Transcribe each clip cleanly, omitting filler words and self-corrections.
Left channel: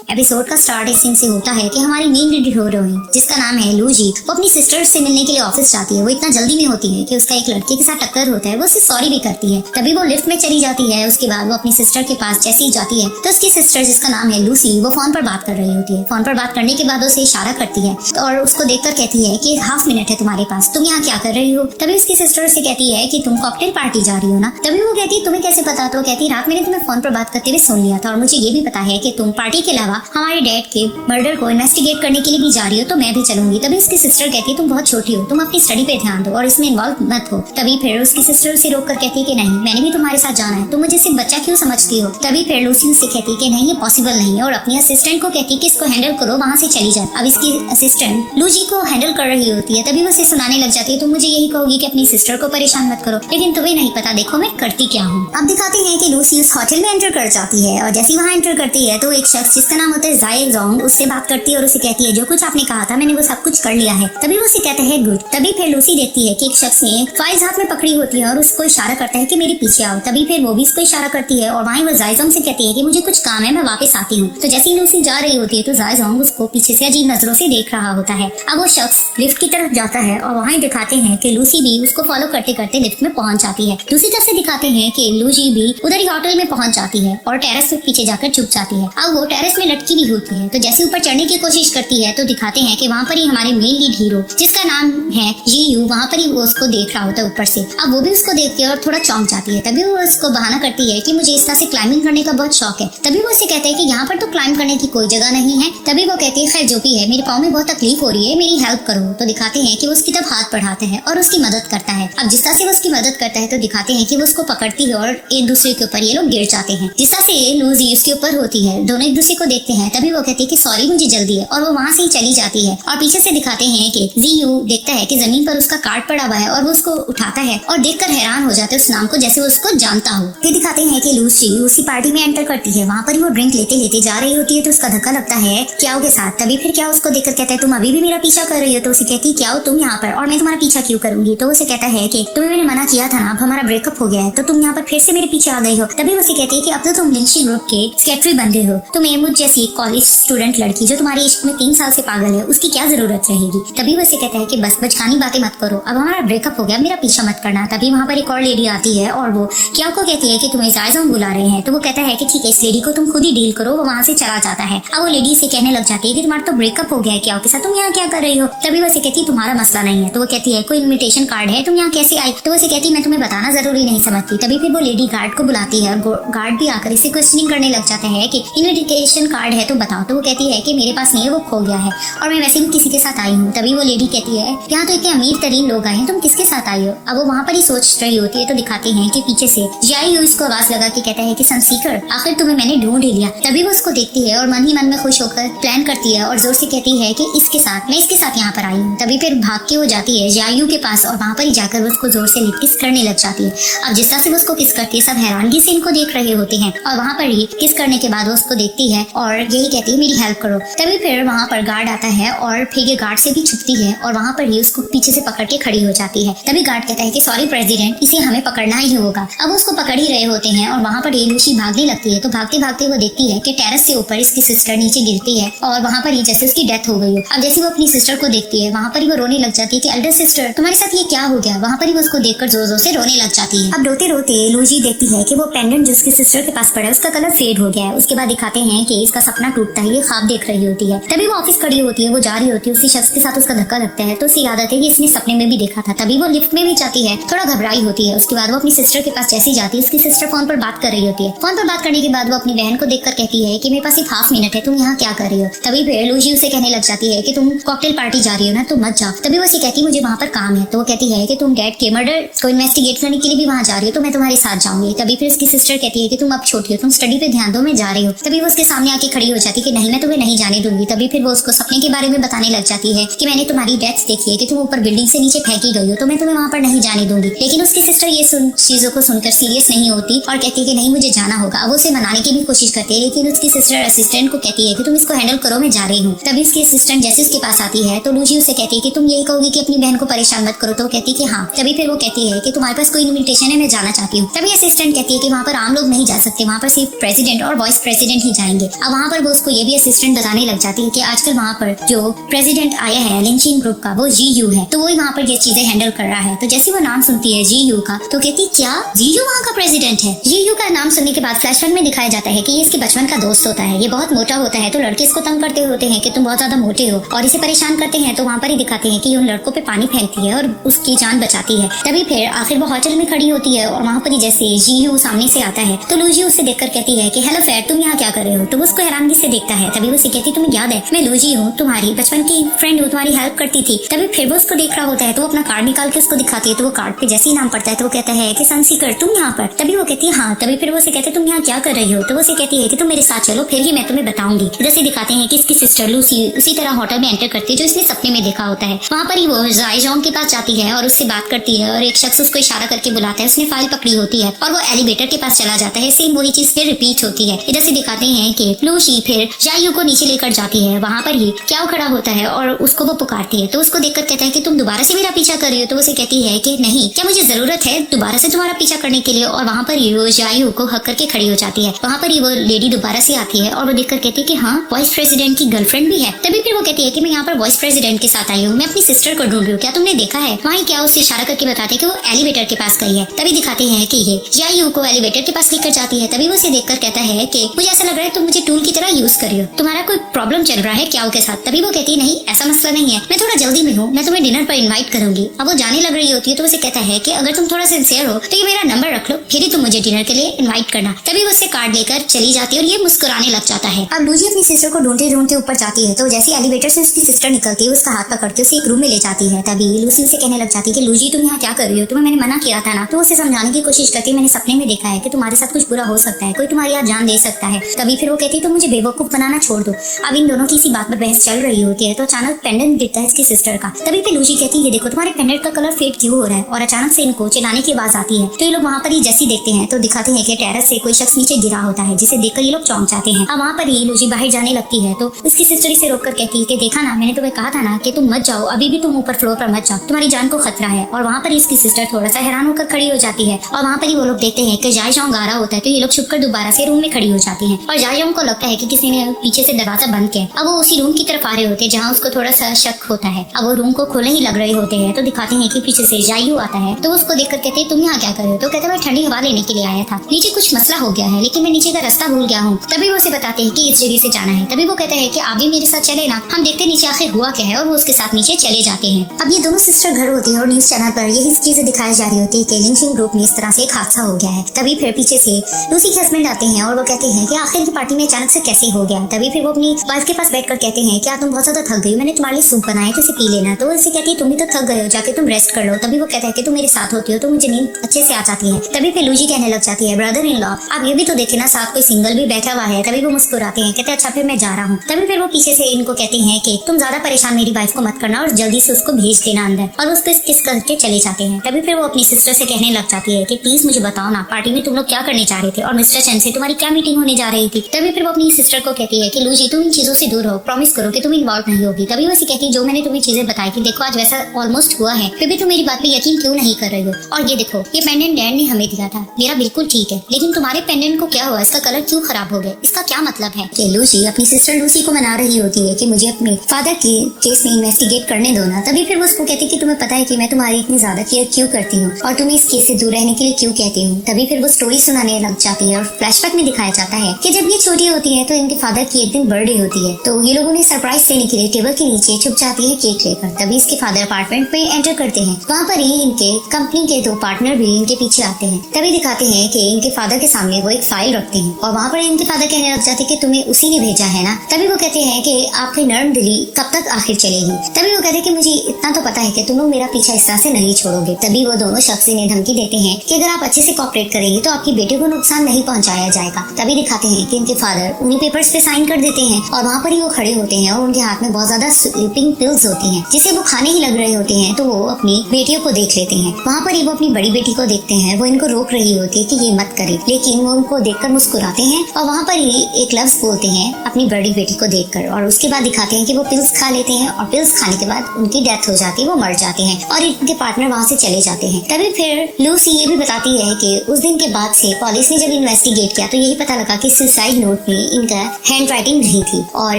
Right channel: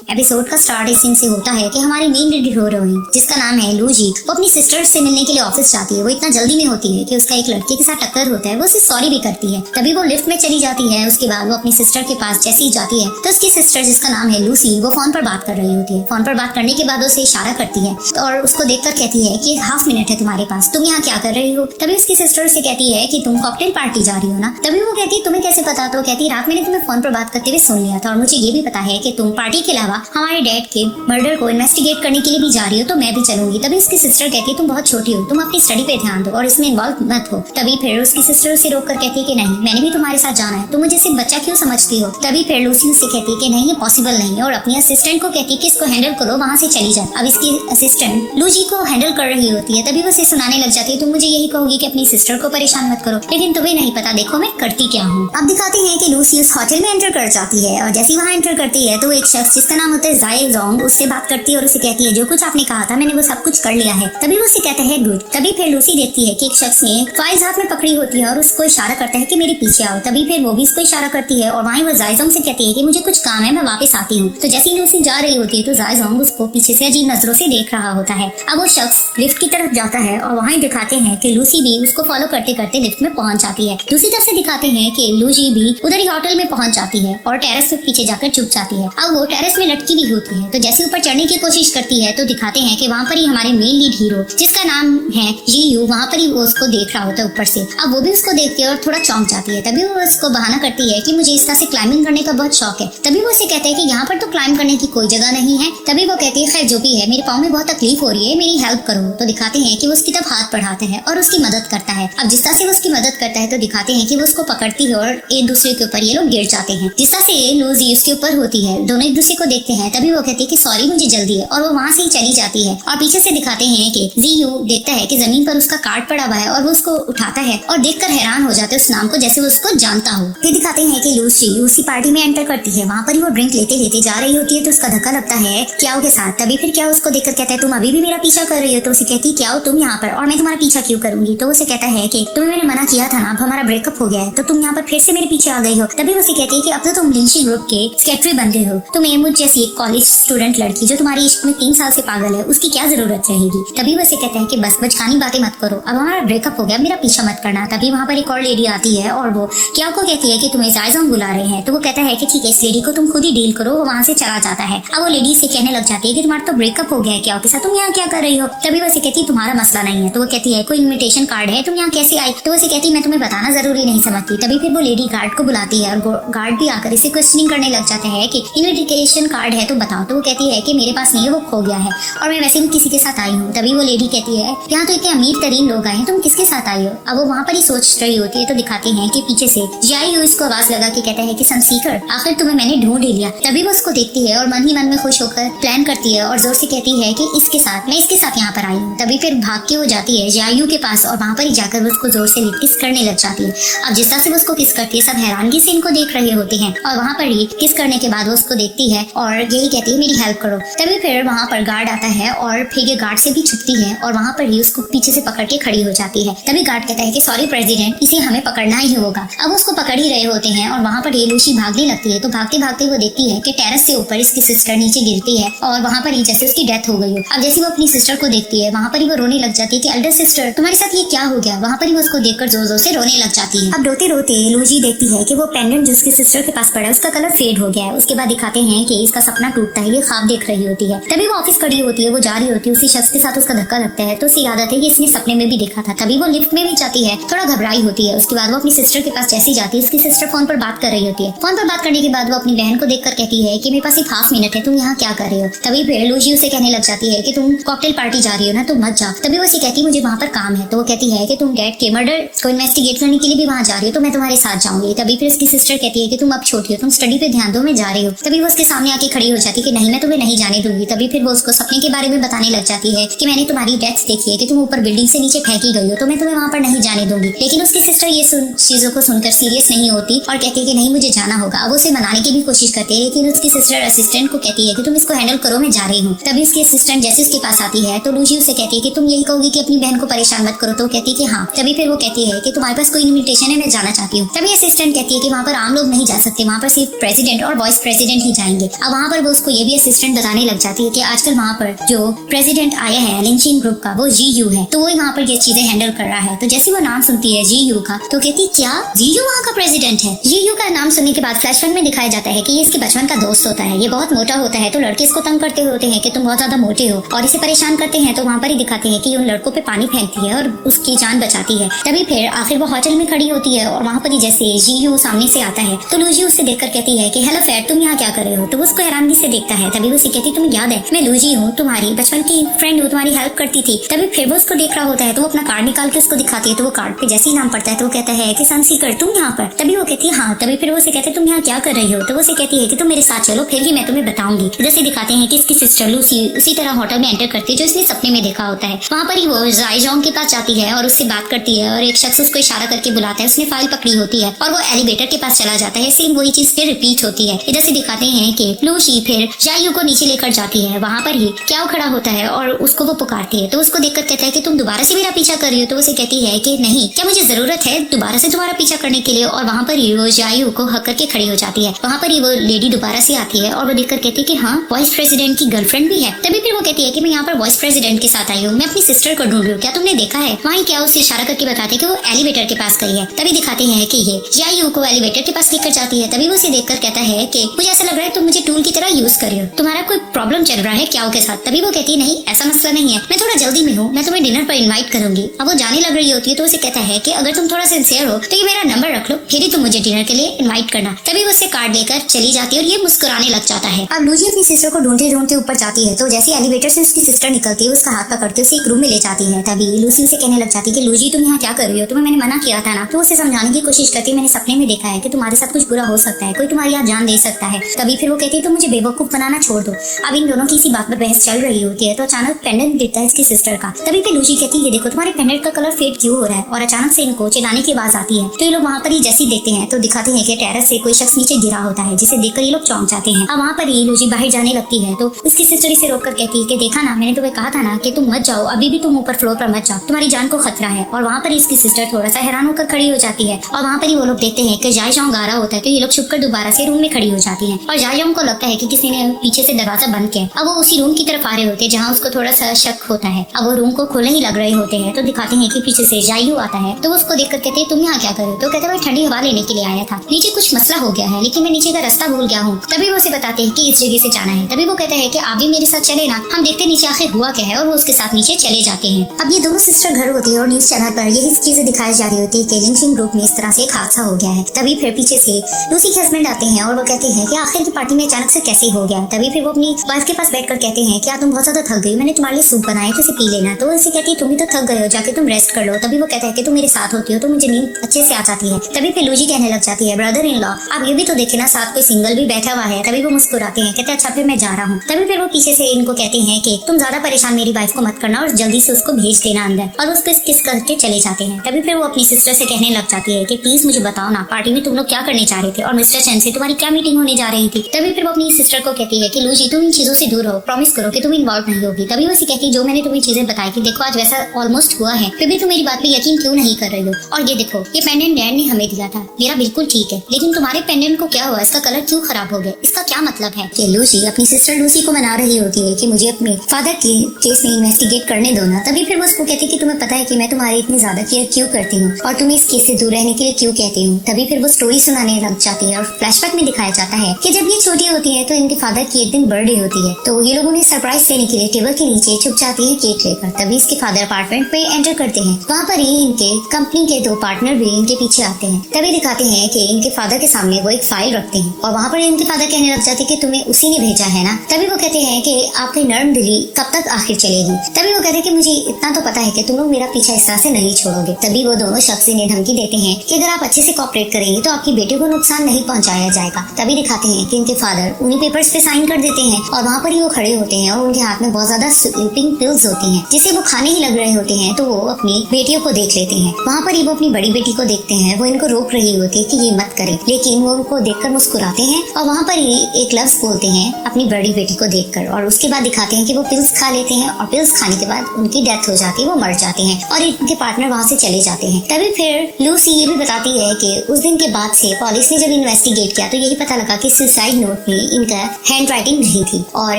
Episode का start इस scene से होता है कि हमारी मेन हीरोइन जिसका नाम है लूजी, वो अपनी सिस्टर से मिलने के लिए ऑफिस जाती है। वो इतना जल्दी में होती है कि उसका एक लड़के के साथ टक्कर होता है। वो उसे सॉरी भी करती है। तभी वो लिफ्ट में चली जाती है। उसके बाद वो अपनी सिस्टर के पास जैसे ही जाती है तो उसकी सिस्टर जिसका नाम है लूसी, वो फोन पर बात कर रही होती है। फोन पर बात करने के बाद उसे इशारा करती है और उसको देखकर कहती है कि हाफ मिनट है तुम्हारे पास, तुम यहाँ क्या कर रही हो। तभी उसकी सिस्टर उसे कहती है कि तुम कॉकटेल पार्टी जा रही हो ना। तभी वो कहती है तुम्हें कैसे पता। तो कहती है रात मैंने तुम्हें फोन पर बात करते हुए सुन लिया था और मुझे ये भी पता है कि तुम पार्टी के अलावा हमारे डैड के मर्डर को इन्वेस्टिगेट करने के लिए भी जा रही हो, तो मैं भी चलूंगी। तभी उसकी सिस्टर कहती है तुम बहुत छोटी हो, तुम अपनी स्टडी पे ध्यान दो और इसमें इन्वॉल्व मत हो। तभी फिर उसकी सिस्टर उसे रोक कर कहती है कि नहीं, मैंने भी तुम्हारे साथ जाना है, तुम मुझे सिर्फ बच्चा क्यों समझती हो। तभी फिर लूसी उससे कहती है कि नहीं, ये पॉसिबल नहीं है और अपनी असिस्टेंट को कहती है कि इसको हैंडल करो, वहाँ से चली जाए। अब इसकी असिस्टेंट लूसी को हैंडल कर रही होती है। तभी वो उसे सुनाने लग जाती है तुम मुझे यही कहोगी कि अपनी सिस्टर को परेशान मत करो, लेकिन तुम्हें नहीं पता, देखो मैं करती क्या हूँ। अब दिखाते हैं कि लूसी उस होटल में एंटर कर जाती है और जैसे वहाँ एंटर करती है तो एक शख्स जिसका नाम होता है जाए जोंग उससे बात करती है और उसे कहती है जो कुछ आपने कहा था मैंने वो सब कुछ कर लिया है। तभी वो उसे कहते हैं गुड। तभी फिर लूसी देखती है कि एक शख्स ने फाइल्स हाथ में पकड़ी होती है और उसको इशारा करता है कि मेरे पीछे आओ। तभी फिर वो भी उसको इशारा करती है और वहीं वो जाए जोंग से कहती है कि मुझे कुछ काम है, मैं वापस आती हूँ। तो जैसे ही लूसी जा रही होती है तो जाए जोंग उसको पीछे से अजीब नजरों से देख रहा होता है। अब वो शख्स लिफ्ट की तरफ जाता है और वहीं दिखाते हैं कि लूसी भी उसको फॉलो करते करते लिफ्ट में पहुंच जाती है। दूसरी तरफ से दिखाते हैं कि लूसी भी उधर होटल में पहुंच जाती है और टेरेस पे पीछे जाकर छुप जाती है। अब वो टेरेस पे लटकी भी होती है तो जैसे ऊपर चढ़ने की कोशिश करती है तो दिखाते हैं कि वहाँ पर ही हमारे मेन लीड हीरो जिसका नाम है जीयू, वहाँ पर ही वो उसको देख रहा होता है ऊपर से। अब वो भी उसको देखती है और थोड़ा चौंक जाती है। तभी वो उसको बहाना करती है कि मुझे इस तरह से क्लाइंबिंग करने का बहुत शौक है। तभी वो उसे कहता है कि यहाँ पर तो क्लाइंब करने की कोई जगह नहीं है। तभी वो कहती है खैर जो भी है, मेरे पाँव में बहुत तकलीफ हो रही है, मेरी हेल्प करो। तो दिखाते हैं कि वो उसकी तरफ हाथ बढ़ाते हैं और उसकी मदद करता है। अब जिस तरह से वो उसकी मदद करता है तो दिखाते हैं कि वो उसको पकड़ती है और एक दूसरे के ऊपर ये लोग गिर जाते हैं। जिस तरह से लूजी उसके ऊपर होती है, दोनों एक दूसरे को देखते हैं। तभी वो कहती है कि सॉरी मुझे जल्दी है और वो वहाँ से ही चली जाती है। और पीछे से दिखाते हैं कि जीयू देखता है कि जमीन पर उसका कार्ड पड़ा हुआ है और वो उसको उठाता है और देखकर हैरान हो जाते हैं उस नाम को, जैसे वो उसको जानता हो। फिर दिखाते हैं कि लूसी उसी पार्टी में एंटर करती है। वहाँ पर वो ड्रिंक लेते लेते जा रही होती है तो उसका धक्का लगता है क्याओ के साथ। तभी फिर क्याओ उसको देखकर कहता है तुम अभी भी मेरा पीछा कर रही हो। तो उसे कहती है क्याओ तुम यहाँ पर और मैं तुम्हारा पीछा क्यों करूंगी। तो उसे कहता है कि तुम्हें मैंने मना किया था ना, अब हमारा ब्रेकअप हो गया है तो तुम यहाँ पर फिर से मेरे पीछे आ गई हो। तभी उसे कहती है कि अब तो तुम लिंची ग्रुप के सेक्रेटरी बन गए हो, तुम्हें मुझ जैसी कॉलेज स्टूडेंट लड़की जो तुम्हारे इश्क में 3 साल से पागल है उसकी क्या जरूरत रहेगी। तभी वो उसे कहता है कि बस बचकानी बातें मत करो, अब हमारा ब्रेकअप हो गया, मेरा पीछा मत करना। तभी वहाँ पर एक और लेडी आती है और वो क्या को कहती है कि तुम्हें जायजान बुला रहे हैं। तो वो कहता है कि ठीक है इस लेडी को तुम खुद ही डील करो। वो वहाँ से चला जाता है। अब वो लेडी से कहने लग जाती है कि तुम्हारा तो ब्रेकअप हो गया है क्या के साथ, तुम यहाँ क्या कर रही हो। तभी वो उसे कहती है तुम्हारा मसला नहीं है। तो वो कहती है कोई इन्विटेशन कार्ड है, तुम यहाँ कैसे आई। तो उसे कहती है मैं तुम्हें बताना जरूरी नहीं समझती। तभी फिर वो लेडी गार्ड को बुलाती है और गार्ड भी आकर इसे क्वेश्चनिंग करने लग जाते हैं कि इन्विटेशन कार्ड है तो बताओ। तो वो कहती है कि मेरे पास नहीं है, वो खो गया है और मैं वैसे भी किसी के साथ आई हूँ। तभी वो लेडी कहती है यहाँ तो इतने अमीर तरीन लोग आए हैं, तुम किसके साथ आई हो। अब वो वहाँ पर ही सोच रही होती है तो दिखाते हैं कि पीछे से जाई उसको आवाज लगा के कहता है कि सब सीकर आखिर तुम्हें मैंने ढूंढ लिया। तभी वो उसको देखती है और मन ही मन में खुश होकर प्लान करती है और जोर से कहती है कि इसके साथ मैं इसके साथ यहाँ पर आई हूँ। तभी फिर भाग के वो जाती है जायू के पास और वहाँ पर ही जाकर उसको जोर से किस करने लग जाती है। अब जिस तरह से उसको किस करती है सब हैरानगी से इनको देख रहे होते हैं और वहाँ पर ही किस करने के बाद वो उसको देखती है और यही कहती है मेरी हेल्प करो। तभी फिर वहाँ पर गार्ड आता है और फिर ये गार्ड से भी छुपती है और वहाँ पर ही उसको पीछे से पकड़ के खड़ी हो जाती है। तभी गार्ड कहता है कि सॉरी प्रेसिडेंट, इसलिए हमें पकड़ना ही होगा। अब उसको पकड़ ही रहे होते हैं और वहाँ पर लूसी भागने लगती है तो भागते भागते वो देखती है कि टेरेस से ऊपर इसकी सिस्टर नीचे गिरती है और वहाँ पर ही जैसे उसकी डेथ हो गई है। अब जैसे वो अपनी सिस्टर को देखती है वहाँ पर ही वो रोने लग जाती है कि एल्डर सिस्टर तुम्हारे साथ ये क्या हो गया। वहाँ पर ही वो उसको देखकर जोर जोर से रोने लग जाती है। अब रोते रोते लूसी देखती है कि वो पेंडेंट जिसकी सिस्टर के पास पड़ा है उसका कलर फेड हो गया है। उसके बाद दिखाते हैं कि इसका सपना टूटता है, ये ख्वाब देख रही होती है। तभी वो ऑफिस खड़ी होती है, वो जा रही होती है, उसी शख्स के साथ उसका धक्का लगता है तो उसे याद आती है कि इसने सपने में भी देखा था। तभी वो लिफ्ट में भी जाती है, थोड़ा घबराई होती है। उसके बाद वो अपनी सिस्टर के पास जैसे ही जाती है उसकी सिस्टर फोन पर बात कर रही होती है। फोन पर बात करने के बाद वो अपनी बहन को देखकर कहती है कि मेरे पास सिर्फ हाफ मिनट है, तुम यहाँ क्या कर रही हो। तभी फिर लूजी उसे कहने लग जाती है कि तुम कॉकटेल पार्टी जा रही हो ना, तो मत जाओ। तभी वो उसे कहती है मुझे वहाँ पर काम है। तो वो कहती है कि तुम डैड के मर्डर को इन्वेस्टिगेट करने के लिए भी वहाँ जा रही हो तो मैं तुम्हारे साथ जाऊंगी। तभी फिर उसकी सिस्टर कहती है कि तुम अब छोटी हो, तुम स्टडी पे ध्यान दो, मैं जा रही हूँ। तभी वो उसके सामने आके खड़ी हो जाती है कि नहीं मैं तुम्हें नहीं जाने दूंगी। तभी फिर वो उसको सपने के बारे में बताने लग जाती है कि मैंने तुम्हारी डेथ देखी है कि तुम ऊपर बिल्डिंग से नीचे फेंकी गई हो तो मैं तुम्हें वहाँ पर नहीं जाने दूंगी। लेकिन उसकी सिस्टर ये चीजों को सुनकर सीरियस नहीं होती और कहती है कि नहीं मुझे जाना होगा। अब उसे मनाने की भी कोशिश करती है लेकिन उसकी सिस्टर असिस्टेंट को कहती है कि तुम इसको हैंडल करो, मैं जा रही हूँ। तभी उसकी असिस्टेंट जैसे उसके पास आती है तो लूजी उसे कहती है कि तुम यही कहोगी कि अपनी बहन को परेशान मत करो। तो कहती है कि हाँ। तभी फिर वो कहती है कि तुम्हारे पास कोई इन्विटेशन है, मैं जाना चाहती हूँ। तभी असिस्टेंट कहती है कि वहाँ पर आम लोग नहीं जा सकते, वहाँ पर सिर्फ प्रेसिडेंट और वाइस प्रेसिडेंट ही जाएंगे। और वहाँ पर वो उसको ये भी असिस्टेंट बताने लग जाती है कि आजकल वहाँ पर जो प्रेसिडेंट आया है लिंचिंग ग्रुप का वो जीयू है, तो वो वहाँ पर ये चीजें हैंडल कर रहा है। तो जैसे वो नाम सुनती है जीयू का तो कहती क्या जीयू वहाँ का प्रेसिडेंट है। जीयू का नाम सुनने के बाद फ्लैशबैक में दिखाया जाता है कि ये इसके बचपन का दोस्त होता है, ये बहुत मोटा होता है, तो लड़के इसको तंग करते होते हैं कि तुम बहुत ज्यादा मोटे हो और इसे परेशान करते हैं। तो वहाँ पर ही दिखाते हैं कि उन लड़कों पे पानी फेंकती है और उसकी जान बचाती है। तभी फिर आखिर वो होटल में खड़ी होती है और वहाँ पर ही जैसे जीयू सामने से आता है तो लूजी उसे देखकर कहती है कि हेलो फैट, तुम यहाँ क्या कर रहे हो। तो वो उसको हैरानगी से देखता है। तभी वो उसे कहती तुम्हें याद है मैं लूजी हूँ, तुम्हारी बचपन की फ्रेंड हूँ, तुम्हारी हेल्प करती थी। तभी फिर वो उसको देख रहा होता है तो वो अपना कार्ड निकाल के उसको दिखाती है। तो वो कार्ड पे जैसे ही नाम पड़ता है तो वो कहता है कि सनसीकर तुम यहाँ पर। तभी वो कहती है हाँ। तभी फिर वो उसे कहते तुम यहाँ क्या कर रही हो। तो वो उसे कहती है कि तुम मेरे साथ चलो, फिर ही मैं तुम्हें बताऊंगी। जैसे दिखाते हैं कि इसकी सिस्टर लूसी उसी तरह होटल में एंटर करती है जो इसने सपने में देखा होता है। वहाँ पर ही वो जायजोंग के पास जाती है और उससे बात करती है और एक शख्स उसको इशारा करके बुलाता है। उसने फाइल पकड़ी होती है और वो एलिवेटर के पास चला जाता है। सेम वही चीज फिर रिपीट होती है। इधर से दिखाते हैं कि लूसी फिर जायू को नीचे लेकर जाती है। वहाँ पर ही क्या खड़ा होता है और उसको वो पुकारती है। तो उसको देखकर कहता है कि तुम दोबारा से मेरा पीछा कर रही हो। तो उसे कहती है कि नहीं, क्या मुझे जरूरत है दोबारा से तुम्हारा पीछा करने के लिए। और वहाँ पर ही वो जायू को हक करके खड़ी हो जाती है। वहाँ पर ही वो लेडी दोबारा से आती है और वो देखकर कहती है कि हाँ वाइस प्रेसिडेंट की गर्लफ्रेंड भी है। तभी फिर वो कहती है कि मैं यहाँ पर वाइस प्रेसिडेंट के साथ आई हूँ, मैं अपनी सिस्टर को ढूंढ रही हूँ, क्या तुमने देखा है। वहाँ क्या उसे इशारा करके बताते हैं कि वो एलिवेटर के पास गई है। तभी दिखाते हैं कि ये जायू को एलिवेटर के पास लेकर जाती है। तभी वो उसे देखकर कहता है कि मुझे ऐसा लग रहा है तुम मुझे टूल की तरह यूज कर रही हो, तुम्हारा कोई प्रॉब्लम चल रहा है क्या के साथ। तभी वो कहती है नहीं ऐसा मसला नहीं है, मैं थोड़ा जल्दी में हूँ, मैं तुम्हें डिनर पर इन्वाइट करूंगी। अब वो जाने लग रही होती है तो उसे कहता है कि अगर तुम थोड़ा सिंसियर हो तो ये मेरा नंबर रख लो, फिर ही तुम मुझे डिनर के लिए इन्वाइट करना। तभी वो उसे कार्ड लेकर चली जाती है और ये मुस्कुराने लग जाता है। अब लूजी अपनी सिस्टर को ढूंढते ढूंढते ऊपर जाती है तो जैसे एलिवेटर से उसकी सिस्टर निकलती है उसका हाथ पकड़ते उसे एक रूम में ले जाती है। तभी लूसी से कहने लग जाती है कि लूजी तुम यहाँ क्या कर रही हो, तुम्हें मैंने मना किया था ना। तो उसे समझाने की कोशिश करती, मैंने सपने में देखा है कि तुम्हारे साथ कुछ बुरा हो सकता है, कोई तुम्हारी यहाँ जान ले सकता है। तभी फिर वो कहती है तुम मुझे बेवकूफ बनाना छोड़ दो। अब इन दोनों की इसी बात पर बहस चल रही होती है तो अचानक पेंडेंट दिखता है इसकी सिस्टर का। तभी फिर लूजी कहती है देखो तुम्हारे पेंडेंट का कलर फेड क्यों हो रहा है। और अचानक से इनको चिल्लाने की आवाज आती है। तो ये लोग वहाँ पर ही जैसे देखते हैं तो दिखाते हैं कि टेरेस से कोई शख्स नीचे गिरा होता है जिसे देखकर ये लोग चौंक जाते हैं। अब वहाँ पर ही लूजी बाहर जाने लगती है तो उसकी सिस्टर इसे रोककर कहती है कि देखा ना मैंने तुम्हें कहा था ना कि तुम मत जाओ, अभी भी तुम ऊपर फ्लोर पर मत जाओ, तुम्हारी जान को खतरा है। और वहाँ पर इसकी सिस्टर थोड़ा सा हैरान होकर खड़ी हो जाती है और वहाँ पर ही वो लोग देखते हैं कि जायजोंग आ रहा होता है तो ये लोग छुपकर दोबारा से रूम में खड़ी हो जाती है और जायजोंग को लगता है कि किसी ने पीछे से दरवाजा बंद किया। अब वो उसी रूम की तरफ आ रहे होते हैं जहाँ उसको थोड़ा सा शक होता है। अब वो रूम को खोलने ही लग रहे होते हैं तो दिखाते हैं कि पीछे से जायू आता है तो उसको देखकर कहते हैं तुम यहाँ क्या कर रहे हो। तो कहते हैं मैं ठंडी हवा लेने के लिए आया था, नीचे कुछ मसला हो गया है लेकिन मैं नीचे का रास्ता भूल गया हूँ। तभी वो उसे बताते हैं कि इस जगह से जाना है। तभी वो कहता है कि आप भी मेरे साथ चले ना, हम देखते नीचे आखिर हुआ क्या है। और वो उसके साथ नीचे चले जाते हैं। अब ये दोनों सिस्टर घर होते हैं और न्यूज चैनल पर ये चीजें दिखाई जा रही होती है कि लिंचिंग ग्रुप में इस तरह से एक हादसा हो गया है। तभी फिर पीछे से लूसी के हस्बैंड आते हैं और वो कहते हैं कि आखिर की पार्टी में अचानक से कैसे हो गया। तभी फिर वो अपनी वाइफ के पास बैठकर कहते हैं कि तुम बहुत ज्यादा थक गई, मैंने तुम्हारे लिए सूप बनाया कि पी लेना। तो उसे कहती है तुम भी तो थक गए हो, जाके तुम रेस्ट कर लो। तभी वो कहता है कि तुम मेरे साथ होती हो तो मुझे नींद अच्छे से आ जाती है। तभी फिर लूजी कहने लग जाती है ब्रदर इन लॉ आप ये भी तो देखे ना साथ कोई सिंगल भी बैठा हुआ है। तभी वो मुस्कुराते हैं कहते अच्छा फिर मैं जा रहा हूँ। तभी फिर वो पीछे से इनको कहते हैं कि तुम ज्यादा परेशान मेरी वाइफ को मत करना और जल्दी से उसको भेज देना अंदर। और उसको किस करके चले जाते हैं। तभी फिर वो अपनी सिस्टर से कहने लग जाती है कि प्लीज मुझे बताओ ना पार्टी में तुम लोग क्या करने जा रहे थे और मिस्टर चैन से तुम्हारी क्या मीटिंग होने जा रही थी। तभी फिर वो अपनी सिस्टर को कहती है कि लूजी तुम इन चीजों से दूर हो, प्रॉमिस करो कि तुम इन्वॉल्व नहीं होगी। तभी वो कहती है जो मैंने तुम्हें चीजें बताई थी देखो आज वैसा ऑलमोस्ट हुआ है, फिर भी तुम मेरी बात में यकीन क्यों नहीं कर रहे हो। और ये देखो ये पेंडेंट डैड ने हमें दिया था, मेरा बिल्कुल ठीक है, लेकिन तुम्हारे पेंडेंट को क्या हुआ, इसका कलर क्यों खराब हो गया, इसका क्या मतलब है। कि लूसी अपनी सिस्टर लूसी को मना रही होती है कि मुझे अपने फादर के केस में इन्वेस्टिगेट करने दो ना। तभी फिर वो उसको कहती है कि तुम्हें पता है कि मैं तुम्हारी इतनी ज्यादा केयर क्यों करती हूँ और तुम्हें इस केस से दूर रहने के लिए क्यों कहती हूँ। तभी फिर वो स्टोरी सुनाने लग जाती है और फ्लैशबैक में दिखाया जाता है कि जब ये छोटी होती है तो इनके फादर की एक दिन बर्थडे होती है तो ये लोगों ने सरप्राइज देने के लिए टेबल के नीचे छुप जाती है केक लेकर। तभी इसके फादर अपार्टमेंट पे एंटर करते हैं। वहाँ पर ही इनके कंपनी के 2 पार्टनर भी इनके पीछे आते हैं। तभी दिखाते हैं कि इनके फादर के सामने वो एक फाइल रखते हैं और वहाँ पर इनके फादर कहने लग जाते हैं कि तुम्हें उसी ने भेजा है ना। तभी वो कहते हैं कि आपकी नर्म दिली कब तक आखिर चलेगी। तभी वो कहते हैं कि मुझे इतना तो पता है कि तुम लोग मेरा पीछा इस तरह से नहीं छोड़ोगे। तभी वो दोनों शख्स इन्हें धमकी देते हैं कि अगर आप अच्छे से कॉपरेट करेंगे तो आपकी बेटे को नुकसान नहीं पहुंचाया जाएगा। तभी दिखाते हैं कि इनके फादर उन्हें पेपर्स पे साइन कर देते हैं और वहाँ पर ही वो खड़े होते हैं और उनके हाथ में बहुत ज्यादा स्लीपिंग पिल्स होती हैं जिसे वो खाने ही लग रहे होते हैं। तो वो अपनी बेटियों को देख लेते हैं। वहाँ पर ही वो अपनी बड़ी बेटी को देखते हैं, वो इनको रोक रही होती है कि ये मत करे, लेकिन वो उनको देखकर मुस्कुराते हैं और वहाँ पर ही एक लफ्ज बोलते हैं अपनी बड़ी बेटी को देखकर और उसके बाद दिखाते हैं कि वो पिल्स खा लेते हैं और पिल्स खाने के बाद उनकी डेथ हो जाती है, वो मर जाते हैं और इनके पार्टनर वहाँ से चले जाते हैं। तभी फिर लूसी ये भी बताती है कि उस दिन के बाद से पुलिस ने जब इन्वेस्टिगेट किया तो यही पता लगा कि सुसाइड नोट पे इनका हैंड राइटिंग नहीं थी और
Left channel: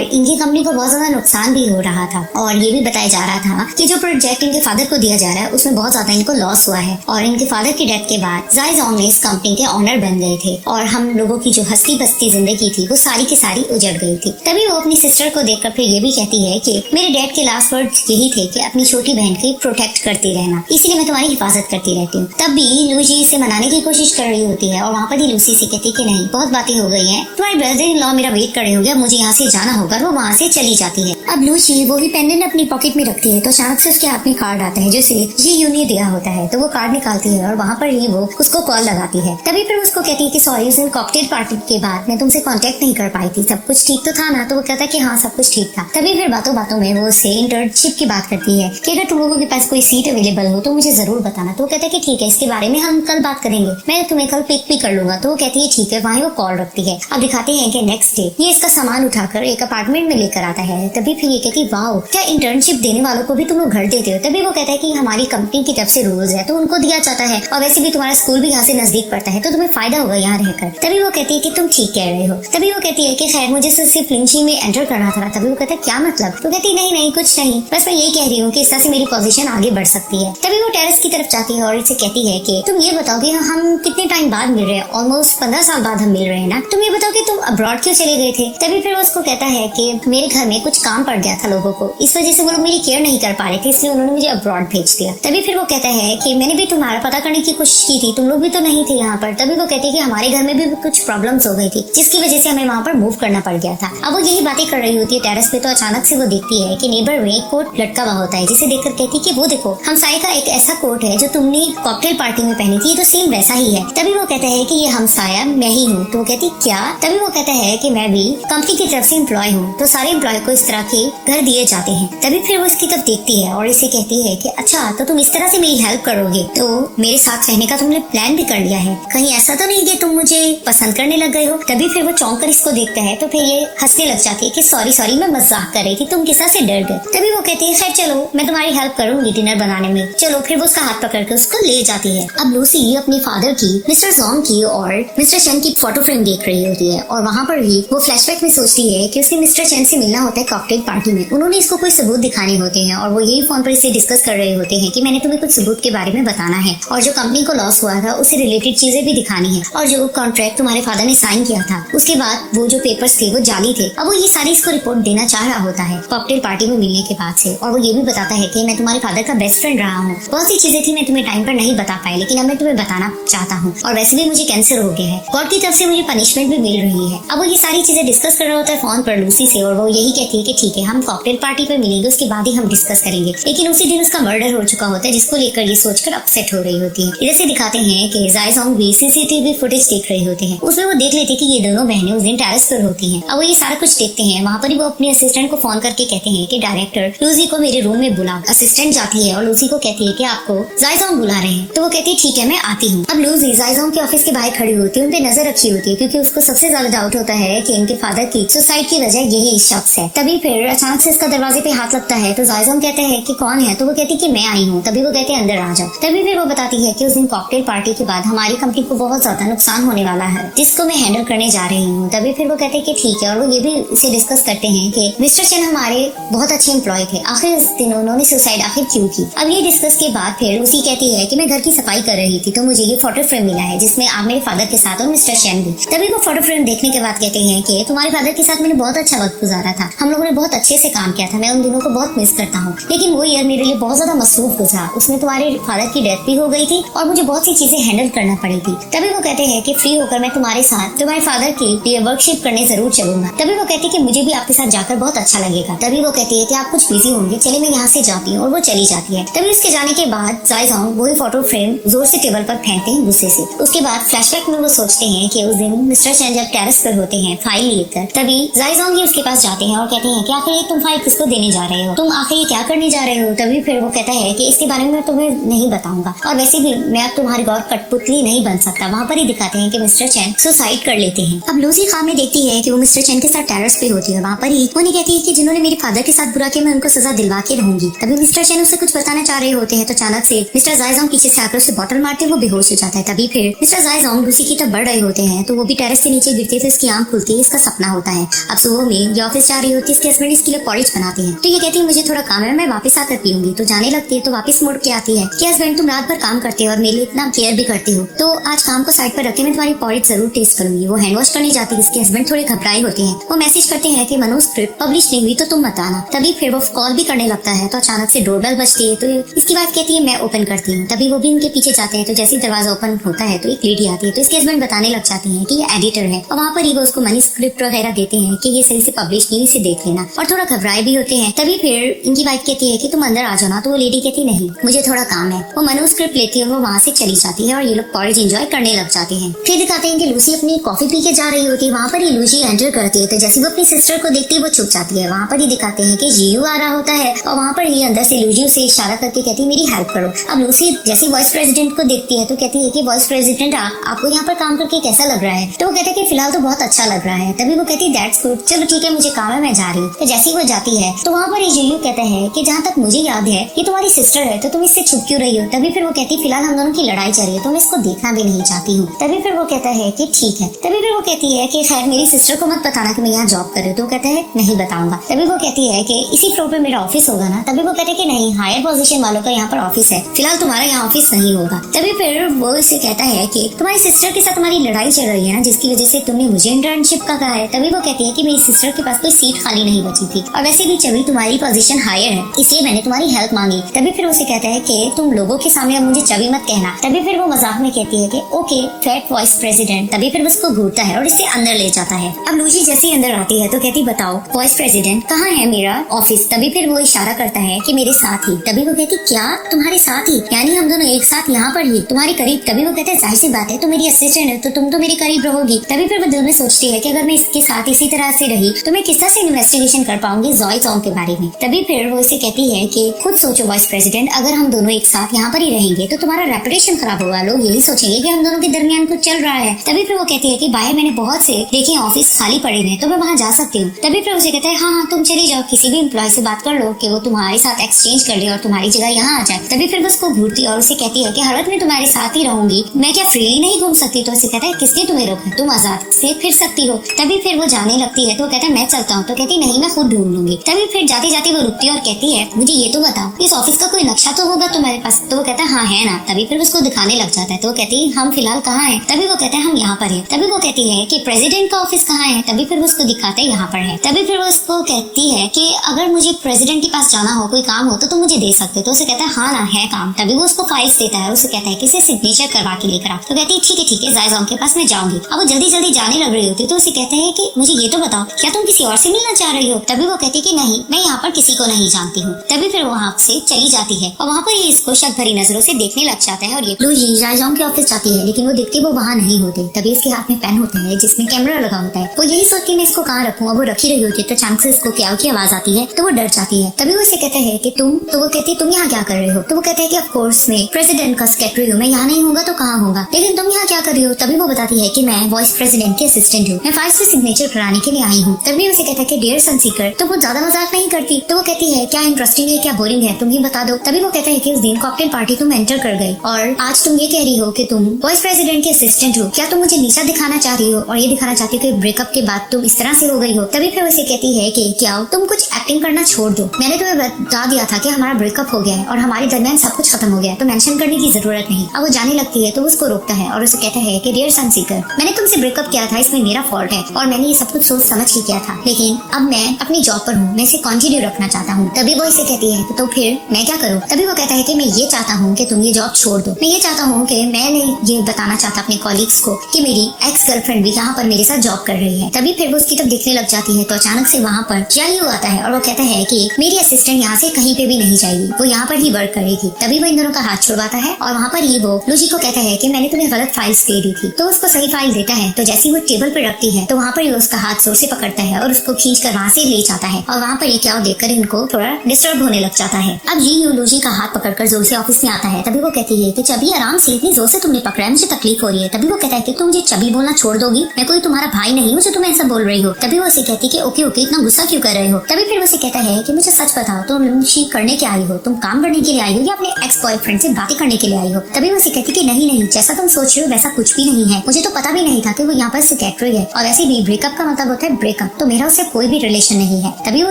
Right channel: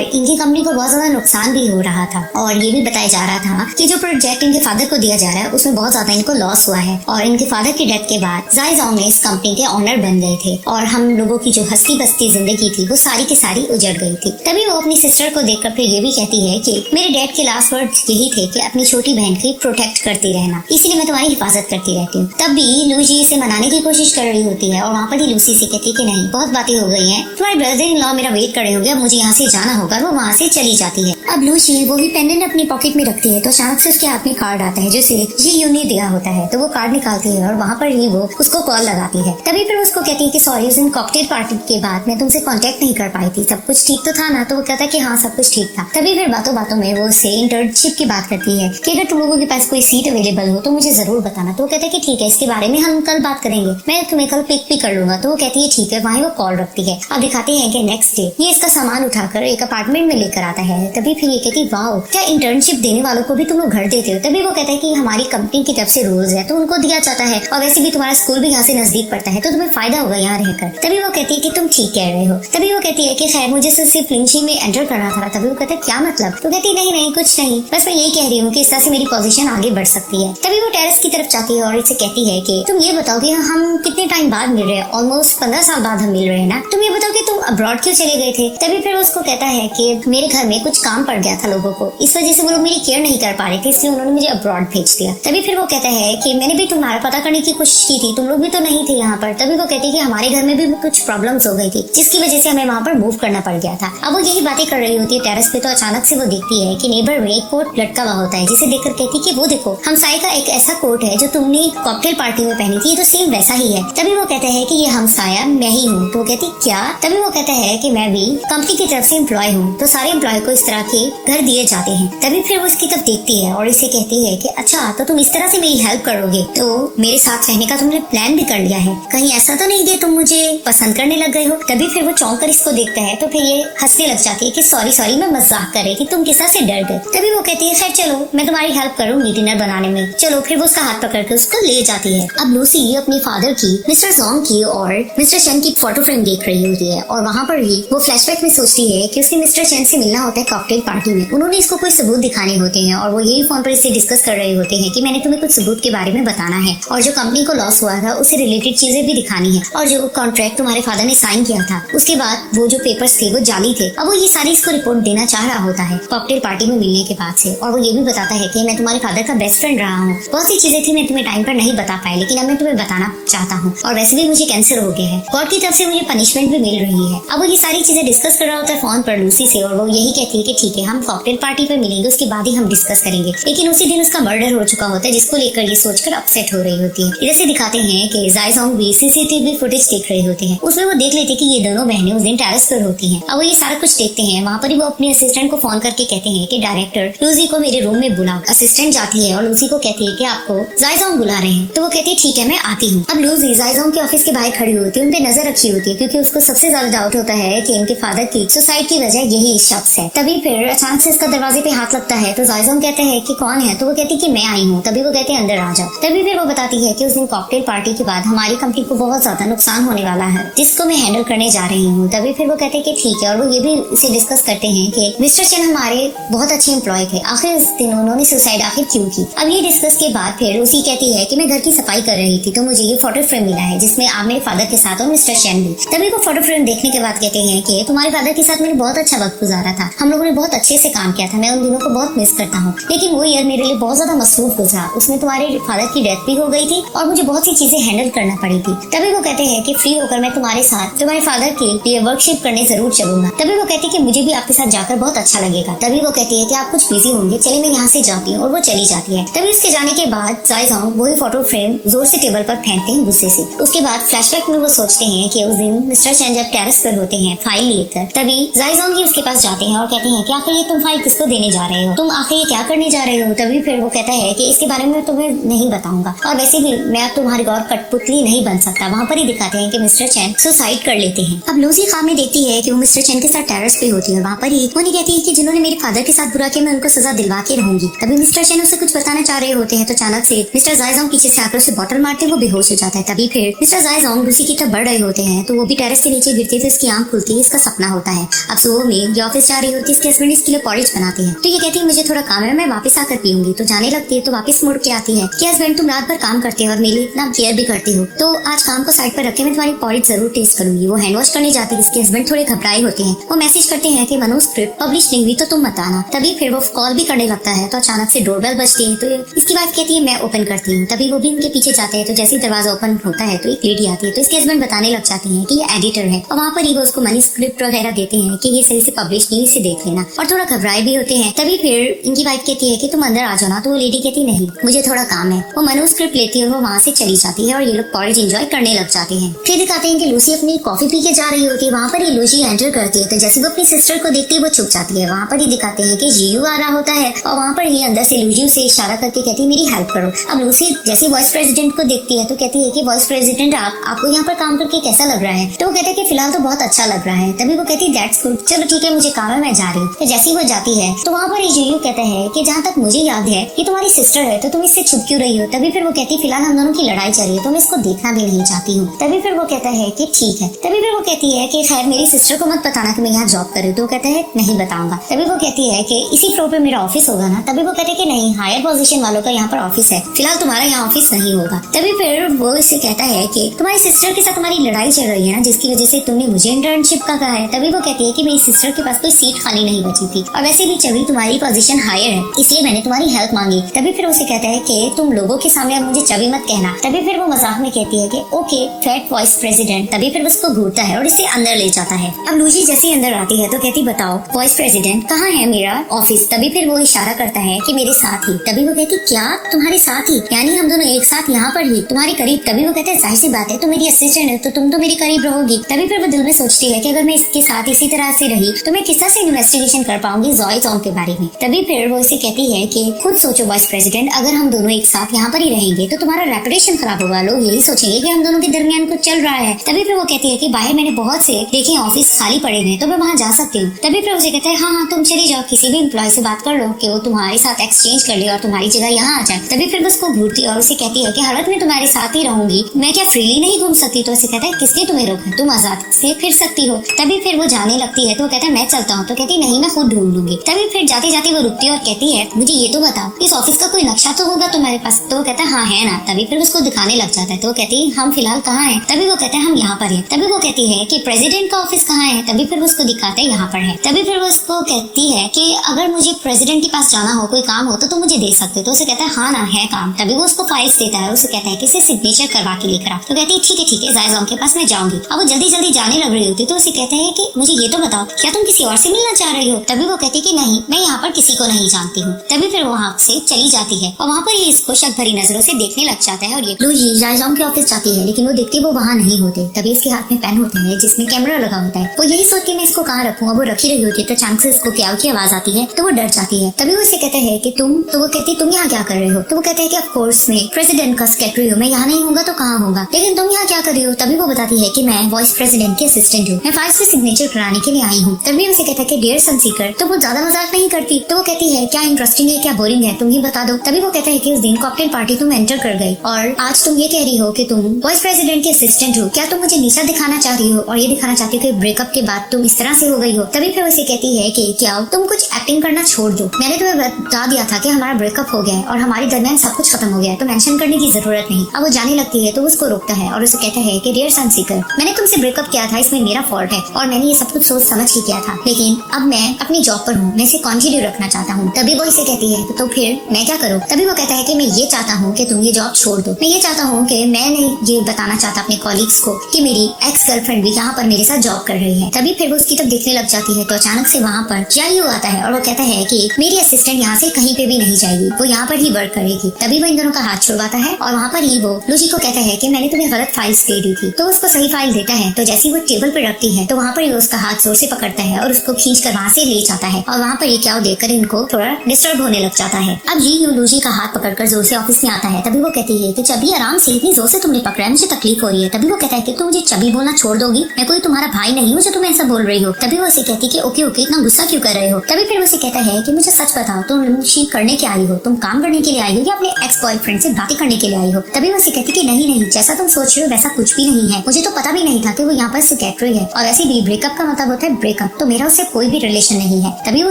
इनकी कंपनी को बहुत ज्यादा नुकसान भी हो रहा था। और ये भी बताया जा रहा था कि जो प्रोजेक्ट इनके फादर को दिया जा रहा है उसमें बहुत ज्यादा इनको लॉस हुआ है और इनके फादर की डेथ के बाद जाइजोंग इस कंपनी के ऑनर बन गए थे और हम लोगों की जो हंसी बसती जिंदगी थी वो सारी की सारी उजड़ गई थी। तभी वो अपनी सिस्टर को देखकर फिर ये भी कहती है कि मेरे डैड के लास्ट वर्ड्स यही थे कि अपनी छोटी बहन की प्रोटेक्ट करती रहना, इसीलिए मैं तुम्हारी हिफाजत करती रहती हूँ। तब भी लूसी इसे मनाने की कोशिश कर रही होती है और वहाँ पर ही लूसी से कहती कि नहीं बहुत बातें हो गई हैं, तुम्हारे ब्रदर इन लॉ मेरा वेट करे हो गया, मुझे यहाँ से जाना होगा। वो वहाँ से चली जाती है। अब लूसी वो ही पेंडेंट अपनी पॉकेट में रखती है तो अचानक से उसके हाथ में कार्ड आता है जैसे ये ने दिया होता है, तो वो कार्ड निकालती है और वहाँ पर ही वो उसको कॉल लगाती है। तभी फिर उसको कहती है कि सॉरी उस दिन कॉकटेल पार्टी के बाद मैं तुमसे कांटेक्ट नहीं कर पाई थी, सब कुछ ठीक तो था ना? तो वो कहता है कि हाँ सब कुछ ठीक था। तभी फिर बातों बातों में वो उससे इंटर्नशिप की बात करती है कि अगर तुम लोगों के पास कोई सीट अवेलेबल हो तो मुझे जरूर बताना। तो वो कहता है कि ठीक है इसके बारे में हम कल बात करेंगे, मैं तुम्हें कल पिक भी कर लूंगा। तो वो कहती है ठीक है। वहीं वो कॉल रखती है और दिखाती है कि नेक्स्ट डे ये इसका सामान उठाकर एक अपार्टमेंट में लेकर आता है। तभी फिर ये कहती वाओ क्या इंटर्नशिप देने वालों को भी तुम घर देते हो। तभी वो कहता है कि हमारी कंपनी की तरफ से रूल्स है तो उनको दिया जाता है और वैसे भी तुम्हारा स्कूल भी यहाँ से नजदीक पड़ता है तो तुम्हें फायदा होगा यहाँ रहकर। तभी वो कहती है कि तुम ठीक कह रहे हो। तभी वो कहती है कि खैर मुझे सिर्फ क्लिंचिंग में एंटर करना था। तभी वो कहता है क्या मतलब? तो कहती नहीं नहीं कुछ नहीं, बस मैं यही कह रही हूँ कि इस तरह से मेरी पोजीशन आगे बढ़ सकती है। तभी वो टेरेस की तरफ जाती है और इसे कहती है कि तुम ये बताओ कि हम कितने टाइम बाद मिल रहे हैं, ऑलमोस्ट 15 साल बाद हम मिल रहे हैं ना, तुम ये बताओ कि तुम अब्रॉड क्यों चले गए थे? तभी फिर उसको कहता है कि मेरे घर में कुछ काम पड़ गया था लोगों को, इस वजह से वो लोग मेरी केयर नहीं कर पा रहे थे इसलिए उन्होंने मुझे अब्रॉड भेज दिया। तभी फिर वो कहता है कि मैंने भी तुम्हारा पता करने की कोशिश की थी, तुम लोग भी तो नहीं थे यहाँ पर। तभी वो कहते हैं कि हमारे घर में भी कुछ प्रॉब्लम्स हो गई थी जिसकी वजह से हमें वहाँ पर मूव करना पड़ गया था। अब वो यही बातें कर रही होती है टेरेस पे तो अचानक से वो दिखती है कि नेबर में एक कोट लटका हुआ होता है जिसे देखकर कहती है कि वो देखो हम साई का एक ऐसा कोट है जो तुमने कॉकटेल पार्टी में पहनी थी, तो सेम वैसा ही है। तभी वो कहते हैं कि ये हम साया मैं ही हूँ। तो कहती क्या? तभी वो कहता है कि मैं भी कंपनी की तरफ से एम्प्लॉय हूँ। तो सारे एम्प्लॉय को इस तरह के घर दिए जाते हैं। तभी फिर वो इसकी तरफ देखती है और इसे कहती है कि अच्छा तो तुम इस तरह से मेरी हेल्प करोगे, तो मेरे साथ रहने का तुमने प्लान भी कर लिया है, कहीं ऐसा तो नहीं कि तुम मुझे पसंद करने लग गए हो? तभी फिर वो चौंक कर इसको देखता है तो फिर ये हंसने लग जाती है कि सॉरी सॉरी मैं मजाक कर रही थी, तुम किसा से डर गए। तभी वो कहती है खैर चलो मैं तुम्हारी हेल्प करूंगी डिनर बनाने में, चलो। फिर वो उसका हाथ पकड़ कर उसको ले जाती है। अब लूसी अपनी फादर की, मिस्टर जोंग की और मिस्टर चेन की फोटो फ्रेम देख रही होती है और वहाँ पर भी वो फ्लैशबैक में सोचती है कि उसके मिस्टर चेन से मिलना होता है कॉकटेल पार्टी में। उन्होंने इसको कोई सबूत दिखाने होते हैं और वो यही फोन पर इसे डिस्कस कर रहे होते हैं कि मैंने तुम्हें कुछ सबूत के बारे में बताना है और जो कंपनी को लॉस हुआ था उससे रिलेटेड चीजें भी दिखानी है और जो कॉन्ट्रैक्ट तुम्हारे फादर ने साइन किया था उसके बाद वो जो पेपर्स थे वो जाली थे। अब वो ये सारी इसको रिपोर्ट देना चाह रहा होता है कॉकटेल पार्टी में मिलने के बाद से, और वो ये भी बताता है कि मैं तुम्हारे फादर का बेस्ट फ्रेंड रहा हूँ, बहुत सी चीजें थी मैं तुम्हें टाइम पर नहीं बता पाई लेकिन अब मैं तुम्हें बताना चाहता हूँ और वैसे भी मुझे कैंसर हो गया है, कोर्ट की तरफ से मुझे पनिशमेंट भी मिल रही है। अब वो ये सारी चीजें डिस्कस कर रहा होता है फोन पर लूसी से और वो यही कहती है कि ठीक है हम कॉकटेल पार्टी पे मिलेंगे उसके बाद ही हम डिस्कस करेंगे। लेकिन उसी दिन उसका मर्डर हो चुका होता है जिसको लेकर ये सोचकर अपसेट हो रही होती है। जैसे दिखाते हैं कि जाइजोंग भी सीसीटीवी फुटेज देख रहे होते हैं, उसमें वो देख लेते कि ये दोनों बहनें उस दिन टेरेस पर होती हैं। अब वो ये सारा कुछ देखते हैं। वहाँ पर ही वो अपने असिस्टेंट को फोन करके कहते हैं कि डायरेक्टर लूसी को मेरे रूम में बुलाओ। असिस्टेंट जाती है और लूसी को कहती है कि आपको जाइजोंग बुला रहे हैं। तो वो कहती है ठीक है मैं आती हूँ। अब लूसी जाइजोंग के ऑफिस के बाहर खड़ी होती है, उनकी नजर रखी होती है क्योंकि उसको सबसे ज्यादा डाउट होता है कि उनके फादर की सुसाइड की वजह यही शख्स है। तभी फिर अचानक से उसका दरवाजे पे हाथ लगता है तो जाइजोंग कहते हैं कि कौन है? तो वो कहती है कि मैं आई हूँ। तभी वो कहते हैं अंदर आ जाओ। तभी फिर वो बताती है कि उस दिन कॉकटेल पार्टी के बाद हमारी कंपनी को बहुत ज्यादा नुकसान होने वाला है जिसको मैं हैंडल करने जा रही हूँ। तभी फिर वो कहते हैं कि ठीक है और वो ये भी इसे डिस्कस करते हैं कि मिस्टर चेन हमारे बहुत अच्छे एम्प्लॉय थे, आखिर उस दिन उन्होंने सुसाइड आखिर क्यों की। अब ये डिस्कस के बाद फिर लूसी कहती है कि मैं घर की सफाई कर रही थी तो मुझे ये फोटो फ्रेम मिला है जिसमें आप मेरे फादर के साथ और मिस्टर चेन भी। तभी वो फोटो फ्रेम देखने के बाद कहते हैं कि तुम्हारे फादर के साथ मैंने बहुत अच्छा वक्त गुजारा था, हम लोगों ने बहुत अच्छे से काम किया था, मैं उन दोनों को बहुत मिस करता हूँ। लेकिन वो ईयर मेरे लिए बहुत ज्यादा मसरूफ गुजरा, उसमें तुम्हारे फादर की डेथ भी हो गई थी और मुझे बहुत सी चीजें हैंडल करना पड़ी थी। तभी वो कहते हैं कि फ्री होकर मैं तुम्हारे साथ तुम्हारे फादर की वर्कशिप करने जरूर चलूंगा। तभी वो कहती है कि मुझे भी आपके साथ जाकर बहुत अच्छा लगेगा। तभी वो कहती है कि आप कुछ बिजी होंगे, चलिए मैं यहाँ से जाती हूँ और वो चली जाती है। तभी उसके जाने के बाद जाइजोंग वही फोटो फ्रेम जोर से टेबल पर फेंकते हैं गुस्से से। उसके बाद फ्लैशबैक में वो सोचते हैं कि उस दिन मिस्टर चेन जब टेरेस पर होते हैं फाइल लेकर, तभी जायजोंग भी उसके पास जाती है और कहते हैं कि आखिर तुम फाइल किसको देने जा रहे हो, तुम आखिर क्या करने जा रहे हो। तभी फिर वो कहता है कि इसके बारे में मैं तुम्हें नहीं बताऊंगा, और वैसे भी मैं अब तुम्हारे गौर कठपुतली नहीं बन सकता। वहाँ पर ही दिखाते हैं कि मिस्टर चैन सुसाइड कर लेते हैं। अब लूसी ख्वाब में देखती है कि वो मिस्टर चैन के साथ टेरेस पे होती है। वहाँ पर ही उन्हें कहती है कि जिन्होंने मेरे फादर के साथ बुरा किया मैं उनको सजा दिलवा के रहूंगी। तभी मिस्टर चैन उसे कुछ बताना चाह रहे होते हैं तो अचानक से मिस्टर जायजोंग पीछे से आकर उसे बॉटल मारते वो बेहोश हो जाता है। तभी फिर मिस्टर जायजोंग लूसी की तरफ बढ़ रहे होते हैं तो वो भी टेरेस के नीचे गिरते थे, इसकी आंख खुलती है, इसका सपना होता है। अब सुबह में ये ऑफिस जा रही होती है, इसके हस्बैंड इसके लिए पॉरिज बनाती है तो ये कहती है मुझे थोड़ा काम है, मैं वापस आकर पीऊंगी। तो जाने लगती है तो वापस मुड़ के आती है कि हस्बैंड तुम रात भर काम करते हो और मेरे लिए इतना केयर भी करती हो, तो आज काम को साइड पर रखे मैं तुम्हारी पॉरिज जरूर टेस्ट करूंगी। वो हैंड वॉश करने जाती है, इसके हस्बैंड थोड़े घबराए होते हैं। वो मैसेज करते हैं कि मनुस्क्रिप्ट पब्लिश नहीं हुई तो तुम मत आना। तभी फिर वो कॉल भी करने लगता है तो अचानक से डोरबेल बजती है तो इसकी वाइफ कहती है मैं ओपन करती हूँ। तभी वो भी उनके पीछे जाते हैं तो जैसे दरवाजा ओपन होता है तो एक लेडी आती है तो इसके हस्बैंड बताने लग जाते हैं कि ये एडिटर है और वहाँ पर ही वो उसको मैन्युस्क्रिप्ट वगैरह देते हैं कि ये सही से पब्लिश नहीं, इसे देख लेना, और थोड़ा घबराए भी होते हैं। तभी फिर इनकी वाइफ कहती है कि तुम अंदर आ जाना, तो वो लेडी कहती नहीं मुझे थोड़ा काम है। वो मैन्युस्क्रिप्ट लेती है और वो वहाँ से चली जाती है और ये लोग पॉरिज एंजॉय करने लग जाते हैं। फिर दिखाते हैं कि लूसी अपनी कॉफी पी के जा रही होती है। वहाँ पर ये लूसी एंटर करती है तो जैसे वो अपनी सिस्टर को देखती है वो छुप जाती है। वहाँ पर ही दिखाते हैं कि जीयू आ रहा होता है और वहाँ पर ये अंदर से लूसी से इशारा करके कहती है मेरी हेल्प करो। अब लूसी जैसे वाइस प्रेसिडेंट को देखती है तो कहती है कि वाइस प्रेसिडेंट आपको यहाँ पर काम करके कैसा लग रहा है। तो वो कहते हैं कि फिलहाल तो बहुत अच्छा लग रहा है। तभी वो कहती है दैट्स गुड, चलो ठीक है मुझे काम है मैं जा रही हूँ। तो जैसे वो जाती है तो वहाँ पर ये जीयू कहते हैं कि जहाँ तक मुझे याद है ये तुम्हारी सिस्टर है तो तुम इससे छुप क्यों रही हो। तभी फिर वो कहती है फिलहाल हम दोनों की लड़ाई चल रही है तो मैं इसको देखना भी नहीं चाहती हूँ। तभी फिर वो कहता है कि ठीक है। तभी फिर वो कहती है कि खैर मेरी सिस्टर को मत बताना कि मैं यहाँ जॉब कर रही हूँ। तो कहता है नहीं बताऊंगा। तभी वो कहती है कि इसी फ्लोर पे मेरा ऑफिस होगा ना। तभी वो कहते हैं कि नहीं हायर पोजीशन वालों का यहाँ पर ऑफिस है, फिलहाल तुम्हारा यहाँ ऑफिस नहीं होगा। तभी फिर वो इससे कहता है कि तुम्हारी सिस्टर के साथ तुम्हारी लड़ाई चल रही है ना जिसकी वजह से तुमने मुझे इंटर्नशिप का कहा है। तभी वो कहती है कि मेरी सिस्टर के पास कोई सीट खाली नहीं बची थी और वैसे भी चली तुम्हारी पोजीशन हायर है इसलिए मैंने तुम्हारी हेल्प मांगी। तभी फिर उसे कहता है कि तुम लोगों के सामने मुझे चबी मत कहना। तभी फिर वो मजाक में कहती है कि ओके फैट वाइस प्रेसिडेंट। तभी फिर उसको घूरता है और इसे अंदर ले जाता है। अब लूसी जैसे अंदर आती है तो कहती बताओ वाइस प्रेसिडेंट कहाँ है मेरा ऑफिस। तभी फिर वो इशारा करता है कि मेरे साथ ही। तभी वो कहती क्या तुम्हारे साथ ही, यानी हम दोनों एक साथ यहाँ पर ही तुम्हारे करीब। तभी वो कहता है जाहिर सी बात है, तो मेरी असिस्टेंट है तो तुम तो मेरे करीब रहोगी। तभी फिर वो दिल में सोचती है कि अगर मैं इसके साथ इसी तरह से रही तो मैं किस तरह से इन्वेस्टिगेशन कर पाऊंगी जायजोंग के बारे में। तभी फिर वो इसे कहती है कि खुद सोचो वाइस प्रेसिडेंट, अगर हम दोनों एक साथ यहाँ पर ही रहेंगे तो तुम्हारा रेपुटेशन खराब होगा, लोग यही सोचेंगे कि हम दोनों के दरमियान कुछ चल रहा है। तभी फिर वो कहती है कि बाहर मैंने बहुत से देखे ऑफिस खाली पड़े हुए तो मैं वहाँ जा सकती हूँ। तभी फिर उसे कहता है हाँ तुम चली जाओ, किसी भी एम्प्लॉय से बात कर लो कि वो तुम्हारे साथ एक्सचेंज कर ले और तुम्हारी जगह यहाँ आ जाए। तभी फिर वो उसको घूरती और उसे कहती है कि हालत में तुम्हारे साथ ही रहूंगी, मैं क्या फ्री नहीं घूम सकती। तो उसे कहता है किसने तुम्हें रोका, तुम आजाद से फिर सकती हो। तभी फिर वो जाने लगती है तो कहता है मैं चलता हूँ। तो कहती नहीं मैं खुद ढूंढ लूंगी। तभी फिर जाते जाते वो रुकती है और कहती है मुझे ये तो बता इस ऑफिस का कोई नक्शा तो होगा तुम्हारे पास। तो वो कहता है हाँ है ना। तभी फिर उसको दिखाने लग जाता है तो वो कहती है हम फिलहाल कहाँ हैं। तभी वो कहते हैं हम यहाँ पर हैं। तभी वो कहती है कि प्रेसिडेंट का ऑफिस कहाँ है। तभी फिर उसको दिखाते हैं यहाँ पर है। तभी फिर वो उसको कहती है कि अगर मुझे प्रेसिडेंट के पास जाना हो कोई काम हो तो तुम मुझे दे सकते हो। तो उसे कहता है हाँ ना है काम। तभी वो उसको फाइल्स देता है, उसे कहता है कि इसे सिग्नेचर करवा के लेकर आ। तो कहती है ठीक है जायजोंग के पास मैं जाऊंगी। अब वो जल्दी जल्दी जाने लग रही होती तो उसे कहते हैं कि मुझे ये तो बताओ क्या तुम किसी और से मिलना चाह रही हो। तभी वो कहती कि नहीं मैं यहाँ पर किसी को नहीं जानती हूँ। तभी फिर वो वहाँ से चली जाती है और वहाँ पर ही इसको शक भरी नजरों से देखने लग जाता है और ये लूसी जायजोंग के ऑफिस जाती है लेकिन वो देखते वो वहाँ नहीं होते। तभी उसके हाथ में पेन होती है जिसमें कैमरा लगा होता है। वो यही सोच के मैं इसको कहाँ रखूँ, वो रखी रही होती है तो अचानक से इसको क्या की आवाज आती है तो वो डर जाती है। तभी वो इसे कहते हैं कि तुम, तो वो कहती तुम यहाँ क्या कर रहे हो। तो वो कहता है कि ऑफ कोर्स मैं प्रेसिडेंट का सेक्रेटरी हूँ, मैं यहाँ नहीं होगा तो कहाँ होगा, लेकिन तुम यहाँ क्या कर रही हो। तभी वो बताती है कि मैं वाइस प्रेसिडेंट की असिस्टेंट हूँ, मैं फाइल्स पे सिग्नेचर कराने के लिए आई हूँ। तभी उसे कहता है कि डियर सनसीकर। तो वो ज्यादा मजाक नहीं करती तो वो कहती है क्या इंटरेस्टिंग है क्या बोरिंग है तुम ही बता दो। तभी वो कहते हैं कि उस दिन कॉकटेल पार्टी तुम एंटर कर गई और आज तुम ये कह रही हो कि तुम वाइस प्रेसिडेंट की असिस्टेंट हो, क्या तुम मुझे नीचा दिखाना चाह रही हो और ये दिखाना चाहती हो कि ब्रेकअप के बाद तुम इस तरह से हो गई हो। तभी फिर उसे कहती है कि क्या तुम कुछ एक्टिंग करना छोड़ दो, मैंने तुम्हें बता दिया था कि हमारा ब्रेकअप हो गया है और हमारे दरमियान सब कुछ खत्म हो गया है तो मेंशन करने की जरूरत नहीं। अब वो जाने लगती है तो उसको रोकता है और उसे कहता है कि डियर सनसीकर, मैंने तुमसे ब्रेकअप किया था इसमें मेरा फॉल्ट है और मैंने ये सब कुछ सोच समझ के किया था, लेकिन अब मैं अपनी जॉब पर हूँ, मैं इसे कंटिन्यू रखना चाहता हूँ। तभी वो इसे कहती है तो फिर मैं क्या करूँ। तभी वो कहता है कि मैं ये चाहता हूँ कि तुम ये जॉब छोड़ दो, मैं ये चाहता हूँ कि मैं ये बताना चाहता अपने कॉलीग्स को कि मेरी एक्स गर्लफ्रेंड भी यहाँ पर मेरे साथ जॉब कर रही है। तभी फिर वो उसकी तरफ देखने लग जाती है तो अचानक से वहाँ पर जाइयो आता है और वो कहता है कि मेरी असिस्टेंट यहाँ से कहीं पे भी नहीं जाएगी, वो यहाँ पर ही वर्क करेगी। तभी वो इन दोनों का हाथ छुड़वाता है और वहाँ पर ही वो लूसी को कहता है कि मैंने तुम्हें गलत फाइल्स दे दी थी। तो उसको सही फाइल देता है तो जैसे वो टेबल पर रखती है तो वहाँ पर ही उसका हाथ जोर से पकड़ता है और उसको खींच कर वहाँ से ले जाता है और वहाँ पर ये क्या देखकर इनको थोड़ा डिस्टर्ब होने लग जाता है। अब ये लूजी का हाथ पकड़कर जोर से ऑफिस में आता है। तभी वो कहती है कि चाबी आराम से, इतनी जोर से तुमने पकड़ा है, मुझे तकलीफ हो रही है। तभी वो कहता है कि तुम मुझे चाबी बोलना छोड़ दोगी, मैं कोई तुम्हारा भाई नहीं हूँ जो तुम ऐसा बोल रही हो। तभी वो उसे कहती है कि ओके ओके, इतना गुस्सा क्यों कर रहे हो। तभी फिर उसे कहता है कि मुझे सच बताओ, तुम लूसी करने के आई हो, तुम काम करने के लिए आई हो या अपने एक्स बॉयफ्रेंड से बातें करने के लिए आई हो। तभी वो उसे कहती कि नहीं नहीं, जैसा तुम सोच रहे हो वैसा कुछ भी नहीं है, मुझे तो पता भी नहीं था कि वो यहाँ पर सेक्रेटरी है और ऐसे भी ब्रेकअप का मतलब होता है ब्रेकअप, तो मेरा उससे कोई भी रिलेशन नहीं है। तभी वो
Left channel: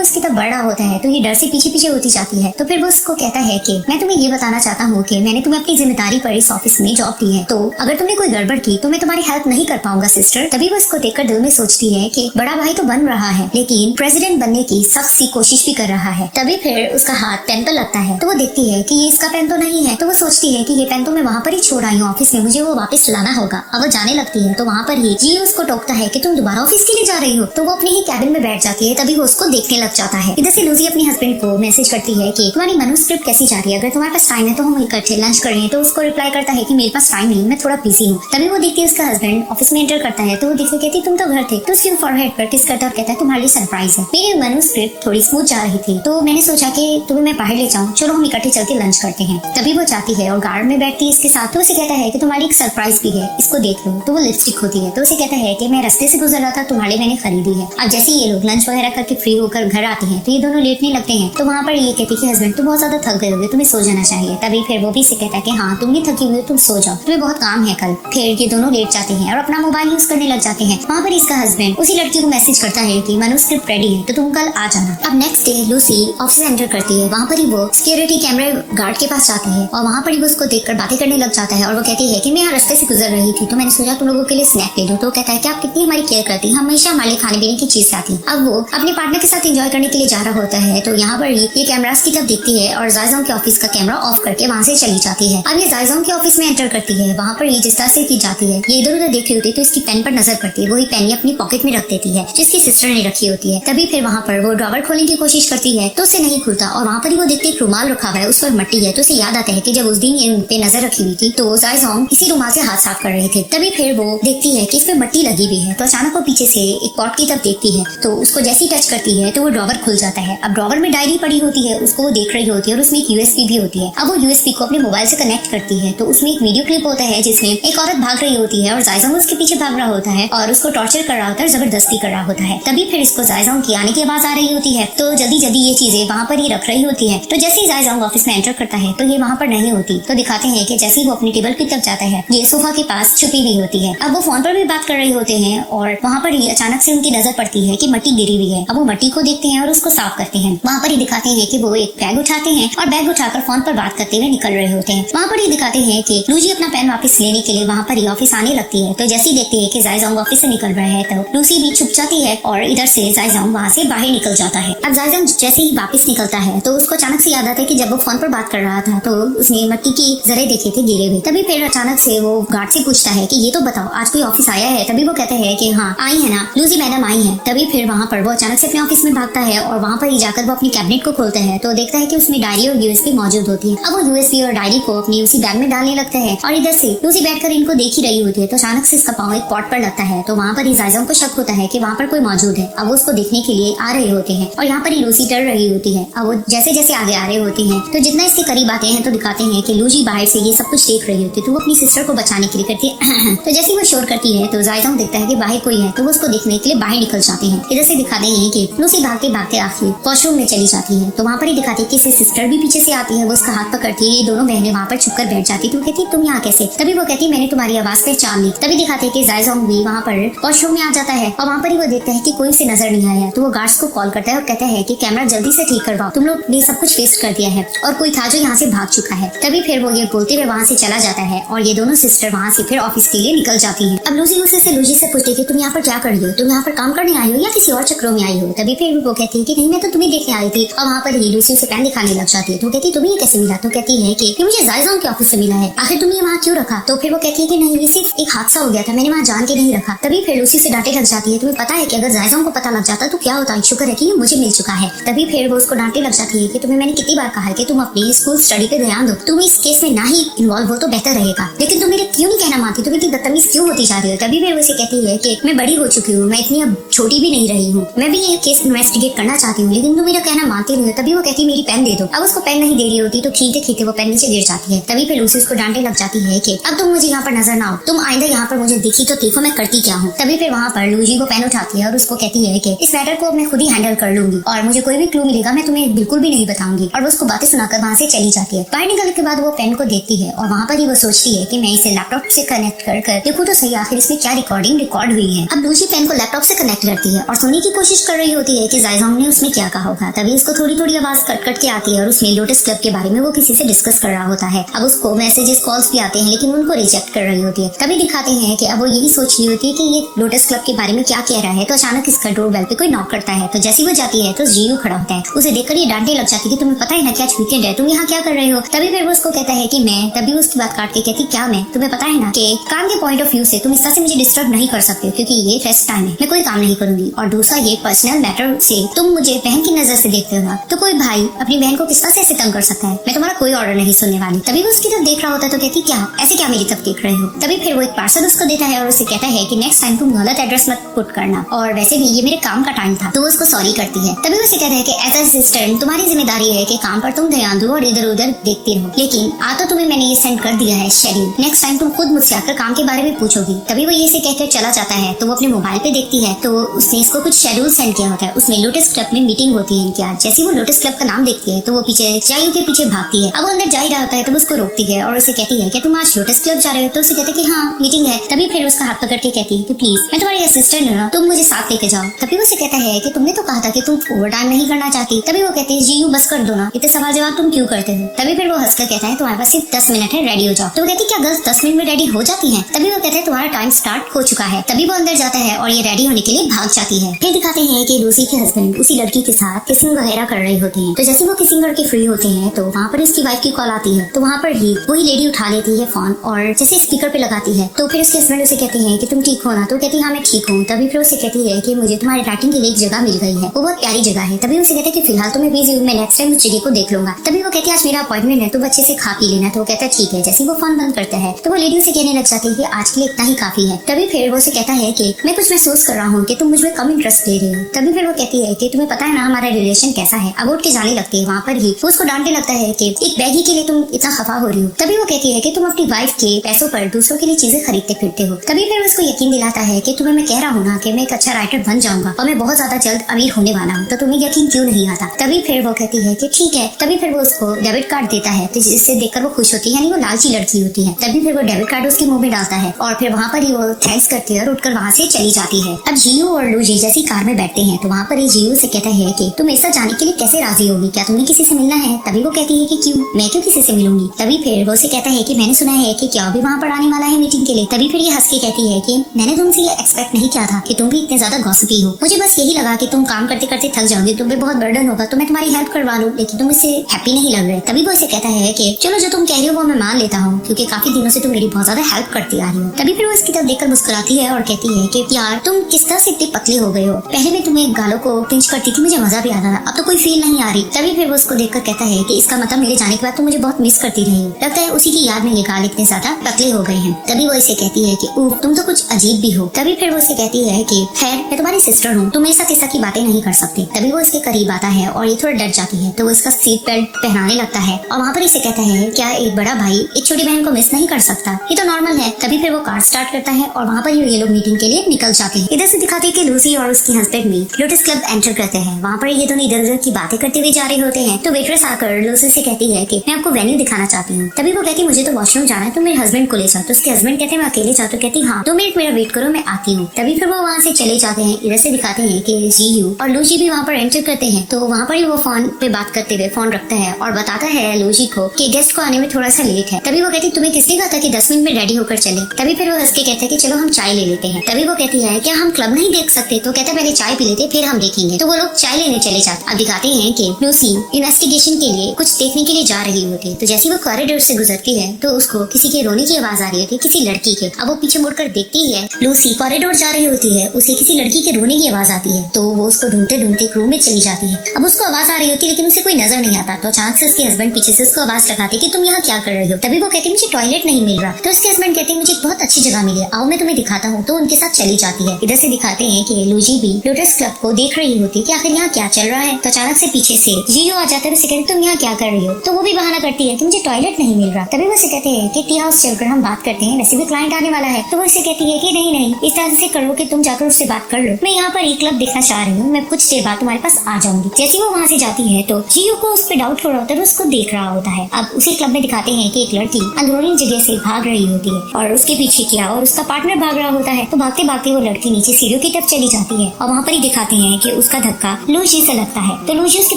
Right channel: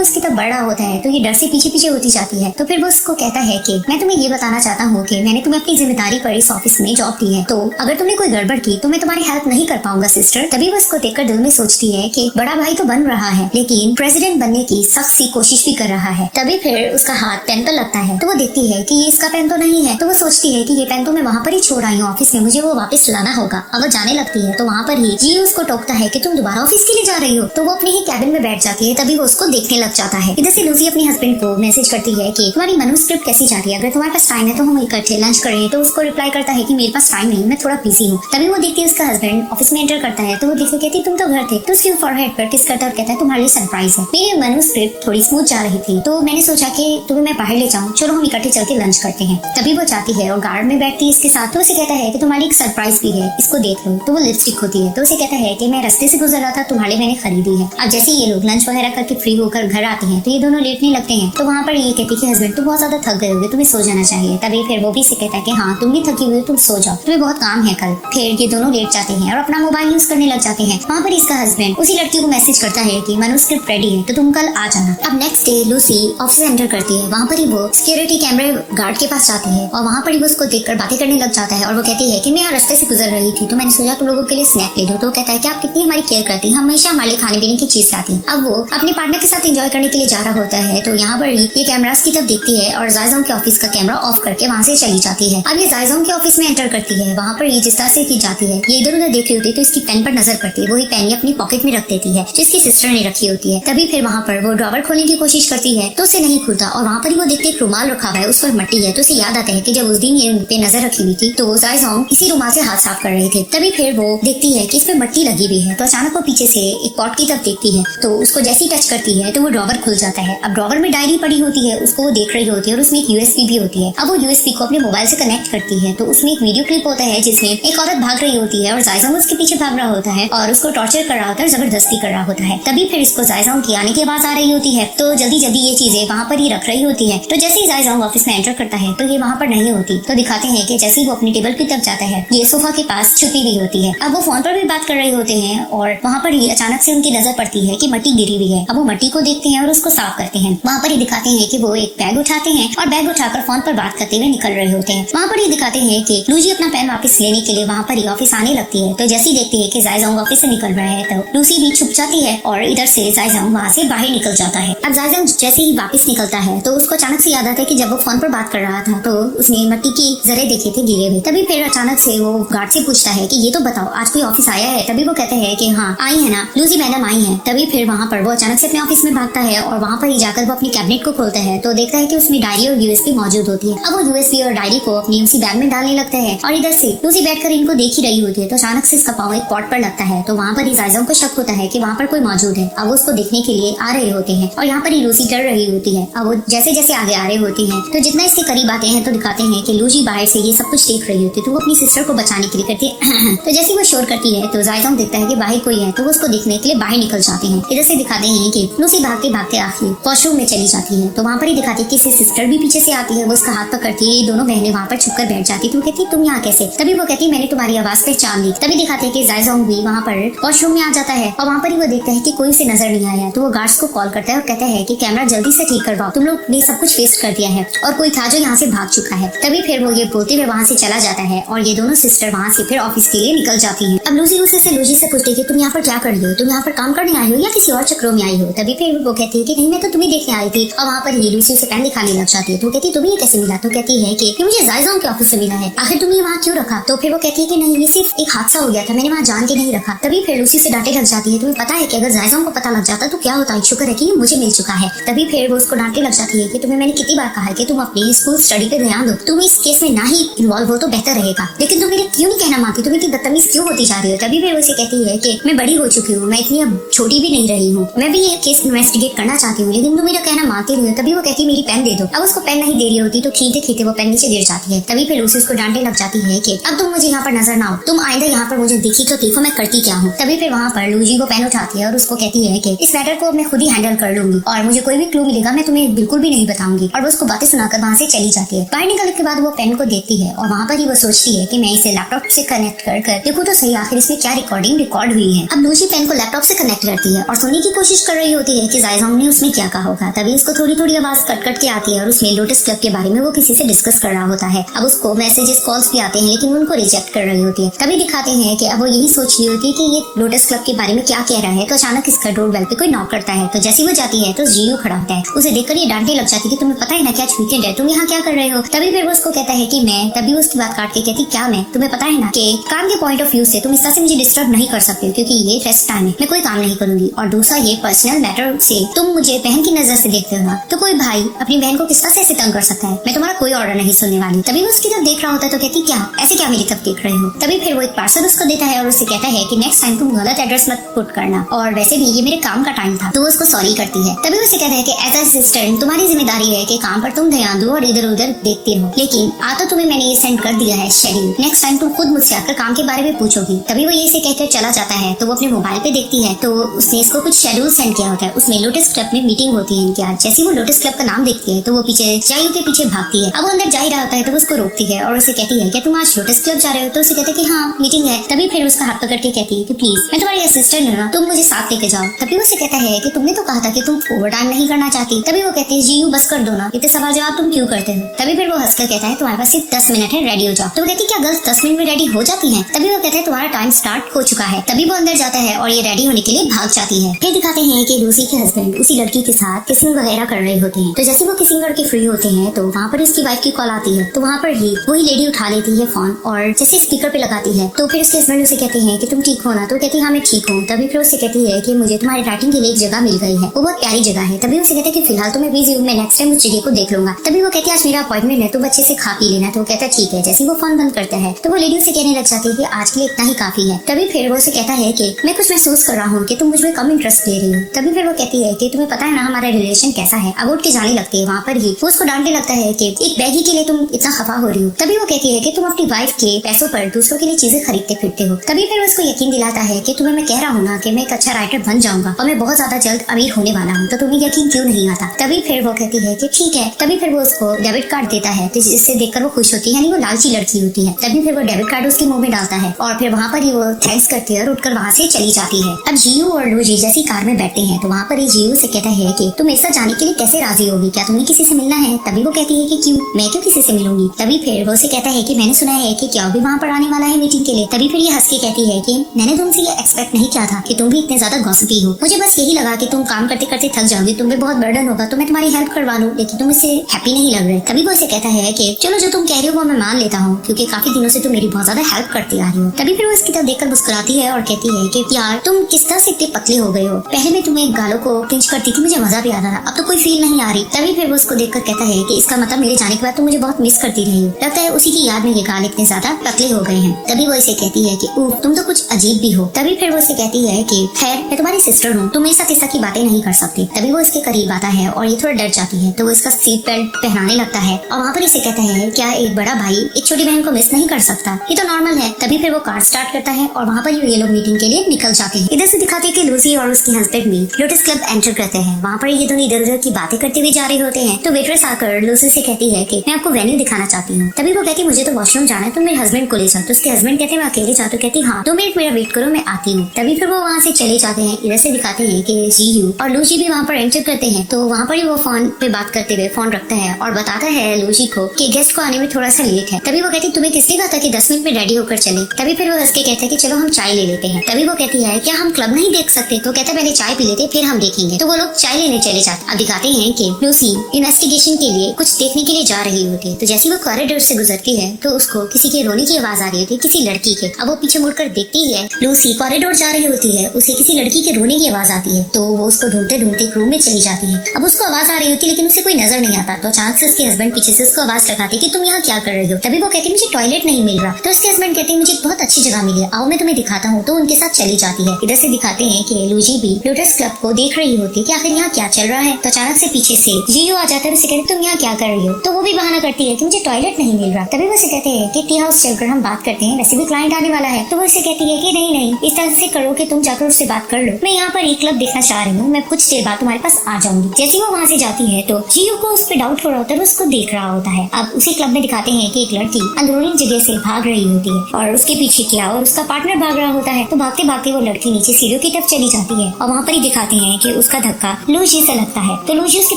इसकी तरफ बढ़ रहा होता है तो ये डर से पीछे पीछे होती जाती है। तो फिर वो उसको कहता है कि मैं तुम्हें ये बताना चाहता हूँ कि मैंने तुम्हें अपनी जिम्मेदारी पर इस ऑफिस में जॉब दी है, तो अगर तुमने कोई गड़बड़ की तो मैं तुम्हारी हेल्प नहीं कर पाऊंगा सिस्टर। तभी वो उसको देखकर दिल में सोचती है कि बड़ा भाई तो बन रहा है लेकिन प्रेसिडेंट बनने की सख्त सी कोशिश भी कर रहा है। तभी फिर उसका हाथ पेन पर लगता है तो वो देखती है कि ये इसका पेन तो नहीं है, तो वो सोचती है कि ये पेन तो मैं वहाँ पर ही छोड़ आई हूँ ऑफिस में, मुझे वो वापस लाना होगा। और वो जाने लगती है तो वहाँ पर ही जी उसको टोकता है कि तुम दोबारा ऑफिस के लिए जा रही हो। तो वो अपने ही कैबिन में बैठ जाती है। तभी वो उसको देखने लग जाता है। इधर से लूसी अपने हस्बैंड को मैसेज करती है कि तुम्हारी मनुस्क्रिप्ट कैसी जा रही है, अगर तुम्हारे पास टाइम है तो हम मिलकर लंच करें। तो उसको रिप्लाई करता है कि मेरे पास टाइम नहीं, मैं थोड़ा बिजी हूँ। तभी वो देखती है उसका हस्बैंड ऑफिस में एंटर करता है तो वो देखते कहती तुम तो घर थे। तो उसने फॉरहेड पर किस करता और कहता है तुम्हारी सरप्राइज है। मेरी मनुस्क्रिप्ट थोड़ी स्मूथ जा रही थी तो मैंने सोचा कि तुम्हें मैं बाहर ले जाऊँ, चलो हम इकट्ठे चल के लंच करते हैं। तभी वो जाती है और गार्ड में बैठती है इसके साथ। तो उसे कहता है कि तुम्हारी एक सरप्राइज भी है, इसको देख लो। तो वो लिपस्टिक होती है तो उसे कहता है कि मैं रास्ते से गुजर रहा था, तुम्हारे मैंने खरीदी है। अब जैसे ये लोग लंच वगैरह करके फ्री होकर घर आते हैं तो ये दोनों लेटने लगते हैं। तो वहाँ पर ये कहती है हस्बैंड तुम बहुत ज्यादा थक गए होगे, तुम्हें सो जाना चाहिए। तभी फिर वो भी इसे कहता है कि हाँ तुम भी थकी हुई, तुम सो जाओ, तुम्हें बहुत काम है कल। फिर ये दोनों लेट जाते हैं और अपना मोबाइल यूज करने लग जाते हैं। वहाँ पर इसका हस्बैंड उसी लड़की को मैसेज करता है कि मनुस्क्रिप्ट रेडी है तो तुम कल आ जाना। अब next day Lucy office enter करती है। वहाँ पर ही वो सिक्योरिटी कैमरे गार्ड के पास जाती है और वहाँ पर ही वो उसको देखकर बातें करने लग जाता है। और वो कहती है कि मैं यहाँ रास्ते से गुजर रही थी तो मैंने सोचा तुम लोगों के लिए स्नैक दे दो। तो कहता है कि आप कितनी हमारी केयर करती हैं, हमेशा हमारे लिए खाने पीने की चीज लाती। अब वो अपने पार्टनर के साथ एंजॉय करने के लिए जा रहा होता है तो यहाँ पर ही ये कैमरास की तरफ देखती है और जायज़ों के ऑफिस का कैमरा ऑफ करके वहाँ से चली जाती है। अब ये जायज़ों के ऑफिस में एंटर करती है। वहाँ पर ये जिस तरह से जाती है ये इधर उधर देख रही होती है तो इसकी पेन पर नजर पड़ती है। वो पेन अपनी पॉकेट में रख देती है जिसकी सिस्टर ने रखी होती है। तभी फिर वहाँ पर वो ड्रॉवर खोलने की कोशिश करती है तो उसे नहीं खुलता और वहाँ पर ही वो देखती है रुमाल रखा हुआ है, उस पर मट्टी है। तो उसे याद आता है कि जब उस दिन ये उन पे नजर रखी हुई थी तो जायज़ों इसी रुमाल से हाथ साफ कर रहे थे। तभी फिर वो देखती है कि इस पर मट्टी लगी हुई है तो अचानक वो पीछे से एक पॉट की तरफ देखती है तो उसको जैसी टच करती है तो वो ड्रॉवर खुल जाता है। अब ड्रॉवर में डायरी पड़ी होती है, उसको वो देख रही होती है और उसमें एक यूएसबी भी होती है। अब वो यूएसबी को अपने मोबाइल से कनेक्ट करती है तो उसमें एक वीडियो क्लिप होता है जिसमें एक औरत भाग रही होती है और जायज़ों उसके पीछे भाग रहा होता है और उसको टॉर्चर कर रहा होता है, जबरदस्ती कर रहा होता है। तभी फिर इसको जायज़ों की आने की आवाज आ रही होती है तो जल्दी जल्दी ये चीजें वहाँ पर ही रख रही होती है। तो जैसे ही जायज़ों ऑफिस में एंटर करता है तो ये वहाँ पर नहीं होती। तो दिखाते हैं कि जैसे ही वो अपनी टेबल की तरफ जाता है ये सोफा के पास छुपी हुई होती है। अब वो फोन पर भी बात कर रहे होते हैं और वहाँ पर ही अचानक से उनकी नजर पड़ती है कि मट्टी गिरी हुई है। अब वो मट्टी को देखते हैं और उसको साफ करते हैं। वहाँ पर ही दिखाते हैं कि वो एक बैग उठाते हैं और बैग उठाकर फोन पर बात करते हुए निकल रहे होते हैं। वहाँ पर ही दिखाते हैं कि लूसी अपना पेन वापस लेने के लिए वहाँ पर ही ऑफिस आने लगती है। तो जैसे ही देखती है कि जायज़ों ऑफिस से निकल रहा है तो लूसी भी छुप जाती है और इधर से जायज़ों वहाँ से बाहर निकल जाता है। अब जायज़ों जैसे ही वापस निकलता है तो उसको अचानक से याद आता है कि जब वो फोन पर बात कर रहा था तो उसने मट्टी की जरे देखे थे गिरे हुए। तभी फिर अचानक से वो गार्ड से पूछता है कि ये तो बताओ आज कोई ऑफिस आया है। तभी वो कहते हैं कि हाँ आई है ना, लूसी मैडम आई है। तभी फिर वहाँ पर वो अचानक से अपने ऑफिस में भागता है और वहाँ पर ही जाकर वो अपनी कैबिनेट को खोलता है तो देखता है कि उसमें डायरी और यूएसबी मौजूद होती है। अब वो यूएसबी और डायरी को अपनी उसी बैग में डालने लगता है और इधर से लूसी बैठकर इनको देख ही रही होती है तो अचानक से उसका पाँव एक पॉट पर लगता है तो वहाँ पर ही जायज़ों को शक होता है कि वहाँ पर कोई मौजूद है। अब वो उसको देखने के लिए आ रहे होते हैं और यहाँ पर ही लूसी डर रही होती है। अब वो जैसे जैसे आगे आ रहे होते हैं तो जितना इससे करीब आते हैं तो दिखाते हैं कि लूसी बाहर से ये सब कुछ देख रही होती है तो वो अपनी सिस्टर को बचाने के लिए करती है। तो जैसे वो शोर करती है तो जायज़ों देखता है कि बाहर कोई है तो वो उसको देखने के लिए बाहर निकल जाते हैं। इधर से दिखाते हैं कि लूसी भागते भागते आखिर वॉशरूम में चली जाती है तो वहाँ पर ही दिखाते हैं कि इसकी सिस्टर भी पीछे से आती है। वो उसका हाथ पकड़ती है, ये दोनों बहनें वहाँ पर छुपकर बैठ जाती है। तो कहती तुम यहाँ कैसे? तभी वो कहती मैंने तुम्हारी आवाज पहचान ली। तभी दिखाते हैं कि जायज़ों भी वहाँ पर वॉशरूम में आ जाता है और वहाँ पर ही वो देखते हैं कि कोई से नजर नहीं आया तो वो गार्ड्स को कॉल करता है और कहते हैं कि कैमरा जल्दी से ठीक करवाओ, तुम लोग ने सब कुछ वेस्ट कर दिया है और कोई था जो यहाँ से भाग चुका है। तभी फिर वो ये बोलते हुए वहाँ से चला जाता है और ये दोनों सिस्टर वहाँ से फिर ऑफिस के लिए निकल जाती है। अब लूसी गुस्से से लूसी से पूछती है कि तुम यहाँ पर क्या कर रही हो, तुम यहाँ पर काम करने आई हो या किसी और चक्रों में आई हो। तभी फिर वो कहती है कि नहीं मैं तो तुम्हें देखने आई थी। और वहाँ पर ही लूसी से पेन दिखाने लग जाती है तो कहती तुम्हें कैसे मिला। तो कहती है कि मुझे जायज़ों के ऑफिस से मिला है, आखिर तुमने वहाँ क्यों रखा। तो फिर वो कहती है कि नहीं ये सिर्फ एक हादसा हो गया था, मैंने वहाँ जान के नहीं रखा। तभी फिर लूसी से डांटे लग जाती है तुम्हें पता है कि अगर जायज़ों को पता लग जाता तो क्या होता, शुक्र है कि ये मुझे मिल चुका है। तभी फिर वो उसको डांटे लग जाती है कि तुम्हें मैंने कितनी बार कहा है कि तुम अपनी स्कूल स्टडी पे ध्यान दो, तुम इस केस में ना ही इन्वॉल्व हो तो बेहतर रहेगा, लेकिन तुम मेरे क्यों नहीं कहना मानती, तुम इतनी बदतमीज क्यों होती जा रही हो। तभी फिर उसे कहती है कि मैं बड़ी हो चुकी हूँ, मैं इतनी अब छोटी भी नहीं रही हूँ, मैं भी ये केस इन्वेस्टिगेट करना चाहती हूँ, लेकिन तुम मेरा कहना मानती नहीं हो। तभी वो कहती है मेरी पेन दे दो। अब उसको पेन नहीं दे रही होती तो खींचते खींचते वो पेन नीचे गिर जाती है। तभी फिर लूसी उसको डांटने लग जाती है कि अब तुम मुझे यहाँ पर नजर ना आओ, तुम आइंदा यहाँ पर मुझे दिखी तो देखो मैं करती क्या हूँ। तभी फिर वहाँ पर लूसी वो पेन उठाती है और उसको कहती है कि इस मैटर को मैं खुद ही हैंडल कर लूंगी और मुझे कोई भी क्लू मिलेगा मैं तुम्हें बिल्कुल भी नहीं बताऊंगी। और वो उसको बातें सुनाकर वहाँ से चली जाती है। बाहर निकलने के बाद वो पेन को देखती है और वहाँ पर ही वो सोचती है कि मैं इसे लैपटॉप से कनेक्ट कर देखूं तो सही आखिर इसमें क्या रिकॉर्ड हुई है। अब लूसी पेन को लैपटॉप से कनेक्ट करती है और सुनने की कोशिश कर रही होती है कि जायजाम ने उसमें क्या कहा होगा। तभी उसको थोड़ी थोड़ी आवाज कट के आती है और उसमें लोटस क्लब के बारे में वो किसी से डिस्कस कर रहा होता है। अब उसको मैसेजेस कॉल्स भी आते हैं लेकिन उनको रिजेक्ट कर रही होती है। तभी दिखाते हैं कि अब वो यही सोच रही होती है कि ये लोटस क्लब के बारे में क्या कह रहा है। तो अचानक इसका डोरबेल पे कोई नॉक करता है। तो जैसी वो जाती है तो जीयू खड़ा होता है। उसे देखकर ये डांटने लग जाती है, तुम्हें पता है ना क्या वीकेंड है, तुम यहाँ क्या कर रहे हो। तभी फिर वो उसको कहता है कि मैं, तभी उसकी बात काट के कहती क्या मैं, तुम्हें पता है ना कि काम के पॉइंट ऑफ व्यू से तुम इस तरह से मुझे डिस्टर्ब नहीं कर सकते क्योंकि ये फेस्ट टाइम है, मैं कोई काम नहीं करूंगी। और दूसरा ये पर्सनल मैटर से तुम मुझे बहन की नजर से देखते हो ना, तो कोई भाई अपनी बहन को किस तरह से तंग कर सकता है। मैं तुम्हारा कोई ऑर्डर नहीं सुनने वाली। तभी वो उसकी तरफ देख रहा होता है तो कहती क्या ऐसी क्या मेरी तरफ देख रहे हो। तभी फिर वो एक पार्सल उसको देता है और उसे कहता है कि नेक्स्ट टाइम तुम गलत एड्रेस मत पुट करना और वैसे भी ये मेरे काम का टाइम था। तो उसको सॉरी करती है। तभी उसे कहता है कि एज अ सिस्टर तुम्हारी जिम्मेदारी है कि काम पर तुम ध्यान दो और इधर उधर देखते रहो, लेकिन आता तुम्हें मैंने ये सेंड कर दिया है शेड्यूल, नेक्स्ट टाइम तुम खुद मुझसे आकर काम के बारे में पूछोगी। तभी वो ये से कहकर चला जाता है। तो वो अपने मोबाइल पे देखती है तो उसने इसको कुछ शेड्यूल सेंड किया होता है। उसमें लोटस क्लब में मीटिंग होती है इनकी आज। जैसे वो लोटस क्लब का नाम देखती है तो वो पीछे जायू के पीछे भागती है। अब अंदर जा ही रहा होता है तो उसको रोकती है और उसे कहती है कि तुम आज लोटस क्लब जा रहे हो। तो उसे कहते हैं कि हाँ मीटिंग है। तभी फिर उसका हाथ पकड़ के कहती है कि प्लीज मैं तुम्हारी असिस्टेंट हूँ ना, तुम मुझे साथ लेके जाओ। तभी उसे कहता है कि तुमने तो कहा था कि तुम ओवर टाइम नहीं करना चाहती। तभी वो कहती है जीयू बस कर दो ना, इतने सवाल जवाब तुम क्यों करते हो। तभी फिर वो हंसकर कहता है तुम्हारे पास सिर्फ 10 मिनट है, रेडी हो जाओ। तो वो कहती है क्या गर्ल्स 10 मिनट में रेडी हो जाती है। तभी वो कहते हैं तुम्हारा टाइम स्टार्ट हो चुका है। तभी वो अंदर जाता है और ये रेडी होने के लिए भाग जाती है। फिर दिखाते हैं कि लूसी के हस्बैंड किसी लड़की के साथ किसिंग वगैरह कर रहे होते हैं। तो जैसे वो किसिंग करके फ्री होते हैं तो वहाँ पर उसकी वाइफ की कॉल आती है। तो वहाँ पर ही वही लेडी उठा लेती है फोन और जैसे स्पीकर पे लगाती है तो फिर उसके हस्बैंड उसे कहते हैं कि तुम ठीक हो ना। तो कहती है हाँ मैं ठीक हूँ। तभी फिर उसे कहती है कि मुझे तुम्हारे राइटिंग के लिए एक जगह मिल गई है, वो बहुत प्यारी जगह है। तभी उसे कहते हैं कि फिलहाल तो मैं बिजी हूँ, मैं नेक्स्ट टाइम उस जगह को देख लूंगा। तभी वो कहती है आज मेरा अपॉइंटमेंट है तो अच्छे से खा पी लेना। तो वो कहते हैं ठीक है। जैसे वो फोन बंद करता है तो वो लेडी उसे कहने लग जाती है कि आज के लिए इतना ही काफी है। तभी फिर वो उसे कहता है कि मैं कुछ महसूस कर रहा हूँ कि तुम मुझ में कम इंटरेस्ट ले रही हो। तभी फिर वो कहती है कि तुम्हें पता है ना हमारा रिलेशन कैसा है। अब उठ के जाने लगते हैं। वहाँ पर ही वो उसको डांटने लगता है कि एक बैग ही के लिए तुम इतना खफा हो रही हो। तभी वो कहती है कि तुम अपनी वाइफ के पैसों पर दूसरों के लिए चीजें खरीदते फिरते हो। तभी फिर उसको यकीन दिलाता है कि तुम्हें मैं कह रहा हूँ ना कि मैं एक अच्छा राइटर बन जाऊंगा और मैं बहुत ज्यादा जल्द अमीर होने वाला हूँ, तो तुम्हें यकीन क्यों नहीं आता। तभी फिर वो कहती है कि ठीक है। तभी फिर वो उसको डेबिट कार्ड देता है जिससे देखकर वो खुश होती है, यानी वो लालची लड़की होती है। तभी फिर वो डेबिट कार्ड उसके मुंह में डालता है और फिर वहाँ पर ही वो थैंक्स करती है और उठकर वहाँ से चली जाती है। अब जीयू और लूजी जैसी कार में बैठते हैं तो वहाँ पर ही जीयू से कहता है कि तुम ऐसा जाने के लिए कैसे राजी होगी, क्या तुम्हें किसी से मिलना है। तभी वो कहती है कि क्यों, मैं क्यों किसी से मिलूंगी। तभी फिर वो उसे कहता है कि मैंने सुना है कि क्या भी वहाँ पर आने वाला है मीटिंग के लिए। तभी फिर ये हंस के कहती है कि मैंने तुमसे ये एक्सपेक्ट नहीं किया था कि तुम भी इतने ज्यादा गॉसिपी हो। मुझे बस यही लगा कि तुम काम करते करते थक जाओगे, तुम्हें बहुत बर्डन होगा तो मैं तुम्हारी हेल्प करवा लूं, लेकिन तुम इससे हैप्पी नहीं लग रहे। तभी वो उसे कहता है कि चलो जो तुम कह रही हो वो मैं मान लेता हूँ क्योंकि काफी दिनों से तुम मेरी बहुत ज्यादा हेल्प करती आ रही हो। तभी फिर वो उसकी तरफ देखकर मुस्कुराती है और कहती है कि यार तुम किस तरह से इतनी पतली हो गई हो, पहले मैं तुम्हें गालों को पिंच करती थी, मुझे मजा भी आता था, अब तो कोई फील नहीं आ रही। तभी फिर वो उसको देखकर कहता है कि इसका मतलब मेरे जाने के बाद तुम मुझे बहुत मिस करती रही, लगता है उसी की याद में ये गाल इतने ज्यादा पतले हो गए हैं। तभी वो इसे कहती है कि उफ तुम तो कुछ अजीब भी हो। तभी फिर वो इसे कहती है कि खैर मैं तुम्हारी सिस्टर हूँ, तुम मेरे साथ इस तरह की बातें नहीं कर सकती। तभी वो उसके करीब आता है और ये थोड़ा डर जाती है तो वो इसका सीट बेल्ट पहनाने लगता है और वहाँ पर इसे कहता है क्या एक बड़ा भाई एक छोटी बहन को मिस नहीं कर सकता, ये तो नॉर्मल है। तभी फिर वो कार स्टार्ट करता है और वहाँ पर ये लोग मीटिंग के लिए निकल जाते हैं। इधर से दिखाते हैं कि लूसी और उसके हस्बैंड में लोटस क्लब एंटर करते हैं। वहाँ पर ये दोनों इधर उधर की बातें करते हुए जा रहे होते हैं तो वेट्रेस आकर लूसी से कहती है कि मैं आपको वेन्यू दिखाना चाहती हूँ। तभी वो कहती है मुझे तो वॉशरूम जाना है, तुम मेरे हस्बैंड को ले जाओ। तो उसके हस्बैंड कहते हैं मैं अकेले जाती हूँ। कहती हाँ तो मेरा वेट करो मैं आती हूँ। तभी फिर वो वहाँ से चले जाते हैं। इधर से दिखाते हैं कि जीयू और लूसी भी वहाँ पर एंटर करते हैं तो वहाँ पर ही वो फोन पे बात करते हुए फोन रखता है और बताता है लूसी को कि गेस्ट को आने में थोड़ा सा लेट है। तभी वो कहती है तुम्हें किसने कहा था कि 10 मिनट में रेडी होकर चले। तभी फिर वो हंस के कहते हैं कि चलो हम चाय ले लेते हैं। तभी वो कहती है क्या हम क्लब नहीं देख सकते। तो कहता पहले चाय पी लेते फिर हम देखेंगे। तो वो लोग चाय लेने चले जाते। अब दिखाते हैं कि लूसी इन्वेस्टिगेशन के लिए कुछ देखने के लिए जा रही होती है। तो जैसे वो कॉरिडोर से गुजरती है तो उसको किसी के रोने की आवाज आ रही होती है, किसी लड़की के। अब वो पीछे मुड़कर देखती है, लूसी कॉरिडोर जा रही होती है, उसे किसी लड़की के रोने की आवाज आती है। तो वो उसको ढूंढते ढूंढते रूम में चली जाती है। अब उसको आवाज आ रही होती है लेकिन उसे कोई नजर नहीं आता। तो अचानक से उसके हस्बैंड पीछे से उसको आवाज लगाती कि तुम यहाँ क्या कर रहे हो। तभी वो कहती मुझे टॉयलेट नहीं मिल रहा। तो उसके हस्बैंड कहते हैं मुझे बहुत अच्छी जगह मिली है, आओ मैं तुम्हें दिखाता हूँ। तो उनके साथ चली जाती है। इधर से दिखाते हैं कि लूजी भी लोटस क्लब को देख रही होती है कि आखिर यहाँ क्या चल रहा है। तो अचानक से पीछे से जियो आ जाता है, उसे कहते तुम यहाँ क्या कर रही हो। तो वो भी बहाना करती है कि मुझे टॉयलेट नहीं मिल रहा। तभी वो उसे कहते हैं कि टी हाउस चलकर हम बात करते हैं, वैसे भी क्लाइंट आने वाला है। तो वो उसे कहती है कि नहीं इस तरह से करो कि तुम जाकर उससे बात कर लो, मैं यहाँ पर एक क्लब देखना चाह रही हूँ, मैं कुछ देर बाद तुम्हारे पास आ जाऊंगी। जैसे वो वहाँ से जाती है तो जियो को उस पर डाउट हो रहा होता है, उसको देख रहा होता है। अब उसी क्लब में दिखाते हैं कि एक लड़की अंदरूनी जगह से भाग रही होती है और उसके पीछे किया और उसका पार्टनर भाग रहा होता है। तो भागते भागते वो लड़की नीचे सीढ़ियों की तरफ चली जाती है और वहाँ पर ही दिखाते हैं कि उसका धक्का लूजी से लगता है। तो लूजी उसके